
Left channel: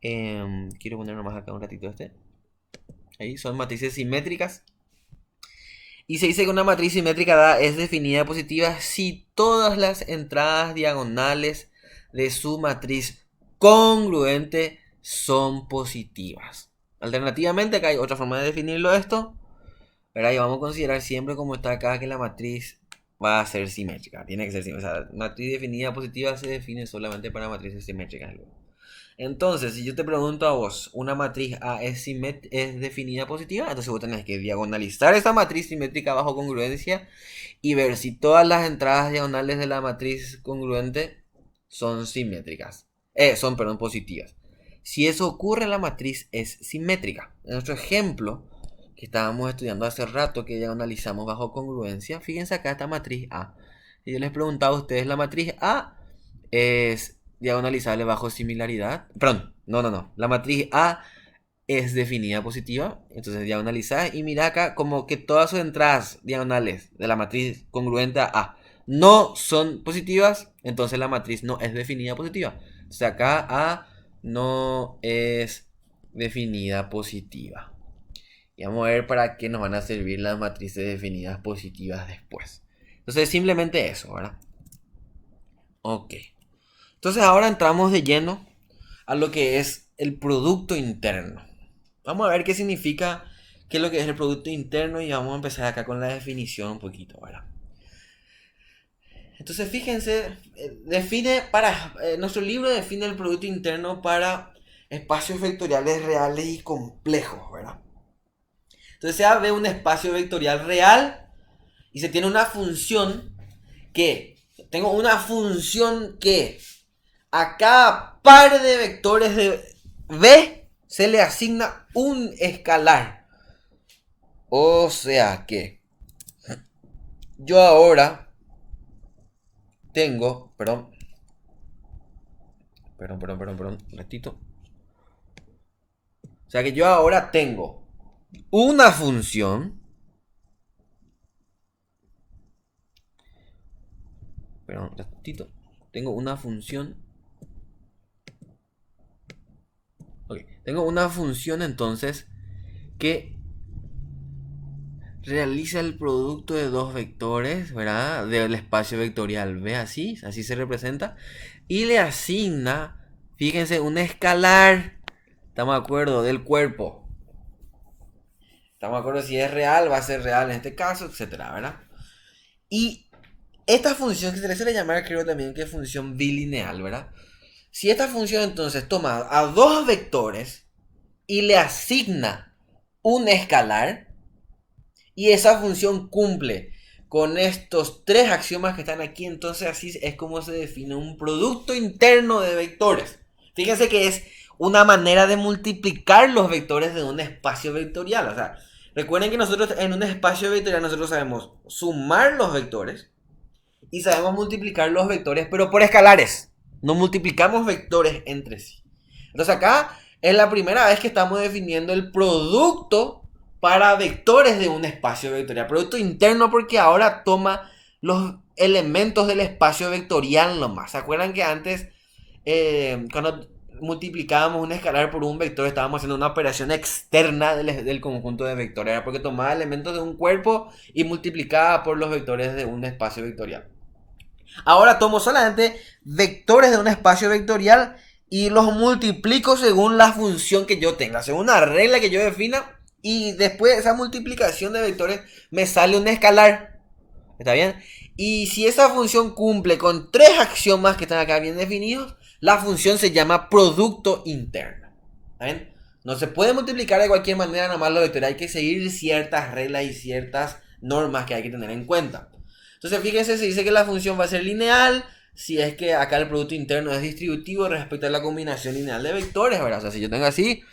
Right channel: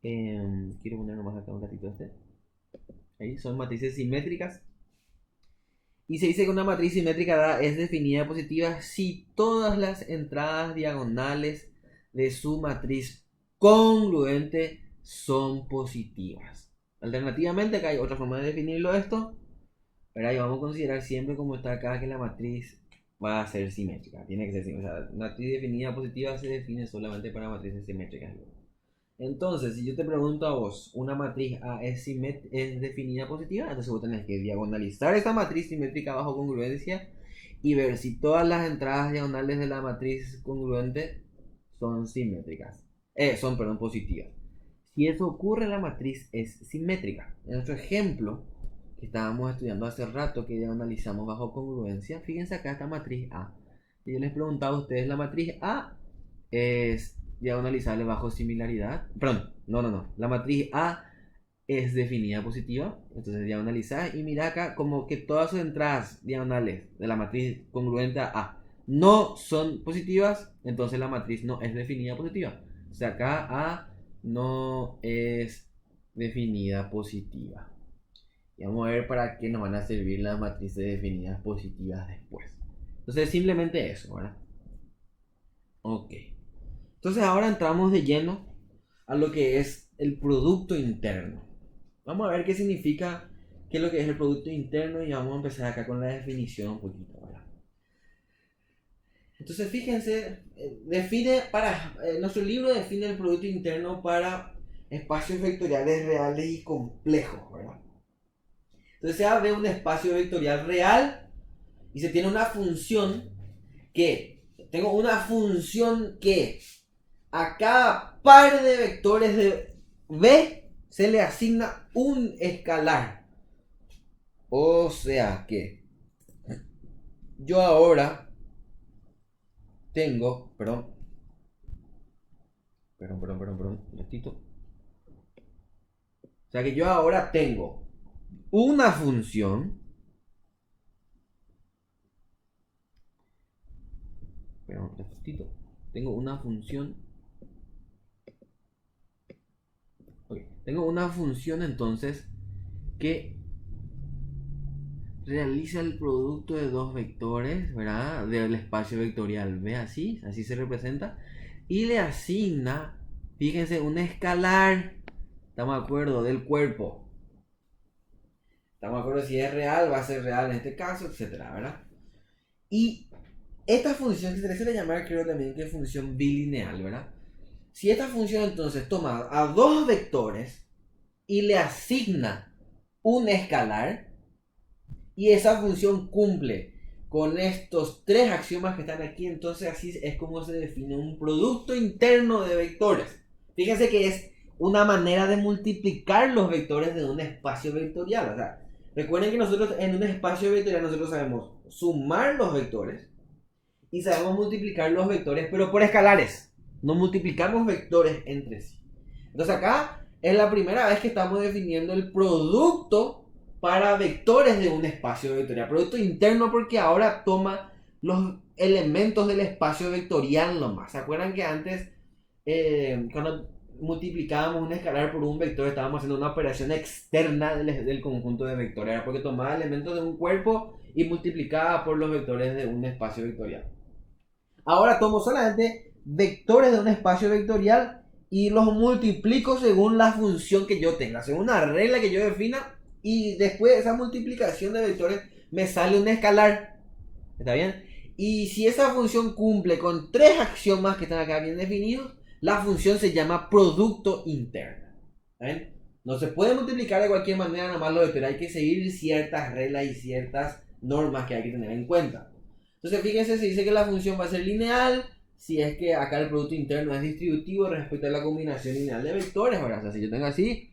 Quiero poner nomás acá un ratito Ahí son matrices simétricas. Y se dice que una matriz simétrica es definida positiva si todas las entradas diagonales de su matriz congruente son positivas. Alternativamente, acá hay otra forma de definirlo esto. ¿Verdad? Y vamos a considerar siempre como está acá que la matriz va a ser simétrica. Tiene que ser simétrica. O sea, matriz definida positiva se define solamente para matrices simétricas. Entonces, si yo te pregunto a vos, ¿una matriz A es definida positiva? Entonces vos tenés que diagonalizar esa matriz simétrica bajo congruencia y ver si todas las entradas diagonales de la matriz congruente son simétricas. Son positivas. Si eso ocurre, la matriz es simétrica. En nuestro ejemplo que estábamos estudiando hace rato, que ya analizamos bajo congruencia, fíjense acá esta matriz A. Y yo les preguntaba a ustedes, la matriz A es diagonalizable bajo similaridad. Perdón, no. La matriz A es definida positiva, entonces diagonalizada. Y mira acá como que todas sus entradas diagonales de la matriz congruente a A no son positivas, entonces la matriz no es definida positiva. O sea, acá A no es definida positiva. Y vamos a ver para qué nos van a servir las matrices definidas positivas después. Entonces simplemente eso, ¿verdad? Ok. Entonces ahora entramos de lleno a lo que es el producto interno. Vamos a ver qué significa, qué es lo que es el producto interno y vamos a empezar acá con la definición un poquito, ¿verdad? Entonces fíjense, nuestro libro define el producto interno para espacios vectoriales reales y complejos, ¿verdad? Entonces se ve un espacio vectorial real y se tiene una función tengo una función que a cada par de vectores de V se le asigna un escalar. O sea que yo ahora tengo, perdón, un ratito. O sea que yo ahora tengo una función, perdón, un ratito, tengo una función. Okay. Tengo una función entonces que realiza el producto de dos vectores, ¿verdad? Del espacio vectorial V, así se representa. Y le asigna, fíjense, un escalar, estamos de acuerdo, del cuerpo. Estamos de acuerdo si es real, va a ser real en este caso, etcétera, ¿verdad? Y esta función que se le suele llamar, creo también que es función bilineal, ¿verdad? Si esta función entonces toma a dos vectores y le asigna un escalar, y esa función cumple con estos tres axiomas que están aquí, entonces así es como se define un producto interno de vectores. Fíjense que es una manera de multiplicar los vectores de un espacio vectorial. O sea, recuerden que nosotros en un espacio vectorial nosotros sabemos sumar los vectores y sabemos multiplicar los vectores, pero por escalares. No multiplicamos vectores entre sí. Entonces acá es la primera vez que estamos definiendo el producto para vectores de un espacio vectorial. Producto interno porque ahora toma los elementos del espacio vectorial nomás. ¿Se acuerdan que antes cuando multiplicábamos un escalar por un vector estábamos haciendo una operación externa del conjunto de vectores? Era porque tomaba elementos de un cuerpo y multiplicaba por los vectores de un espacio vectorial. Ahora tomo solamente vectores de un espacio vectorial y los multiplico según la función que yo tenga, según una regla que yo defina, y después de esa multiplicación de vectores me sale un escalar. ¿Está bien? Y si esa función cumple con tres axiomas que están acá bien definidos, la función se llama producto interno. ¿Está bien? No se puede multiplicar de cualquier manera nomás los vectores, hay que seguir ciertas reglas y ciertas normas que hay que tener en cuenta. Entonces fíjense, se dice que la función va a ser lineal si es que acá el producto interno es distributivo respecto a la combinación lineal de vectores, ¿verdad? O sea, si yo tengo así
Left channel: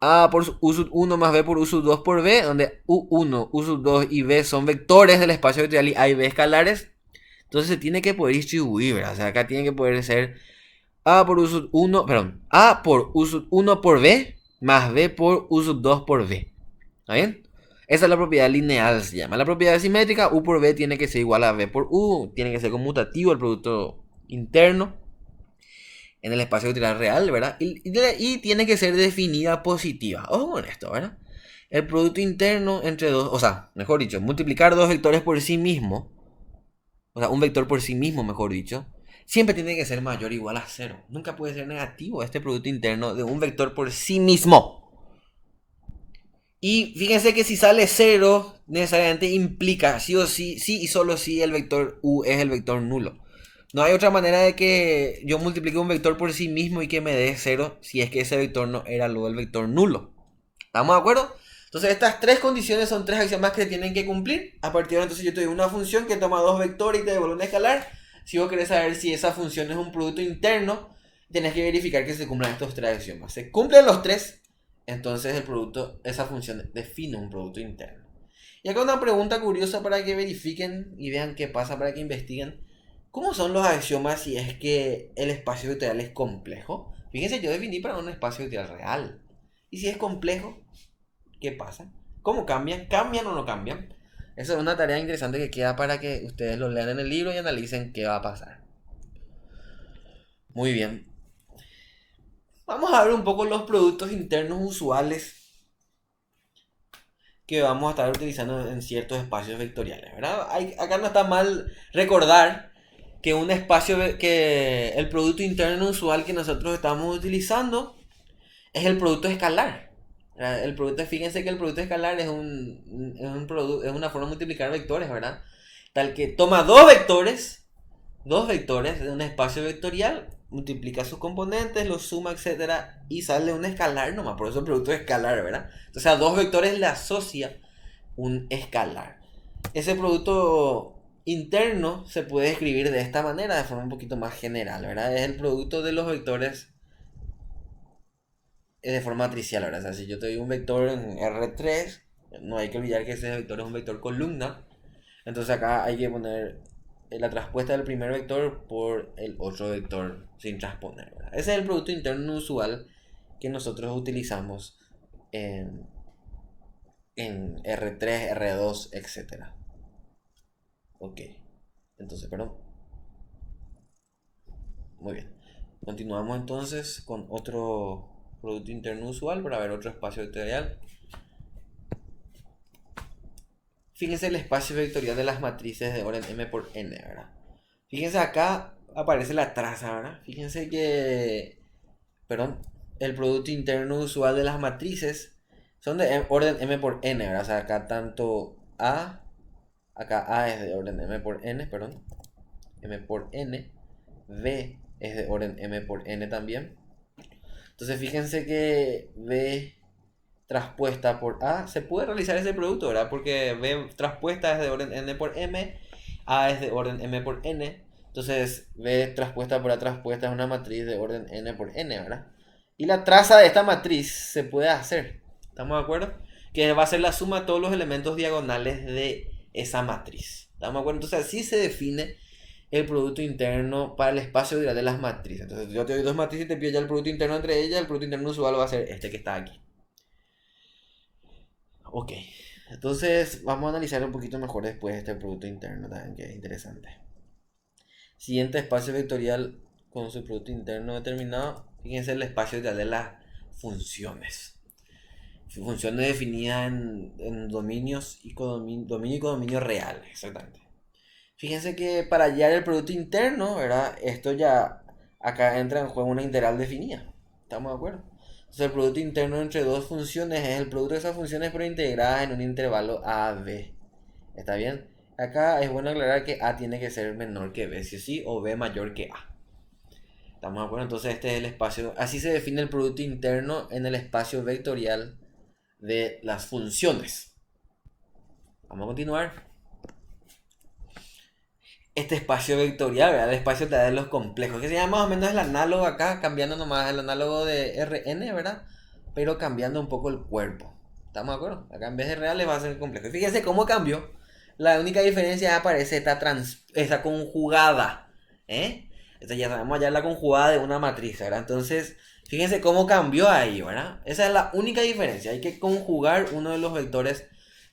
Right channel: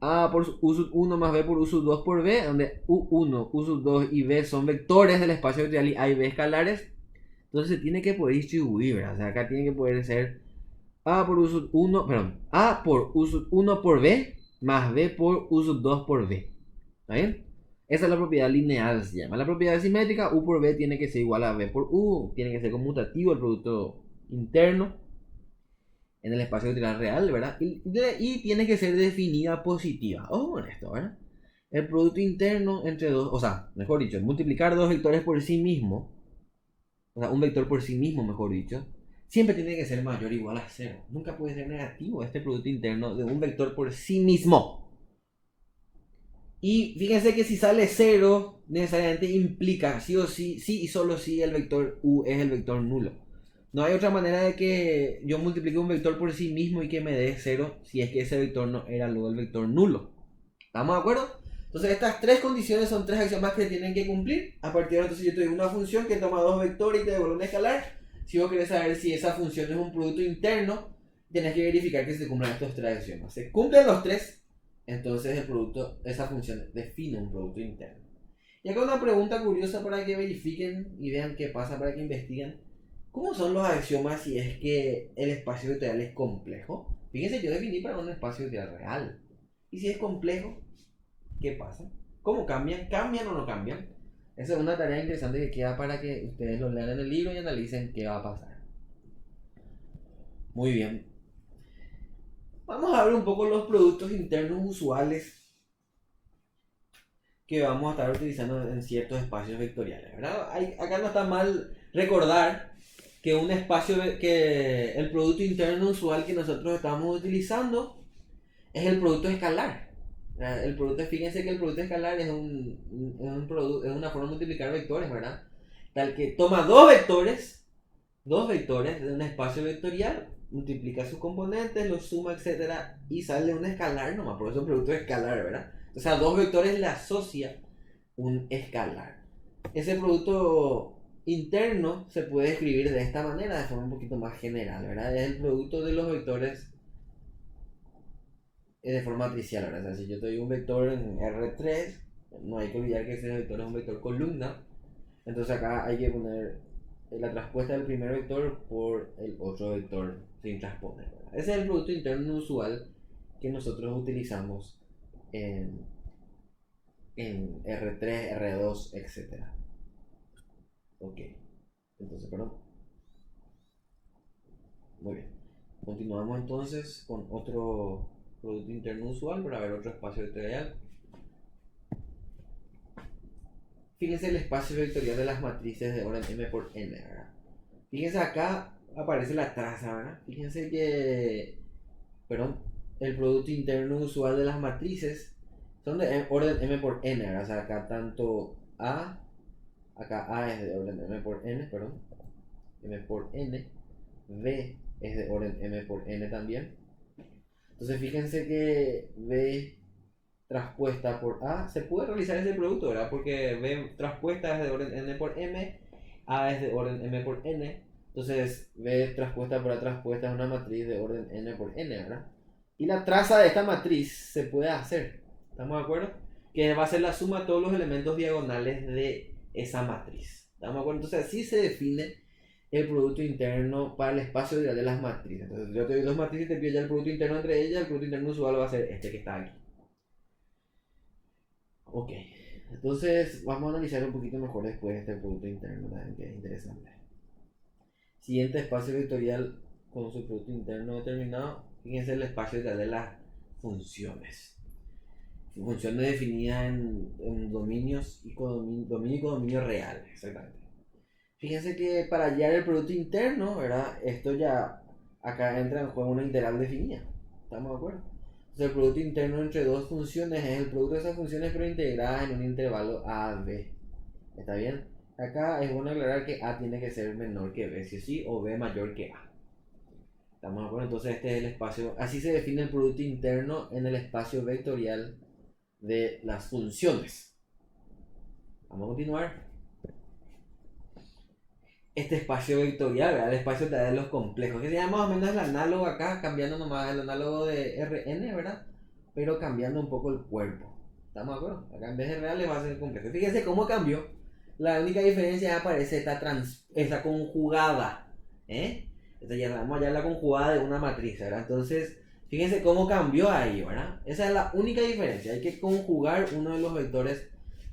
A por U sub 1 más B por U sub 2 por B, donde U1, U sub 2 y B son vectores del espacio vectorial y A y B escalares, entonces se tiene que poder distribuir, ¿verdad? O sea, acá tiene que poder ser A por U sub 1, perdón, A por U sub 1 por B más B por U sub 2 por B. ¿Está bien? Esa es la propiedad lineal, se llama. La propiedad simétrica, U por B tiene que ser igual a B por U, tiene que ser conmutativo el producto interno en el espacio vectorial real, ¿verdad? Y tiene que ser definida positiva. Ojo con esto, ¿verdad? El producto interno entre dos, o sea, mejor dicho, multiplicar dos vectores por sí mismo, o sea, un vector por sí mismo, mejor dicho, siempre tiene que ser mayor o igual a cero. Nunca puede ser negativo este producto interno de un vector por sí mismo. Y fíjense que si sale cero, necesariamente implica sí o sí, sí y solo si el vector u es el vector nulo. No hay otra manera de que yo multiplique un vector por sí mismo y que me dé cero si es que ese vector no era luego el vector nulo. ¿Estamos de acuerdo? Entonces estas tres condiciones son tres axiomas que tienen que cumplir. A partir de ahora entonces yo te doy una función que toma dos vectores y te devuelve un escalar. Si vos querés saber si esa función es un producto interno, tenés que verificar que se cumplan estos tres axiomas. Se cumplen los tres, entonces el producto, esa función define un producto interno. Y acá una pregunta curiosa para que verifiquen y vean qué pasa, para que investiguen. ¿Cómo son los axiomas si es que el espacio vectorial es complejo? Fíjense, yo definí para un espacio vectorial real. ¿Y si es complejo? ¿Qué pasa? ¿Cómo cambian? ¿Cambian o no cambian? Esa es una tarea interesante que queda para que ustedes lo lean en el libro y analicen qué va a pasar. Muy bien. Vamos a ver un poco los productos internos usuales que vamos a estar utilizando en ciertos espacios vectoriales, ¿verdad? Acá no está mal recordar que un espacio, que el producto interno usual que nosotros estamos utilizando es el producto escalar. El producto, fíjense que el producto escalar es es una forma de multiplicar vectores, ¿verdad? Tal que toma dos vectores de un espacio vectorial, multiplica sus componentes, los suma, etcétera, y sale un escalar nomás. Por eso el producto es escalar, ¿verdad? Entonces a dos vectores le asocia un escalar. Ese producto interno se puede escribir de esta manera, de forma un poquito más general, ¿verdad? Es el producto de los vectores de forma matricial, ¿verdad? O sea, si yo te doy un vector en R3, no hay que olvidar que ese vector es un vector columna. Entonces acá hay que poner la traspuesta del primer vector por el otro vector sin transponer, ¿verdad? Ese es el producto interno usual que nosotros utilizamos en R3, R2, etc. Ok, entonces, perdón. Muy bien. Continuamos entonces con otro producto interno usual para ver otro espacio vectorial. Fíjense el espacio vectorial de las matrices de orden m por n, ¿verdad? Fíjense acá aparece la traza, ¿verdad? Fíjense que, perdón, el producto interno usual de las matrices son de orden m por n, ¿verdad? O sea, acá tanto acá A es de orden m por n, perdón, m por n, B es de orden m por n también. Entonces fíjense que B traspuesta por A, se puede realizar ese producto, ¿verdad? Porque B traspuesta es de orden n por m, A es de orden m por n. Entonces B traspuesta por A traspuesta es una matriz de orden n por n, ¿verdad? Y la traza de esta matriz se puede hacer, ¿estamos de acuerdo? Que va a ser la suma de todos los elementos diagonales de esa matriz, ¿estamos de acuerdo? Entonces así se define el producto interno para el espacio de las matrices. Entonces yo te doy dos matrices y te pido ya el producto interno entre ellas. El producto interno usual va a ser este que está aquí. Ok, entonces vamos a analizar un poquito mejor después este producto interno también, que es interesante. Siguiente espacio vectorial con su producto interno determinado. Fíjense el espacio de las funciones. Funciones definidas en dominios y dominio y codominio reales, exactamente. Fíjense que para hallar el producto interno, ¿verdad? Esto ya acá entra en juego una integral definida. ¿Estamos de acuerdo? Entonces el producto interno entre dos funciones es el producto de esas funciones pero integradas en un intervalo AB. ¿Está bien? Acá es bueno aclarar que A tiene que ser menor que B, si sí, o B mayor que A. ¿Estamos de acuerdo? Entonces este es el espacio. Así se define el producto interno en el espacio vectorial de las funciones. Vamos a continuar. Este espacio vectorial, ¿verdad? El espacio de los complejos, que se llama más o menos el análogo acá, cambiando nomás el análogo de Rn, ¿verdad? Pero cambiando un poco el cuerpo. ¿Estamos de acuerdo? Acá en vez de reales va a ser complejo. Fíjense cómo cambió. La única diferencia aparece esta conjugada. Entonces ya sabemos ya la conjugada de una matriz, ¿verdad? Entonces, fíjense cómo cambió ahí, ¿verdad? Esa es la única diferencia. Hay que conjugar uno de los vectores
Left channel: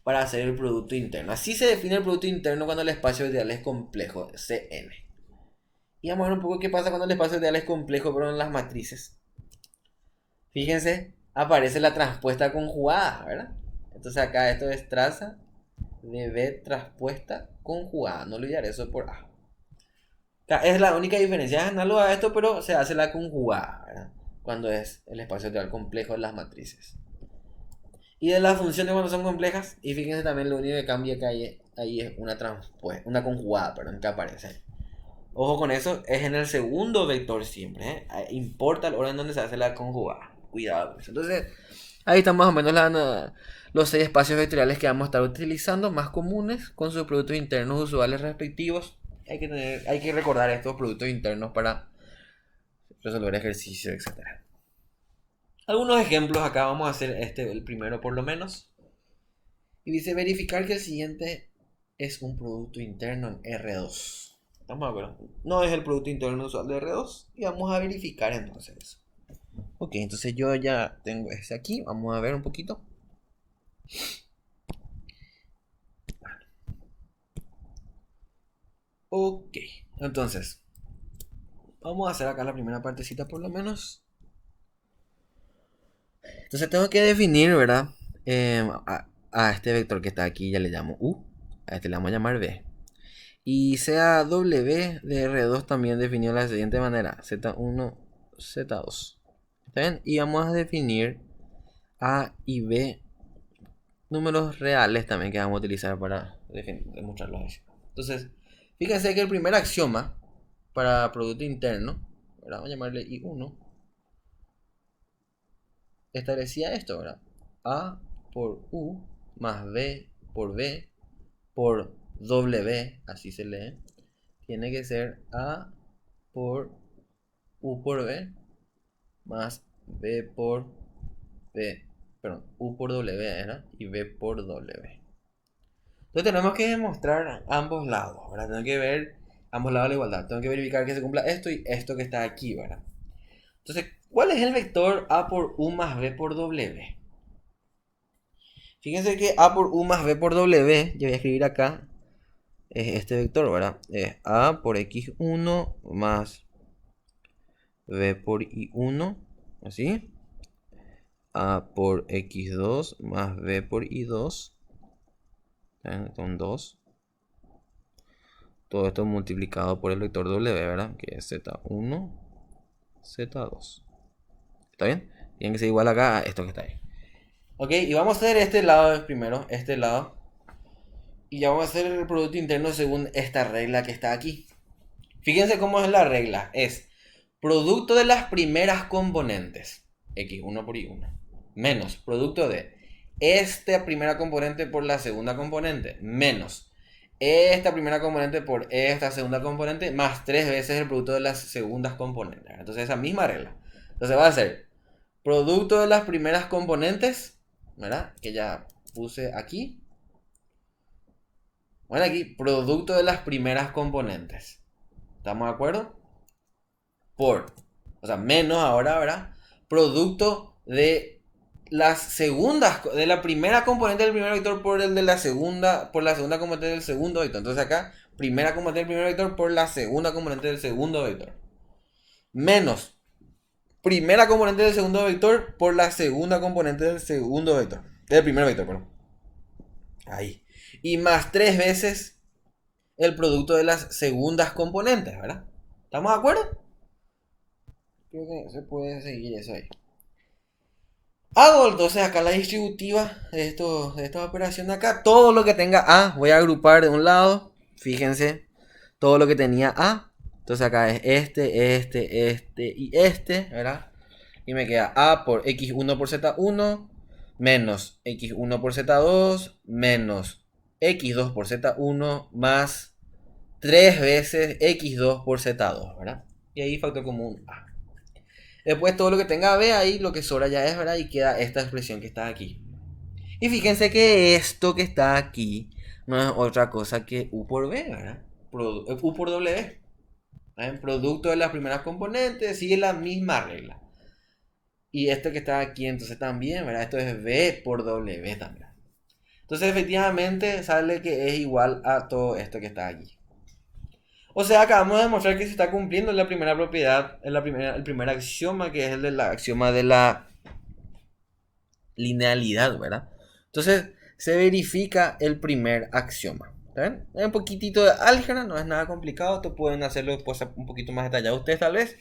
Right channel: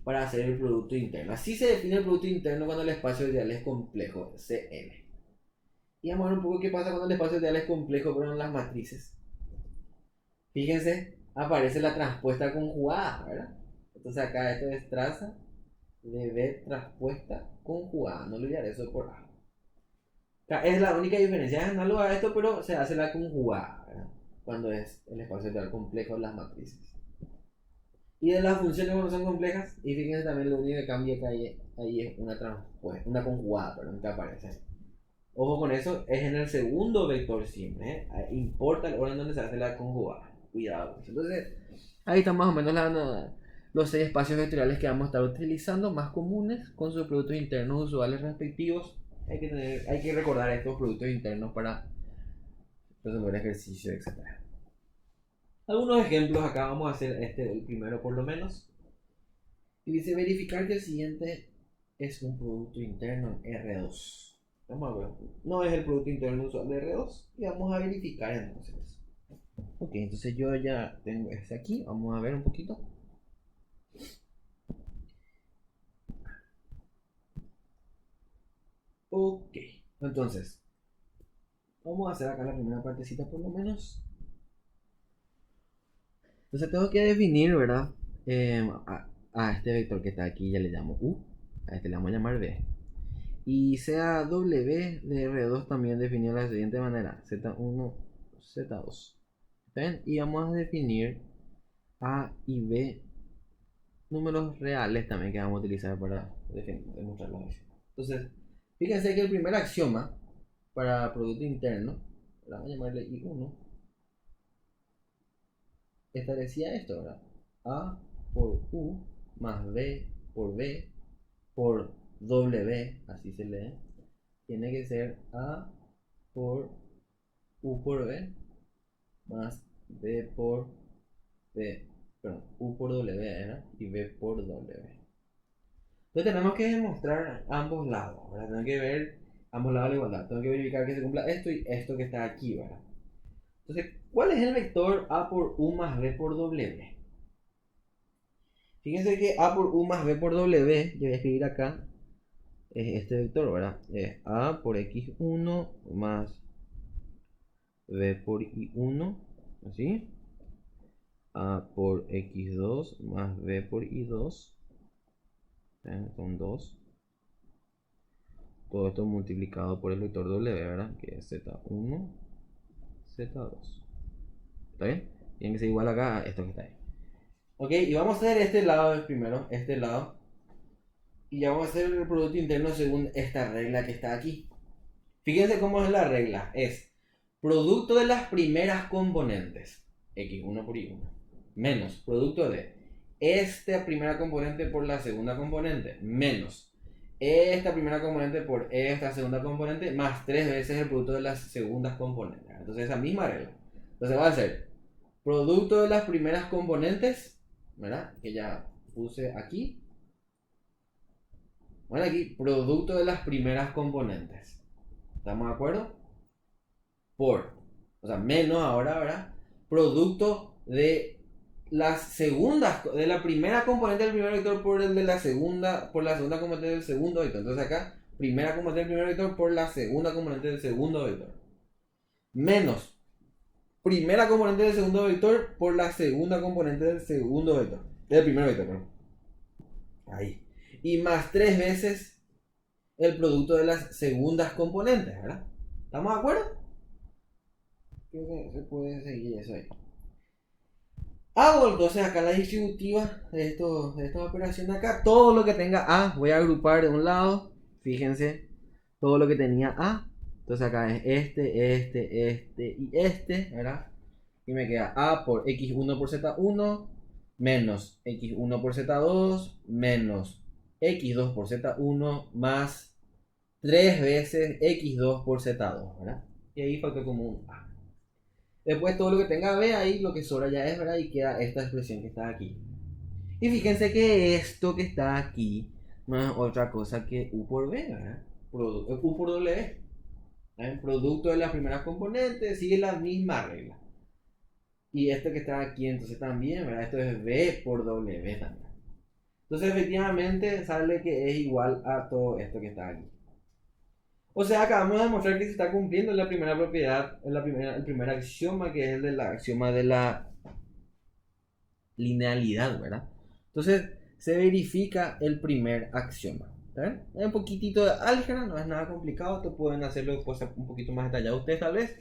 para hacer el producto interno. Así se define el producto interno cuando el espacio ideal es complejo, Cn. Y vamos a ver un poco qué pasa cuando el espacio ideal es complejo, pero en las matrices. Fíjense, aparece la transpuesta conjugada, ¿verdad? Entonces acá esto es traza de B traspuesta conjugada. No olvidar eso por A. Acá es la única diferencia, es análoga a esto, pero se hace la conjugada, ¿verdad? Cuando es el espacio ideal complejo en las matrices. Y de las funciones cuando son complejas, y fíjense también lo único que cambia que ahí es una conjugada, perdón, que aparece. Ojo con eso, es en el segundo vector siempre, importa el orden donde se hace la conjugada. Cuidado con eso. Entonces, ahí están más o menos los 6 espacios vectoriales que vamos a estar utilizando, más comunes, con sus productos internos usuales respectivos. Hay que recordar estos productos internos para resolver ejercicios, etc. Algunos ejemplos acá, vamos a hacer el primero por lo menos. Y dice verificar que el siguiente es un producto interno en R2. ¿Estamos de acuerdo? No es el producto interno usual de R2. Y vamos a verificar entonces eso. Ok, entonces yo ya tengo este aquí. Vamos a ver un poquito. Ok, entonces vamos a hacer acá la primera partecita por lo menos. Entonces tengo que definir, ¿verdad? A este vector que está aquí ya le llamo U. A este le vamos a llamar B. Y sea W de R2 también definido de la siguiente manera. Z1, Z2. ¿Está bien? Y vamos a definir A y B números reales también que vamos a utilizar para demostrarlos así. Entonces, fíjense que el primer axioma para producto interno, ¿verdad? Vamos a llamarle I1, establecía esto, ¿verdad? A por U más B por B por W, así se lee, tiene que ser A por U por B más B por B, perdón, U por W, ¿verdad? Y B por W. Entonces tenemos que demostrar ambos lados, ¿verdad? Tengo que ver ambos lados de la igualdad. Tengo que verificar que se cumpla esto y esto que está aquí, ¿verdad? Entonces, ¿cuál es el vector A por U más B por W? Fíjense que A por U más B por W, yo voy a escribir acá, es este vector, ¿verdad? Es A por X1 más B por Y1, así. A por X2 más B por Y2, son 2. Todo esto multiplicado por el vector W, ¿verdad? Que es Z1, Z2. ¿Está bien? Tiene que ser igual acá a esto que está ahí. Ok, y vamos a hacer este lado primero, este lado. Y ya vamos a hacer el producto interno según esta regla que está aquí. Fíjense cómo es la regla. Es producto de las primeras componentes, x1 por y1, menos producto de esta primera componente por la segunda componente, menos esta primera componente por esta segunda componente, más 3 veces el producto de las segundas componentes. Entonces esa misma regla. Entonces va a ser producto de las primeras componentes, ¿verdad? Que ya puse aquí. Bueno, aquí, producto de las primeras componentes. ¿Estamos de acuerdo? Por, o sea, menos ahora, ¿verdad? Producto de las segundas, de la primera componente del primer vector por el de la segunda, por la segunda componente del segundo vector. Entonces acá, primera componente del primer vector por la segunda componente del segundo vector. Menos primera componente del segundo vector por la segunda componente del segundo vector. Del primer vector, perdón. Ahí. Y más 3 veces el producto de las segundas componentes, ¿verdad? ¿Estamos de acuerdo? Creo que se puede seguir eso ahí. Hago entonces acá la distributiva de esta operación de acá. Todo lo que tenga A, voy a agrupar de un lado. Fíjense, todo lo que tenía A. Entonces acá es este y este, ¿verdad? Y me queda A por x1 por z1 menos x1 por z2 menos x2 por z1 más 3 veces x2 por z2, ¿verdad? Y ahí factor común A. Después todo lo que tenga B ahí, lo que sobra ya es, ¿verdad? Y queda esta expresión que está aquí. Y fíjense que esto que está aquí no es otra cosa que U por B, ¿verdad? U por W. ¿Verdad? Producto de las primeras componentes, sigue la misma regla. Y esto que está aquí entonces también, ¿verdad? Esto es B por W también. Entonces efectivamente sale que es igual a todo esto que está aquí. O sea, acabamos de demostrar que se está cumpliendo la primera propiedad, el primer axioma, que es el del axioma de la linealidad, ¿verdad? Entonces se verifica el primer axioma. ¿Ven? Es un poquitito de álgebra, no es nada complicado, esto pueden hacerlo después un poquito más detallado ustedes tal vez,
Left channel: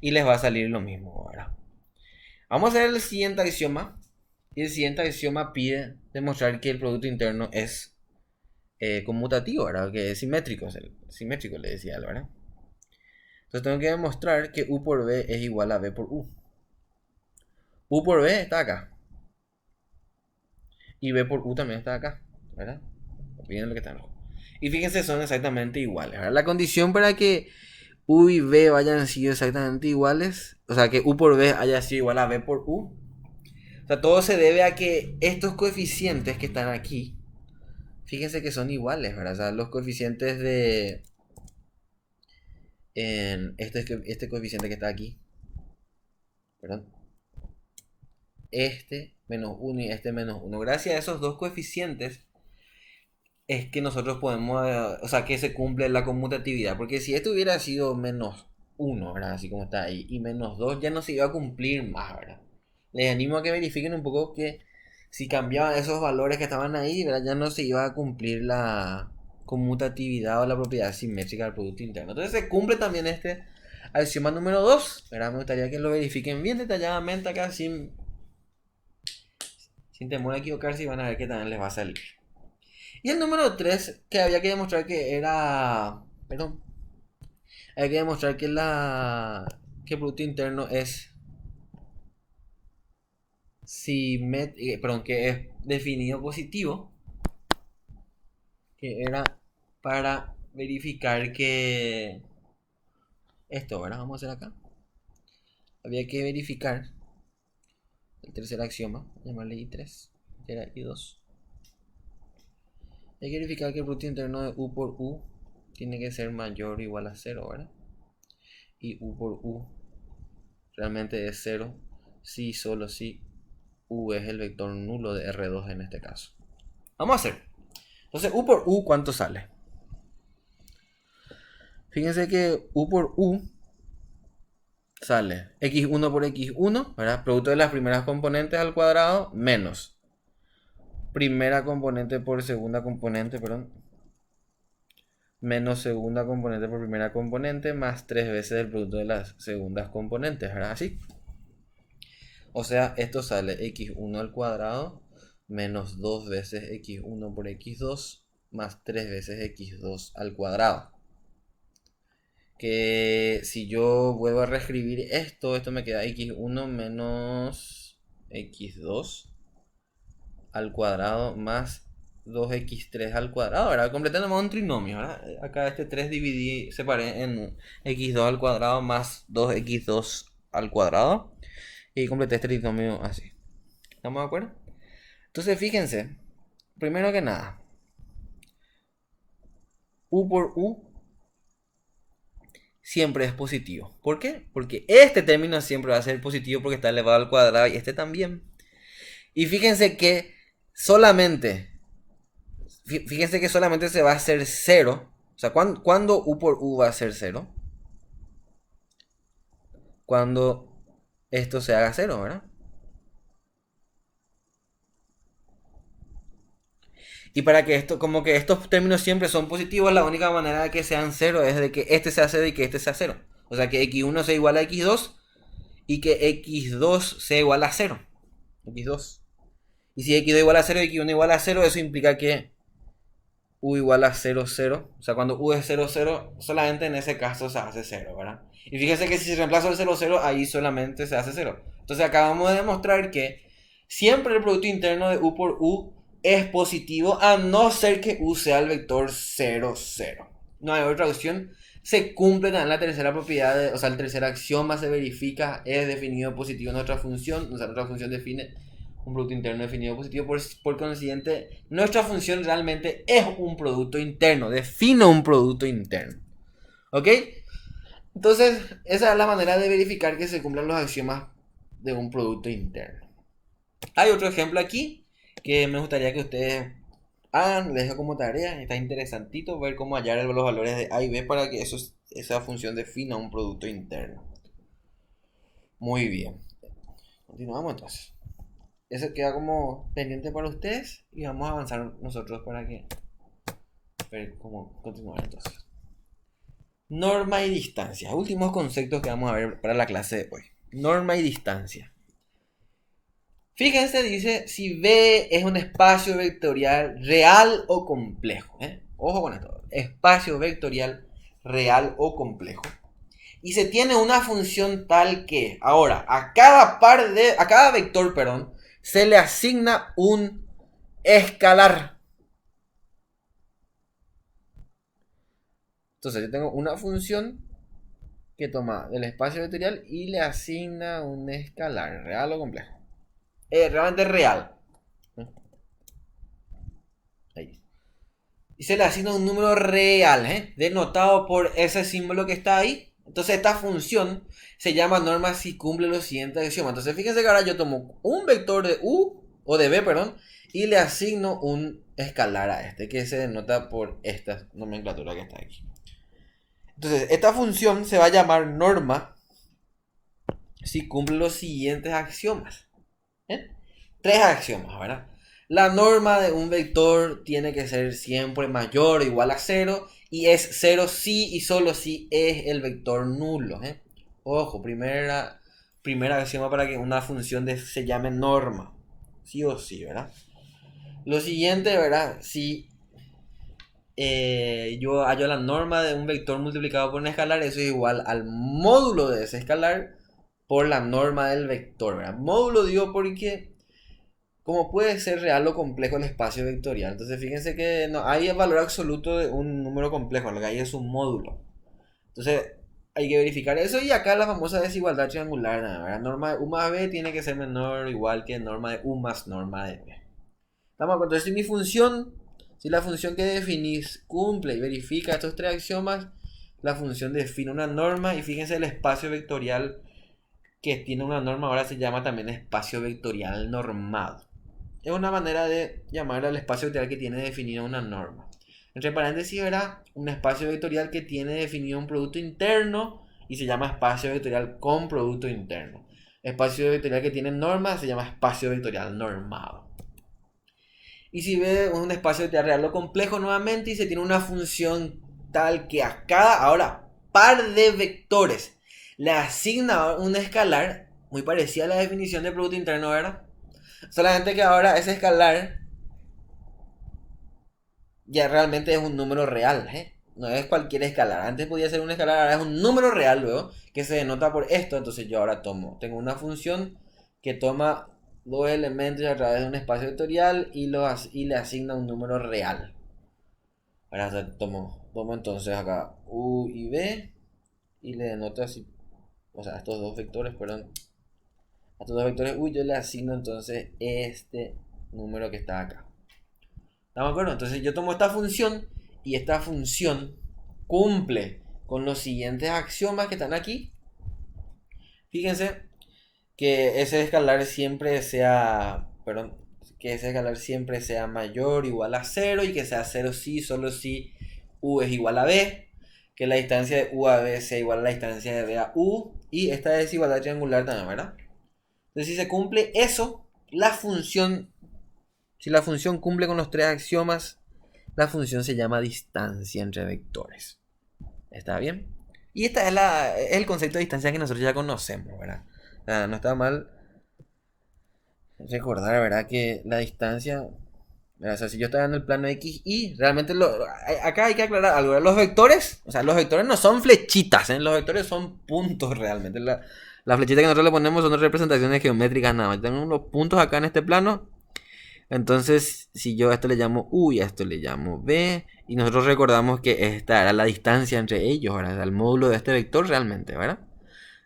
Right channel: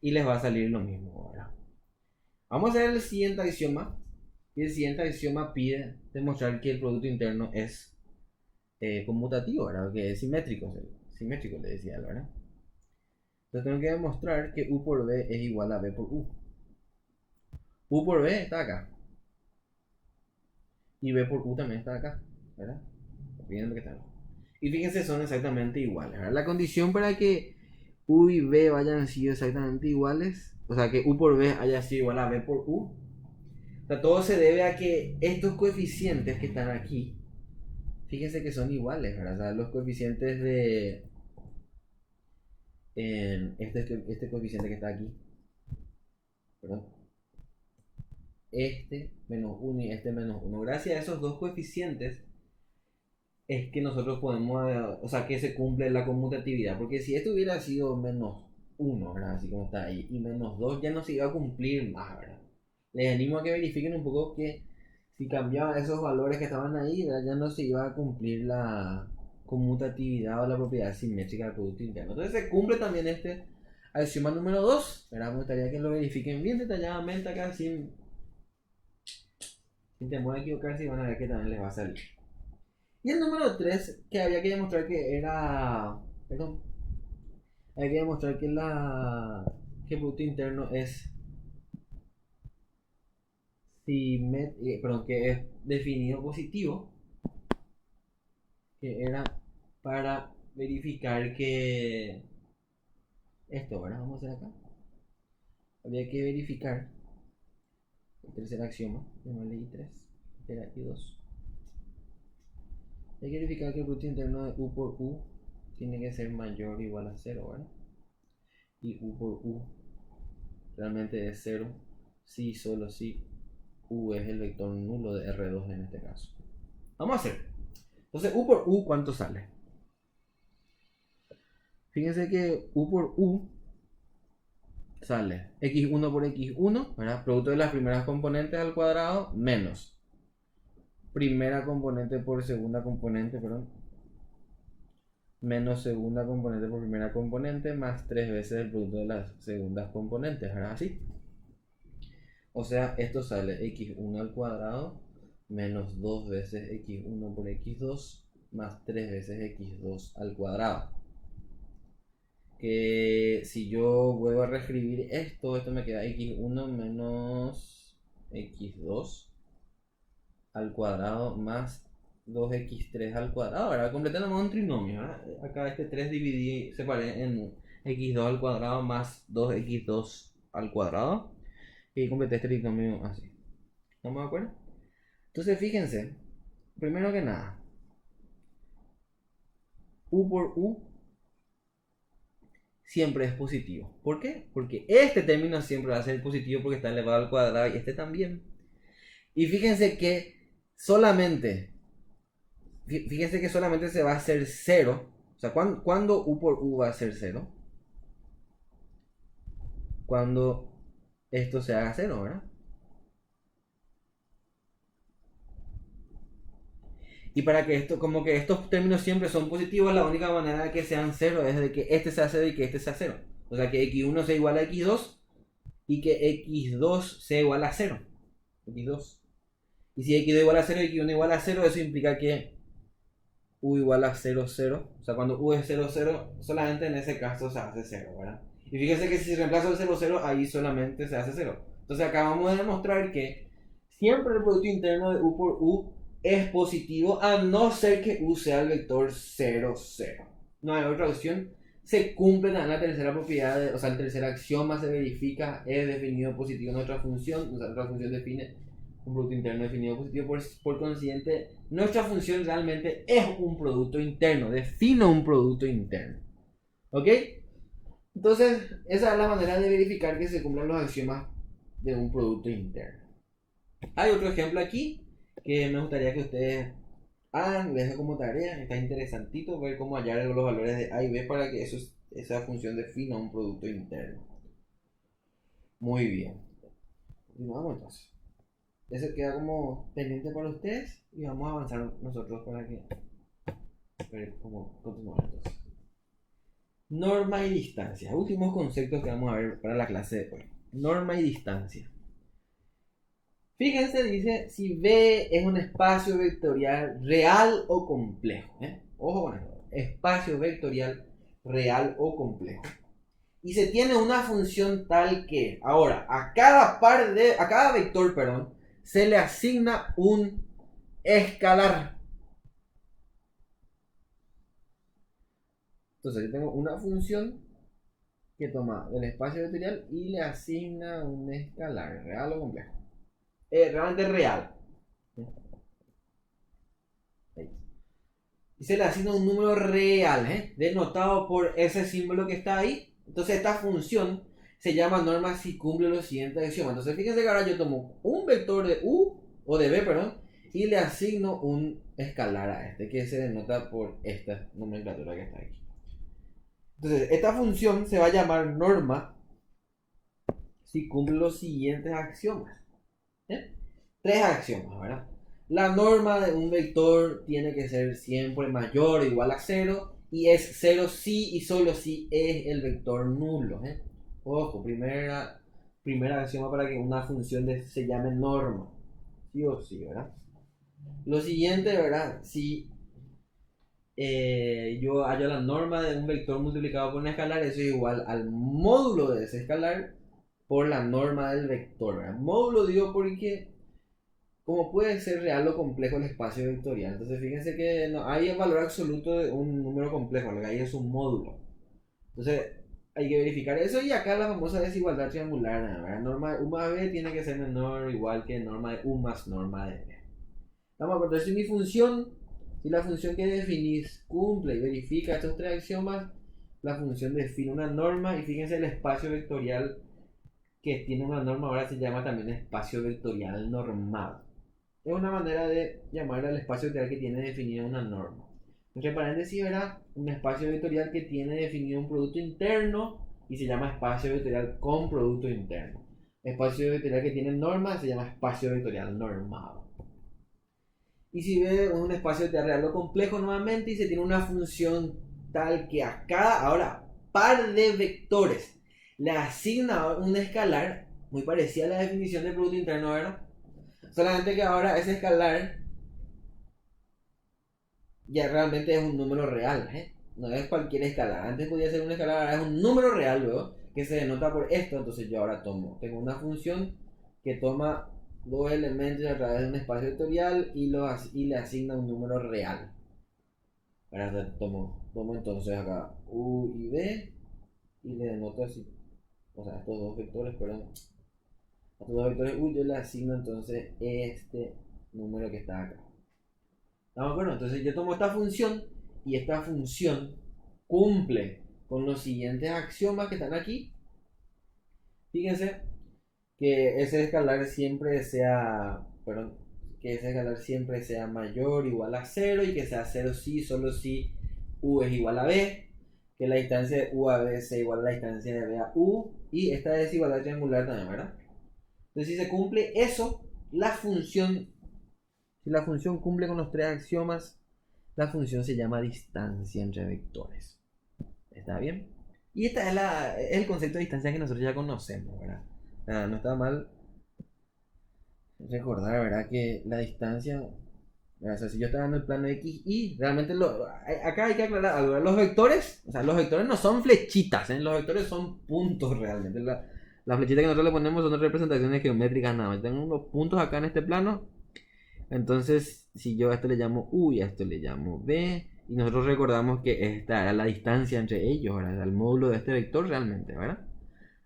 y les va a salir lo mismo, ¿verdad? Vamos a hacer el siguiente axioma, y el siguiente axioma pide demostrar que el producto interno es conmutativo, ¿verdad? Que es simétrico, le decía él, ¿verdad? Entonces tengo que demostrar que U por B es igual a B por U. U por B está acá. Y B por U también está acá, ¿verdad? Miren lo que está en rojo. Y fíjense, son exactamente iguales, ¿verdad? La condición para que U y B hayan sido exactamente iguales, o sea, que U por B haya sido igual a B por U, o sea, todo se debe a que estos coeficientes que están aquí, fíjense que son iguales, ¿verdad? O sea, los coeficientes de... este coeficiente que está aquí, perdón, este menos 1 y este menos 1. Gracias a esos dos coeficientes es que nosotros podemos, o sea, que se cumple la conmutatividad. Porque si esto hubiera sido menos 1, ¿verdad? Así como está ahí, y menos 2 ya no se iba a cumplir más, ¿verdad? Les animo a que verifiquen un poco que si cambiaban esos valores que estaban ahí, ¿verdad? Ya no se iba a cumplir la conmutatividad o la propiedad simétrica del producto interno. Entonces se cumple también este axioma número 2, ¿verdad? Me gustaría que lo verifiquen bien detalladamente acá sin temor a equivocarse y van a ver que también les va a salir. Y el número 3, que había que demostrar que era... Perdón. Había que demostrar que que el producto interno es... que es definido positivo. Que era para verificar que... Esto, ¿verdad? Vamos a hacer acá. Había que verificar el tercer axioma, llamarle I3, que era I2. Hay que verificar que el producto interno de U por U tiene que ser mayor o igual a 0, ¿verdad? Y U por U realmente es 0 si solo si U es el vector nulo de R2 en este caso. Vamos a hacer. Entonces U por U, ¿cuánto sale? Fíjense que U por U sale x1 por x1, ¿verdad? Producto de las primeras componentes al cuadrado menos primera componente por segunda componente, perdón, menos segunda componente por primera componente más 3 veces el producto de las segundas componentes, ¿verdad? Así. O sea, esto sale x1 al cuadrado menos 2 veces x1 por x2 más 3 veces x2 al cuadrado. que si yo vuelvo a reescribir esto me queda x1 menos x2 al cuadrado más 2x3 al cuadrado, ¿verdad? Completando un trinomio, ¿verdad? Acá este 3 dividí, separé en x2 al cuadrado más 2x2 al cuadrado y completé este trinomio así. ¿Estamos de acuerdo? Entonces fíjense, primero que nada, u por u siempre es positivo. ¿Por qué? Porque este término siempre va a ser positivo porque está elevado al cuadrado y este también. Y fíjense que solamente se va a hacer 0. O sea, ¿cuándo u por u va a ser 0? Cuando esto se haga 0, ¿verdad? Y para que esto, como que estos términos siempre son positivos, la única manera de que sean 0 es de que este sea 0 y que este sea 0. O sea, que x1 sea igual a x2 y que x2 sea igual a 0. x2. Y si x2 igual a 0 y x1 igual a 0, eso implica que u igual a 0, 0. O sea, cuando u es 0, 0, solamente en ese caso se hace 0, ¿verdad? Y fíjense que si se reemplaza el 0, 0, ahí solamente se hace 0. Entonces acabamos de demostrar que siempre el producto interno de u por u es positivo, a no ser que u sea el vector 0, 0. No hay otra opción. Se cumple en la tercera propiedad, o sea, el tercer axioma se verifica, es definido positivo en nuestra función, o sea, nuestra función define un producto interno definido positivo, por consiguiente, nuestra función realmente es un producto interno, define un producto interno. ¿Ok? Entonces, esa es la manera de verificar que se cumplan los axiomas de un producto interno. Hay otro ejemplo aquí que me gustaría que ustedes hagan, les dejo como tarea, está interesantito ver cómo hallar los valores de A y B para que esa función defina un producto interno. Muy bien. Continuamos entonces. Eso queda como pendiente para ustedes y vamos a avanzar nosotros para que ver cómo continuar entonces. Norma y distancia. Últimos conceptos que vamos a ver para la clase de hoy. Norma y distancia. Fíjense, dice si B es un espacio vectorial real o complejo. Ojo con esto. Espacio vectorial real o complejo. Y se tiene una función tal que, ahora, a cada vector, perdón, se le asigna un escalar. Entonces yo tengo una función que toma el espacio vectorial y le asigna un escalar, real o complejo. Realmente real. Ahí. Y se le asigna un número real, denotado por ese símbolo que está ahí. Entonces esta función se llama norma si cumple los siguientes axiomas. Entonces fíjense que ahora yo tomo un vector de u, o de b, perdón, y le asigno un escalar a este, que se denota por esta nomenclatura que está aquí. Entonces, esta función se va a llamar norma si cumple los siguientes axiomas. Tres axiomas, ¿verdad? La norma de un vector tiene que ser siempre mayor o igual a 0 y es 0 si y solo si es el vector nulo. Ojo, primera axioma para que una función se llame norma. Sí o sí, ¿verdad? Lo siguiente, ¿verdad? Si yo hallo la norma de un vector multiplicado por un escalar, eso es igual al módulo de ese escalar por la norma del vector, ¿verdad? Módulo digo porque como puede ser real o complejo el espacio vectorial. Entonces fíjense que no hay el valor absoluto de un número complejo, lo que hay es un módulo. Entonces hay que verificar eso y acá la famosa desigualdad triangular, ¿verdad? Norma de u más b tiene que ser menor o igual que norma de u más norma de b. Estamos entonces si mi función, si la función que definís cumple y verifica estos tres axiomas, la función define una norma y fíjense el espacio vectorial que tiene una norma ahora se llama también espacio vectorial normado. Es una manera de llamar al espacio vectorial que tiene definida una norma. Entre paréntesis verá un espacio vectorial que tiene definido un producto interno y se llama espacio vectorial con producto interno. Espacio vectorial que tiene norma se llama espacio vectorial normado. Y si ve un espacio vectorial real o complejo nuevamente y se tiene una función tal que a cada ahora par de vectores le asigna un escalar muy parecida a la definición de producto interno, ¿verdad? Solamente que ahora ese escalar ya realmente es un número real, no es cualquier escalar. Antes podía ser un escalar, ahora es un número real luego que se denota por esto. Entonces yo ahora tengo una función que toma dos elementos a través de un espacio vectorial y le asigna un número real. Ahora tomo entonces acá u y b y le denoto así, o sea, estos dos vectores, perdón. A estos dos vectores u yo le asigno entonces este número que está acá. ¿Estamos de acuerdo? Entonces yo tomo esta función y esta función cumple con los siguientes axiomas que están aquí. Fíjense que ese escalar siempre sea, mayor o igual a 0 y que sea 0 si, solo si u es igual a b, que la distancia de u a b sea igual a la distancia de b a u y esta desigualdad triangular también, ¿verdad? Entonces si se cumple eso, si la función cumple con los tres axiomas, la función se llama distancia entre vectores. ¿Está bien? Y este es el concepto de distancia que nosotros ya conocemos, ¿verdad? No está mal recordar, ¿verdad? Que la distancia, o sea, si yo estaba en el plano x, y realmente acá hay que aclarar algo. Los vectores, o sea, los vectores no son flechitas, ¿eh? Los vectores son puntos realmente. La flechita que nosotros le ponemos son representaciones geométricas nada más. Tengo unos puntos acá en este plano. Entonces, si yo a esto le llamo u y a esto le llamo b, y nosotros recordamos que esta era la distancia entre ellos, ¿verdad? El módulo de este vector realmente, ¿verdad?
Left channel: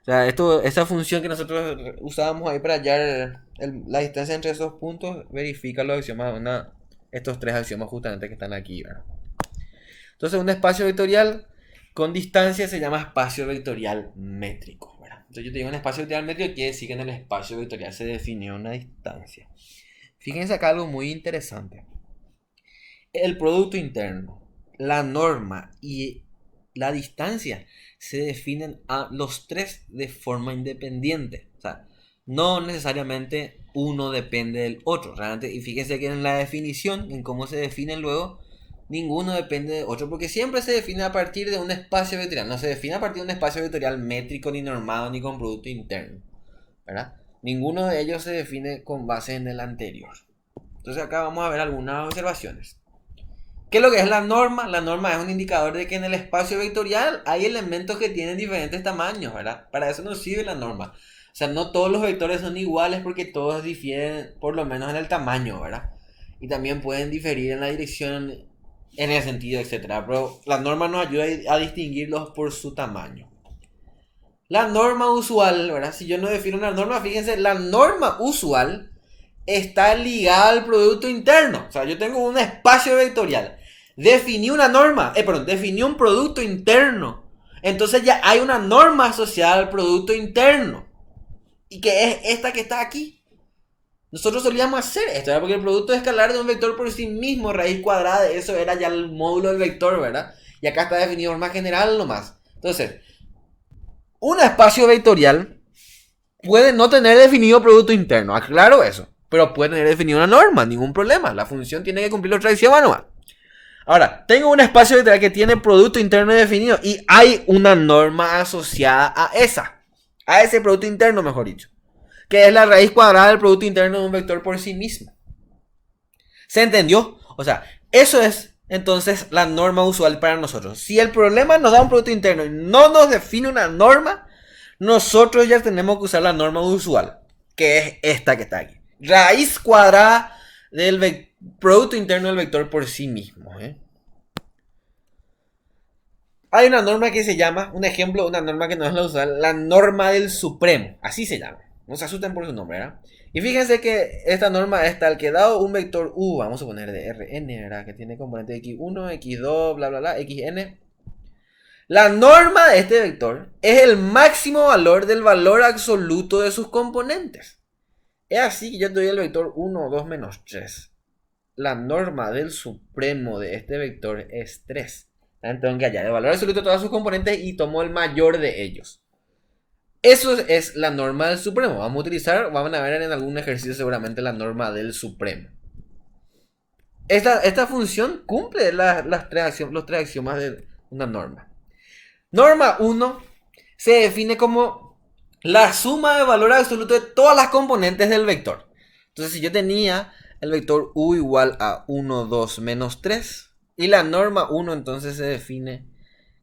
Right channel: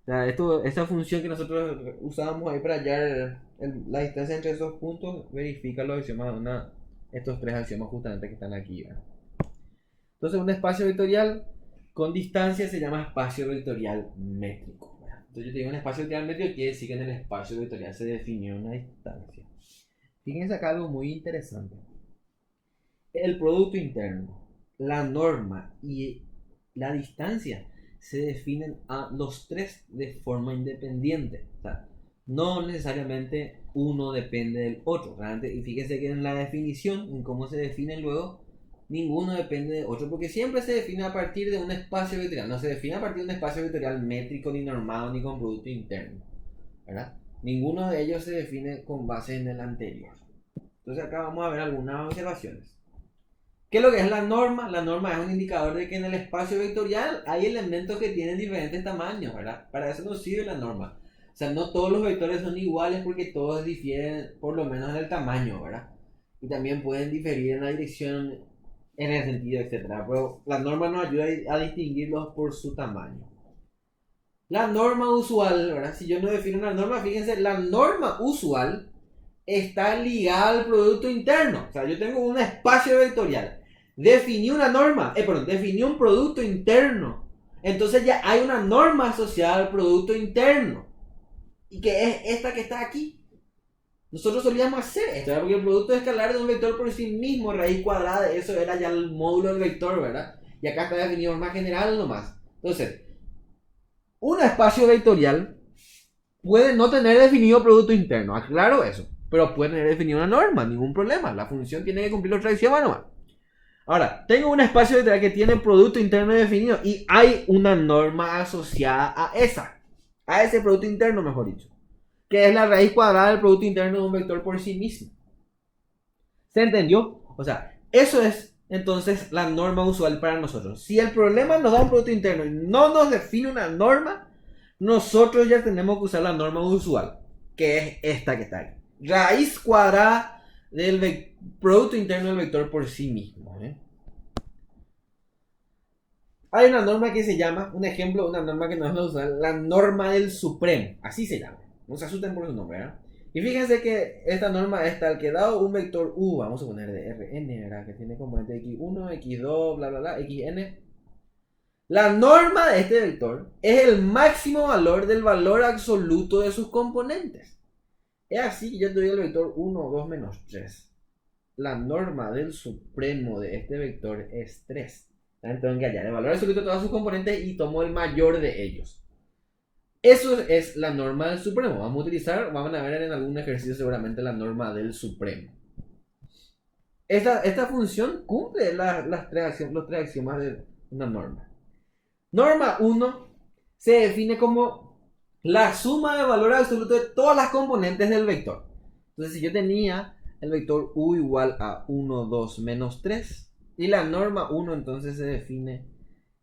O sea, esa función que nosotros usábamos ahí para hallar la distancia entre esos puntos, verifica los axiomas, estos tres axiomas justamente que están aquí, ¿verdad? Entonces, un espacio vectorial con distancia se llama espacio vectorial métrico, ¿verdad? Entonces, yo te digo un espacio vectorial métrico, quiere decir que en el espacio vectorial se definió una distancia. Fíjense acá algo muy interesante. El producto interno, la norma y la distancia se definen a los tres de forma independiente. O sea, no necesariamente uno depende del otro. Realmente, y fíjense que en la definición, en cómo se definen luego, ninguno depende del otro, porque siempre se define a partir de un espacio vectorial. No se define a partir de un espacio vectorial métrico, ni normado, ni con producto interno, ¿verdad? Ninguno de ellos se define con base en el anterior. Entonces acá vamos a ver algunas observaciones. ¿Qué es lo que es la norma? La norma es un indicador de que en el espacio vectorial hay elementos que tienen diferentes tamaños, ¿verdad? Para eso nos sirve la norma. O sea, no todos los vectores son iguales porque todos difieren por lo menos en el tamaño, ¿verdad? Y también pueden diferir en la dirección, en el sentido, etc. Pero la norma nos ayuda a distinguirlos por su tamaño. La norma usual, ¿verdad? Si yo no defino una norma, fíjense, la norma usual está ligada al producto interno. O sea, yo tengo un espacio vectorial. Definí una norma, definí un producto interno. Entonces ya hay una norma asociada al producto interno. Y que es esta que está aquí. Nosotros solíamos hacer esto, ¿verdad? Porque el producto escalar de un vector por sí mismo, raíz cuadrada, eso era ya el módulo del vector, ¿verdad? Y acá está definido más general nomás. Entonces, un espacio vectorial puede no tener definido producto interno, aclaro eso. Pero puede tener definido una norma, ningún problema. La función tiene que cumplir otra axioma nomás. Ahora, tengo un espacio vectorial que tiene producto interno definido y hay una norma asociada a ese producto interno, mejor dicho, que es la raíz cuadrada del producto interno de un vector por sí mismo. ¿Se entendió? O sea, eso es entonces la norma usual para nosotros. Si el problema nos da un producto interno y no nos define una norma, nosotros ya tenemos que usar la norma usual, que es esta que está aquí. Raíz cuadrada del producto interno del vector por sí mismo. Hay una norma que se llama, un ejemplo, una norma que no es la usual, la norma del supremo. Así se llama. No se asusten por su nombre, ¿verdad? Y fíjense que esta norma es tal que dado un vector u, vamos a poner de Rn, ¿verdad? Que tiene componente x1, x2, bla, bla, bla, xn. La norma de este vector es el máximo valor del valor absoluto de sus componentes. Es así que yo te doy el vector 1, 2, menos 3. La norma del supremo de este vector es 3. Entonces, que el valor absoluto de todos sus componentes y tomo el mayor de ellos. Eso es la norma del supremo. Vamos a ver en algún ejercicio seguramente la norma del supremo. Esta función cumple los tres axiomas de una norma. Norma 1 se define como la suma de valor absoluto de todas las componentes del vector. Entonces, si yo tenía el vector u igual a 1, 2, menos 3, Y la norma 1 entonces se define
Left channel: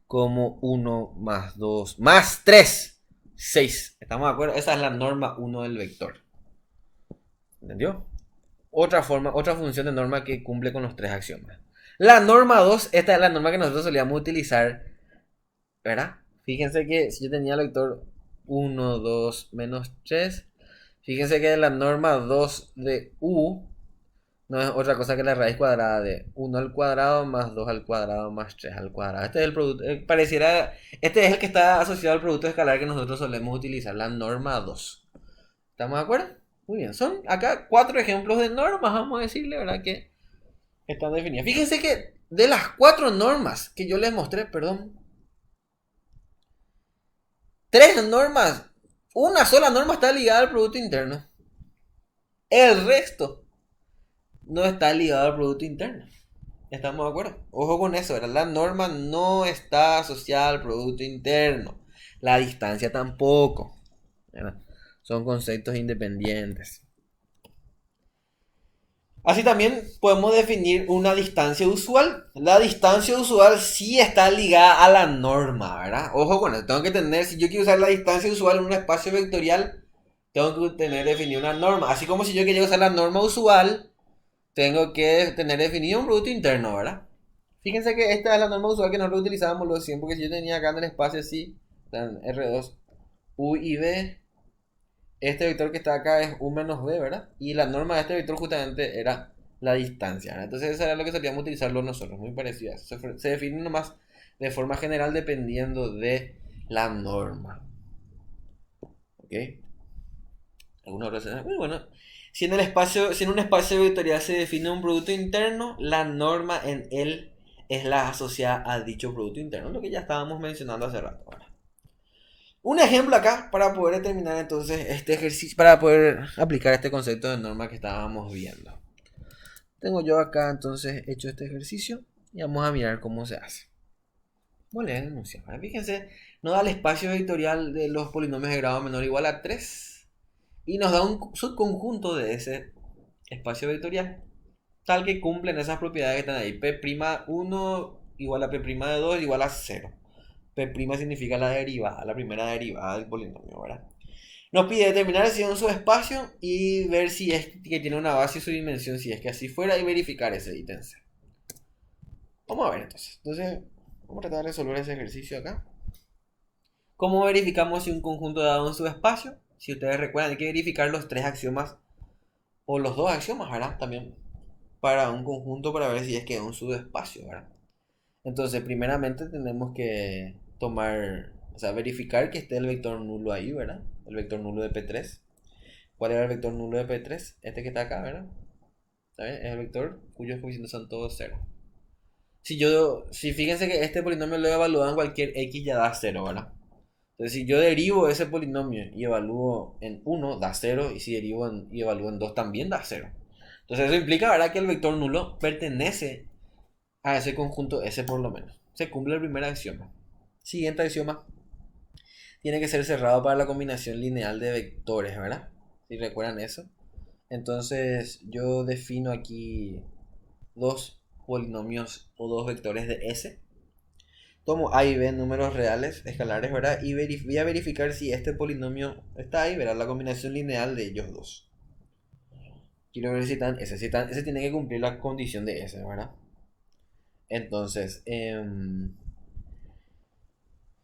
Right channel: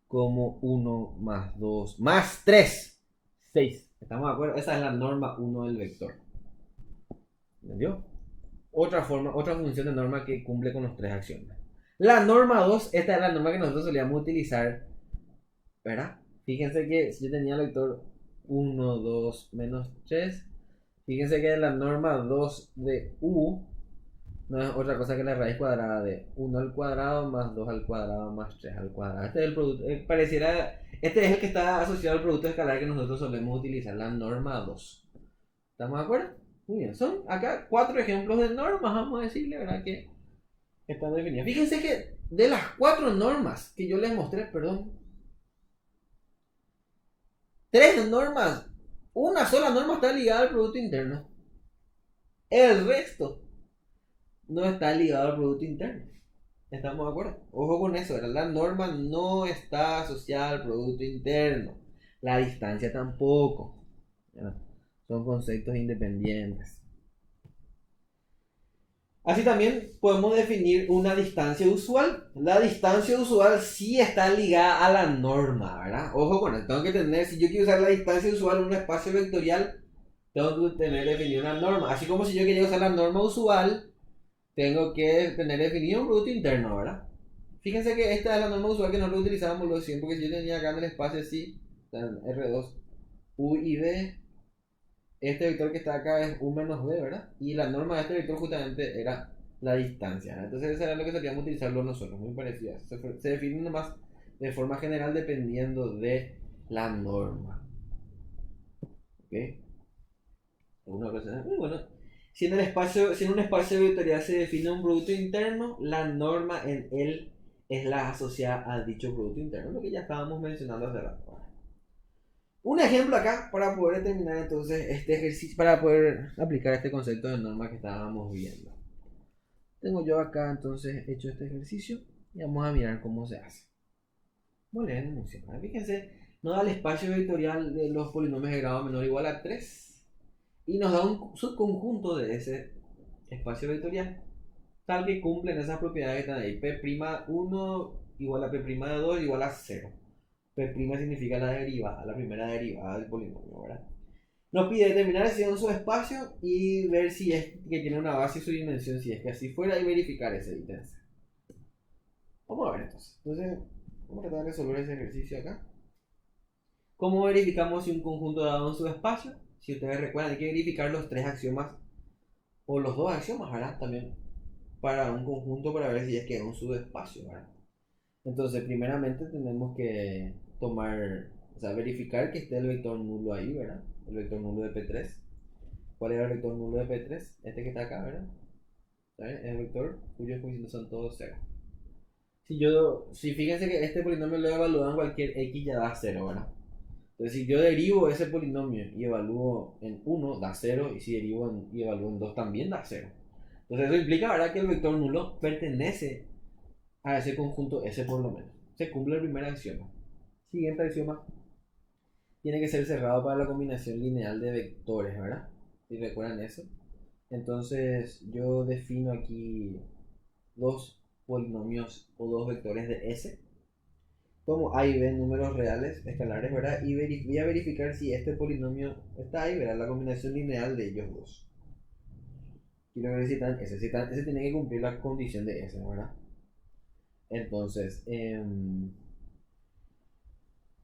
como 1 más 2 más 3, 6. ¿Estamos de acuerdo? Esa es la norma 1 del vector. ¿Entendió? Otra función de norma que cumple con los tres axiomas. La norma 2, esta es la norma que nosotros solíamos utilizar, ¿verdad? Fíjense que si yo tenía el vector 1, 2, menos 3, fíjense que la norma 2 de u no es otra cosa que la raíz cuadrada de 1 al cuadrado más 2 al cuadrado más 3 al cuadrado. Este es el producto, este es el que está asociado al producto escalar que nosotros solemos utilizar, la norma 2. ¿Estamos de acuerdo? Muy bien, son acá 4 ejemplos de normas, vamos a decirle, ¿verdad? Que están definidas. Fíjense que de las 4 normas que yo les mostré, perdón, 3 normas, una sola norma está ligada al producto interno. El resto no está ligado al producto interno. ¿Estamos de acuerdo? Ojo con eso, ¿verdad? La norma no está asociada al producto interno. La distancia tampoco, ¿verdad? Son conceptos independientes. Así también podemos definir una distancia usual. La distancia usual sí está ligada a la norma, ¿verdad? Ojo con eso. Tengo que tener, si yo quiero usar la distancia usual en un espacio vectorial, tengo que tener definida una norma. Así como si yo quería usar la norma usual, tengo que tener definido un producto interno, ¿verdad? Fíjense que esta es la norma usual que nosotros utilizábamos los 100, porque si yo tenía acá en el espacio así, R2, U y B, este vector que está acá es U menos B, ¿verdad? Y la norma de este vector justamente era la distancia, ¿verdad? Entonces eso era lo que solíamos utilizarlo nosotros, muy parecido a eso. Se define nomás de forma general dependiendo de la norma. ¿Ok? ¿Alguna otra cosa? Muy bueno. Si en un espacio vectorial se define un producto interno, la norma en él es la asociada a dicho producto interno, lo que ya estábamos mencionando hace rato. ¿Verdad? Un ejemplo acá para poder determinar entonces este ejercicio, para poder aplicar este concepto de norma que estábamos viendo. Tengo yo acá entonces hecho este ejercicio y vamos a mirar cómo se hace. Voy a leer la enunciado. Fíjense, nos da el espacio vectorial de los polinomios de grado menor o igual a 3 y nos da un subconjunto de ese espacio vectorial tal que cumplen esas propiedades que están ahí. P'1 igual a P'2 igual a 0. P' significa la derivada, la primera derivada del polinomio, ¿verdad? Nos pide determinar si es un subespacio y ver si es que tiene una base y su dimensión, si es que así fuera, y verificar ese ítem. Vamos a ver entonces. Vamos a tratar de resolver ese ejercicio acá. ¿Cómo verificamos si un conjunto dado es un subespacio? Si ustedes recuerdan, hay que verificar los 3 axiomas o los 2 axiomas, ¿verdad? También para un conjunto para ver si es que es un subespacio, ¿verdad? Entonces, primeramente tenemos que verificar que esté el vector nulo ahí, ¿verdad? El vector nulo de P3. ¿Cuál era el vector nulo de P3? Este que está acá, ¿verdad? ¿Sabes? Es el vector cuyos coeficientes son todos 0. Si fíjense que este polinomio lo evalúa en cualquier x ya da 0, ¿verdad? Entonces, si yo derivo ese polinomio y evalúo en 1, da 0. Y si derivo y evalúo en 2, también da 0. Entonces, eso implica, ¿verdad?, que el vector nulo pertenece a ese conjunto S por lo menos. Se cumple el primer axioma. Siguiente axioma. Tiene que ser cerrado para la combinación lineal de vectores, ¿verdad? Si recuerdan eso. Entonces yo defino aquí dos polinomios o dos vectores de S. Tomo A y B números reales, escalares, ¿verdad? Y voy a verificar si este polinomio está ahí, ¿verdad? La combinación lineal de ellos dos. Quiero ver si están S. Si están S, tiene que cumplir la condición de S, ¿verdad? Entonces,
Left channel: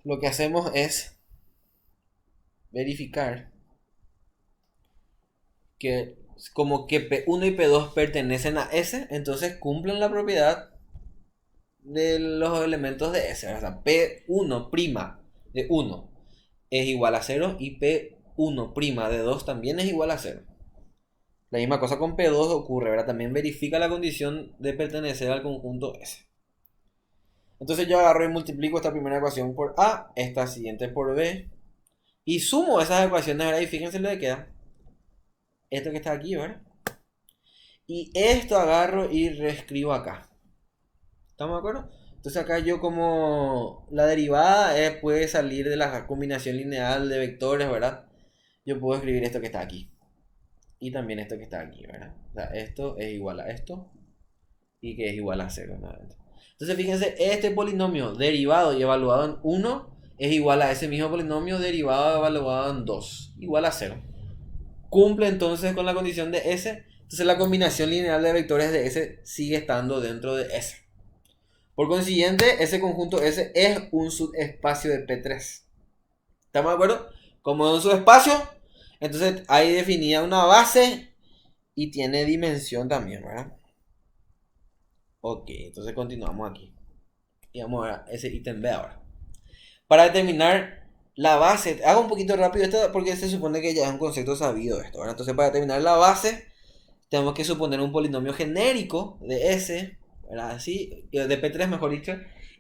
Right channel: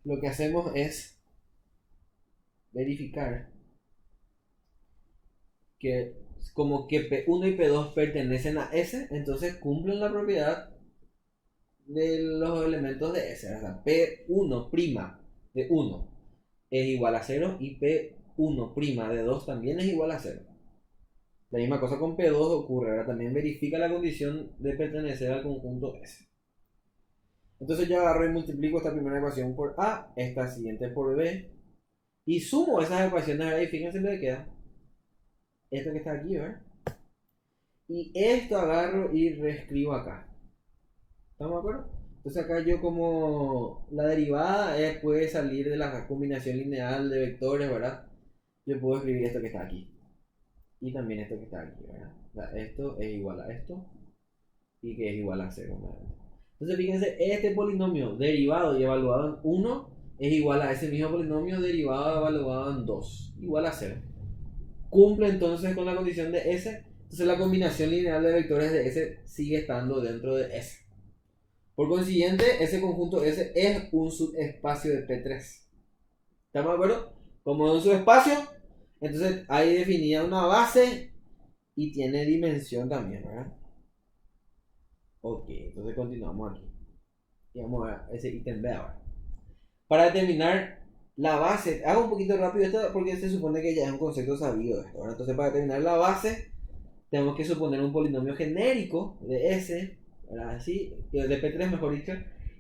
lo que hacemos es verificar que como que P1 y P2 pertenecen a S, entonces cumplen la propiedad de los elementos de S. O sea, P1' de 1 es igual a 0 y P1' de 2 también es igual a 0. La misma cosa con P2 ocurre, ¿verdad? También verifica la condición de pertenecer al conjunto S. Entonces yo agarro y multiplico esta primera ecuación por A, esta siguiente por B, y sumo esas ecuaciones, ¿verdad? Y fíjense lo que queda. Esto que está aquí, ¿verdad? Y esto agarro y reescribo acá. ¿Estamos de acuerdo? Entonces acá yo, como la derivada puede salir de la combinación lineal de vectores, ¿verdad? Yo puedo escribir esto que está aquí. Y también esto que está aquí, ¿verdad? O sea, esto es igual a esto. Y que es igual a 0, ¿no? Entonces fíjense, este polinomio derivado y evaluado en 1 es igual a ese mismo polinomio derivado y evaluado en 2, igual a 0. Cumple entonces con la condición de S. Entonces la combinación lineal de vectores de S sigue estando dentro de S. Por consiguiente, ese conjunto S es un subespacio de P3. ¿Estamos de acuerdo? Como es un subespacio, entonces hay definida una base y tiene dimensión también, ¿verdad? Ok, entonces continuamos aquí. Y vamos a ver ese ítem B ahora. Para determinar la base, hago un poquito rápido esto porque se supone que ya es un concepto sabido esto, ¿verdad? Entonces para determinar la base, tenemos que suponer un polinomio genérico de S, ¿verdad? Así, de P3 mejor dicho,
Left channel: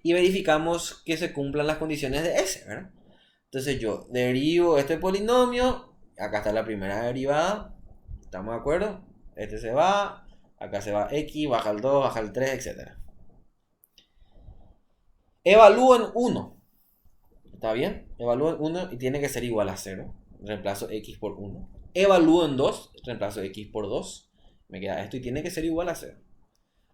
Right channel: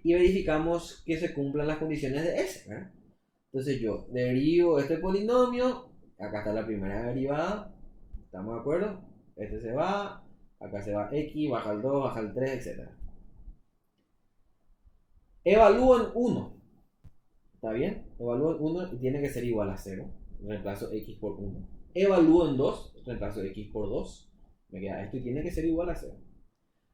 y verificamos que se cumplan las condiciones de S, ¿verdad? Entonces yo derivo este polinomio, acá está la primera derivada, ¿estamos de acuerdo? Este se va, acá se va X, baja el 2, baja el 3, etc. Evalúo en 1, ¿está bien? Evalúo en 1 y tiene que ser igual a 0, reemplazo X por 1. Evalúo en 2, reemplazo X por 2, me queda esto y tiene que ser igual a 0.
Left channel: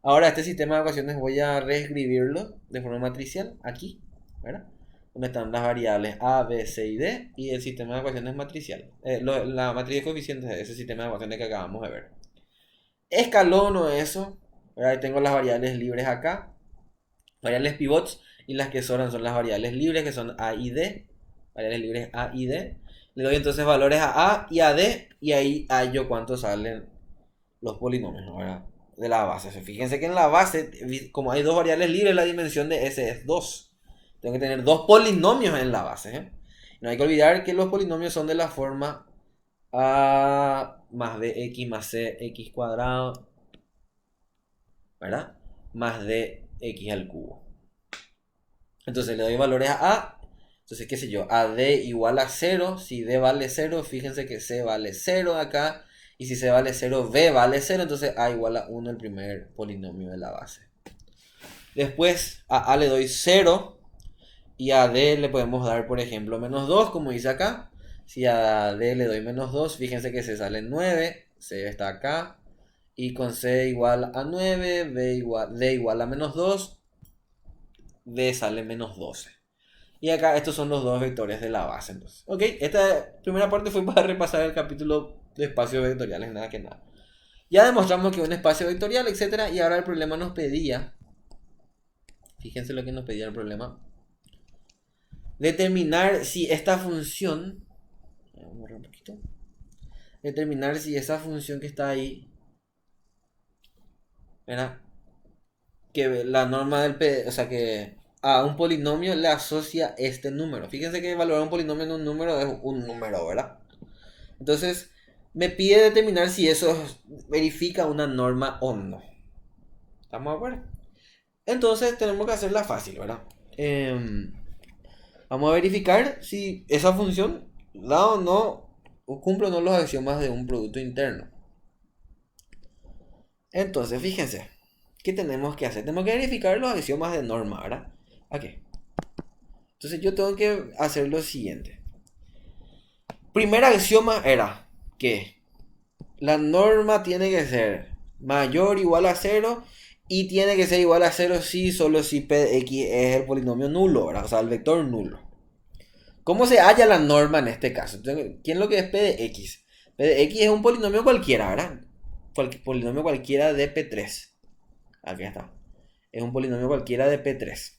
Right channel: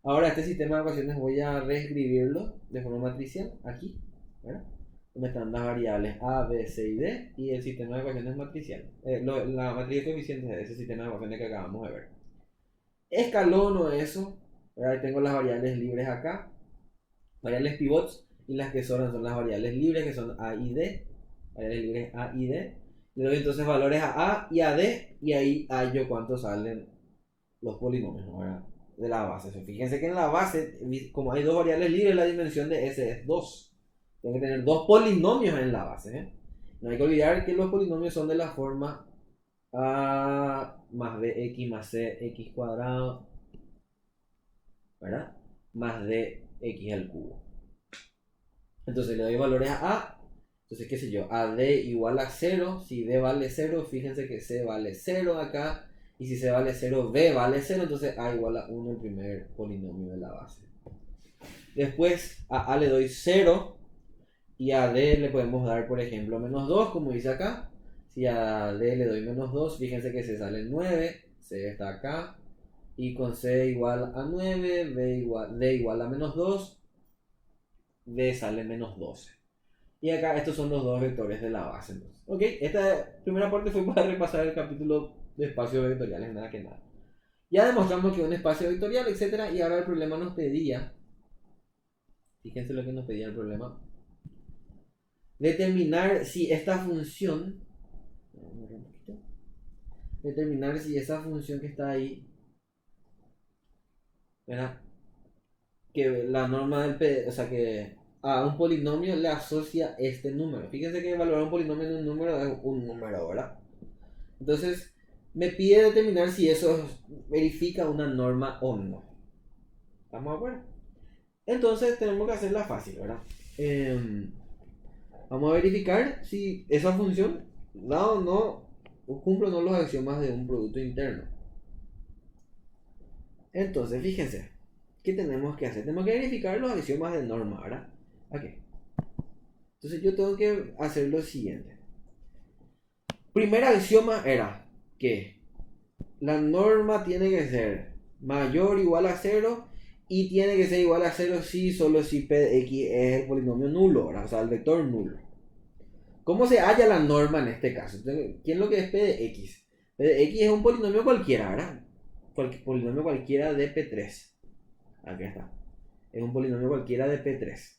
Ahora este sistema de ecuaciones voy a reescribirlo de forma matricial aquí, ¿verdad? Donde están las variables A, B, C y D y el sistema de ecuaciones matricial. La matriz de coeficientes de ese sistema de ecuaciones que acabamos de ver. Escalono eso, ¿verdad? Ahí tengo las variables libres acá, variables pivots, y las que sobran son las variables libres que son A y D, variables libres A y D. Le doy entonces valores a A y a D y ahí hallo cuántos salen los polinomios, ¿verdad? De la base. Fíjense que en la base, como hay dos variables libres, la dimensión de S es 2. Tengo que tener dos polinomios en la base, ¿eh? No hay que olvidar que los polinomios son de la forma A más BX más CX cuadrado, ¿verdad? Más DX al cubo. Entonces le doy valores a A. Entonces, qué sé yo, AD igual a 0. Si D vale 0, fíjense que C vale 0 acá. Y si C vale 0, B vale 0. Entonces A igual a 1, el primer polinomio de la base. Después a A le doy 0. Y a D le podemos dar, por ejemplo, menos 2, como dice acá. Si a D le doy menos 2, fíjense que C sale 9. C está acá. Y con C igual a 9, D igual a menos 2. D sale menos 12. Y acá estos son los dos vectores de la base. Entonces, ok, esta primera parte fue para repasar el capítulo de espacios vectoriales, nada que nada. Ya demostramos que un espacio vectorial, etc. Y ahora el problema nos pedía, fíjense lo que nos pedía el problema, determinar si esta función, vamos a borrar un poquito, determinar si esa función que está ahí, ¿verdad? Que la norma del P, o sea que a un polinomio le asocia este número. Fíjense que evaluar un polinomio en un número es un número, ¿verdad? Entonces, me pide determinar si eso verifica una norma o no. ¿Estamos de acuerdo? Entonces, tenemos que hacerla fácil, ¿verdad? Vamos a verificar si esa función da o no, o cumple o no los axiomas de un producto interno. Entonces, fíjense, ¿qué tenemos que hacer? Tenemos que verificar los axiomas de norma, ¿verdad? Ok. Entonces, yo tengo que hacer lo siguiente. Primer axioma era que la norma tiene que ser mayor o igual a 0 y tiene que ser igual a 0 si solo si P de X es el polinomio nulo, ¿verdad? O sea, el vector nulo. ¿Cómo se halla la norma en este caso? Entonces, ¿quién es lo que es P de X? P de X es un polinomio cualquiera, ¿verdad? Polinomio cualquiera de P3. Aquí está. Es un polinomio cualquiera de P3.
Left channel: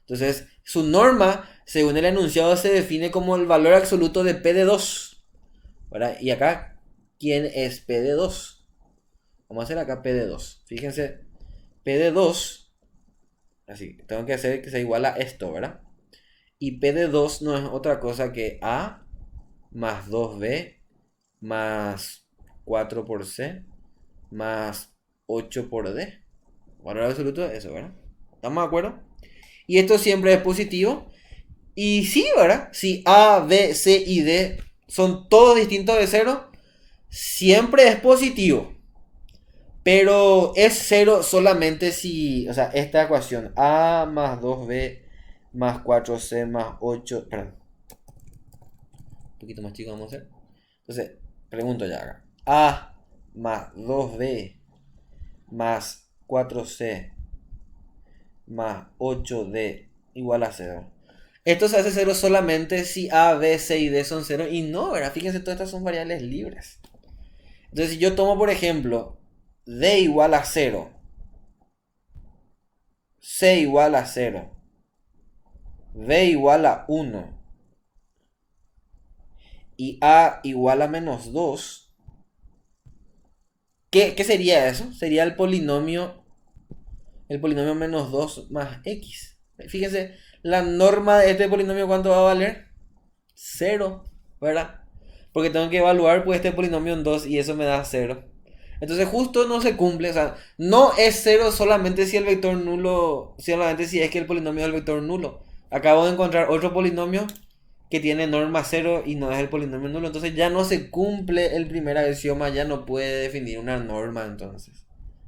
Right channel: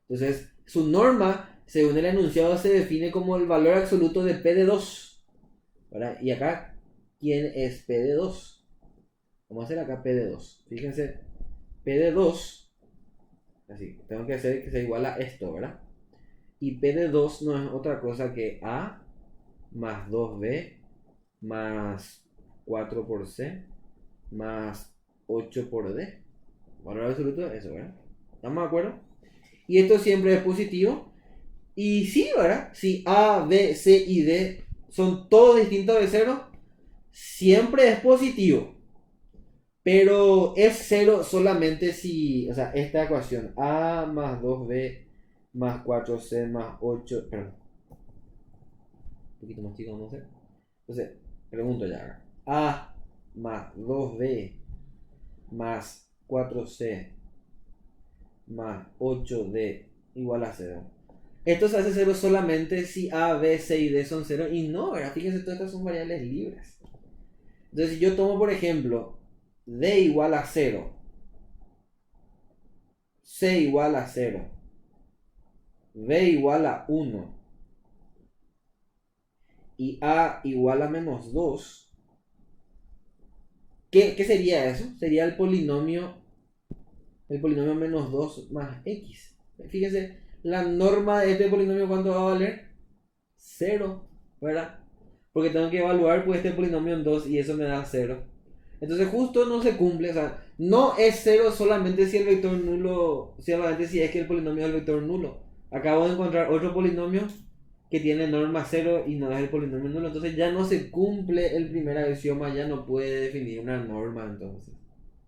Entonces, su norma, según el enunciado, se define como el valor absoluto de P de 2. ¿Verdad? Y acá, ¿quién es P de 2? Vamos a hacer acá P de 2. Fíjense, P de 2, así, tengo que hacer que sea igual a esto, ¿verdad? Y P de 2 no es otra cosa que A más 2B más 4 por C más 8 por D. Valor absoluto de eso, ¿verdad? ¿Estamos de acuerdo? Y esto siempre es positivo. Y sí, ¿verdad? Si A, B, C y D son todos distintos de 0, siempre es positivo. Pero es 0 solamente si, o sea, esta ecuación A más 2B más 4C más 8, perdón, un poquito más chico vamos a hacer. Entonces, pregunto ya acá. A más 2B más 4C más 8D igual a 0. Esto se hace 0 solamente si A, B, C y D son 0 y no, ¿verdad? Fíjense, todas estas son variables libres. Entonces, si yo tomo, por ejemplo, D igual a 0, C igual a 0, B igual a 1 y A igual a menos 2, ¿qué sería eso? Sería el polinomio menos 2 más X. Fíjense, la norma de este polinomio, ¿cuánto va a valer? 0, ¿verdad? Porque tengo que evaluar pues este polinomio en 2 y eso me da 0. Entonces justo no se cumple, o sea, no es 0 solamente si el vector nulo, solamente si es que el polinomio es el vector nulo. Acabo de encontrar otro polinomio que tiene norma 0 y no es el polinomio nulo, entonces ya no se cumple el primer axioma, ya no puede definir una norma entonces.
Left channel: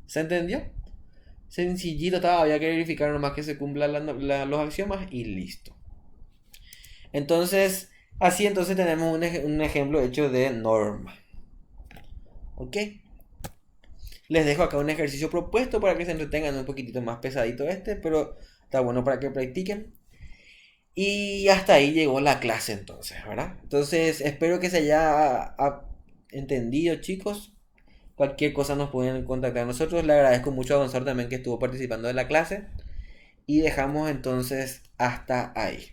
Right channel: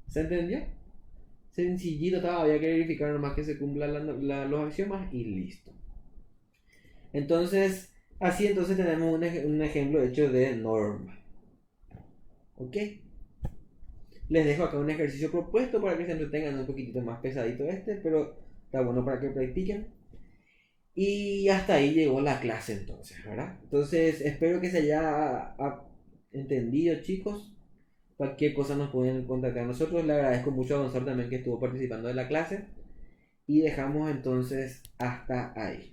¿Se entendió? Sencillito estaba, había que verificar nomás que se cumplan los axiomas y listo. Entonces, así entonces tenemos un ejemplo hecho de norma. ¿Ok? Les dejo acá un ejercicio propuesto para que se entretengan, un poquitito más pesadito este, pero está bueno para que practiquen. Y hasta ahí llegó la clase entonces, ¿verdad? Entonces, espero que se haya entendido, chicos. Cualquier cosa nos pueden contactar a nosotros. Le agradezco mucho a Gonzalo también que estuvo participando de la clase. Y dejamos entonces hasta ahí.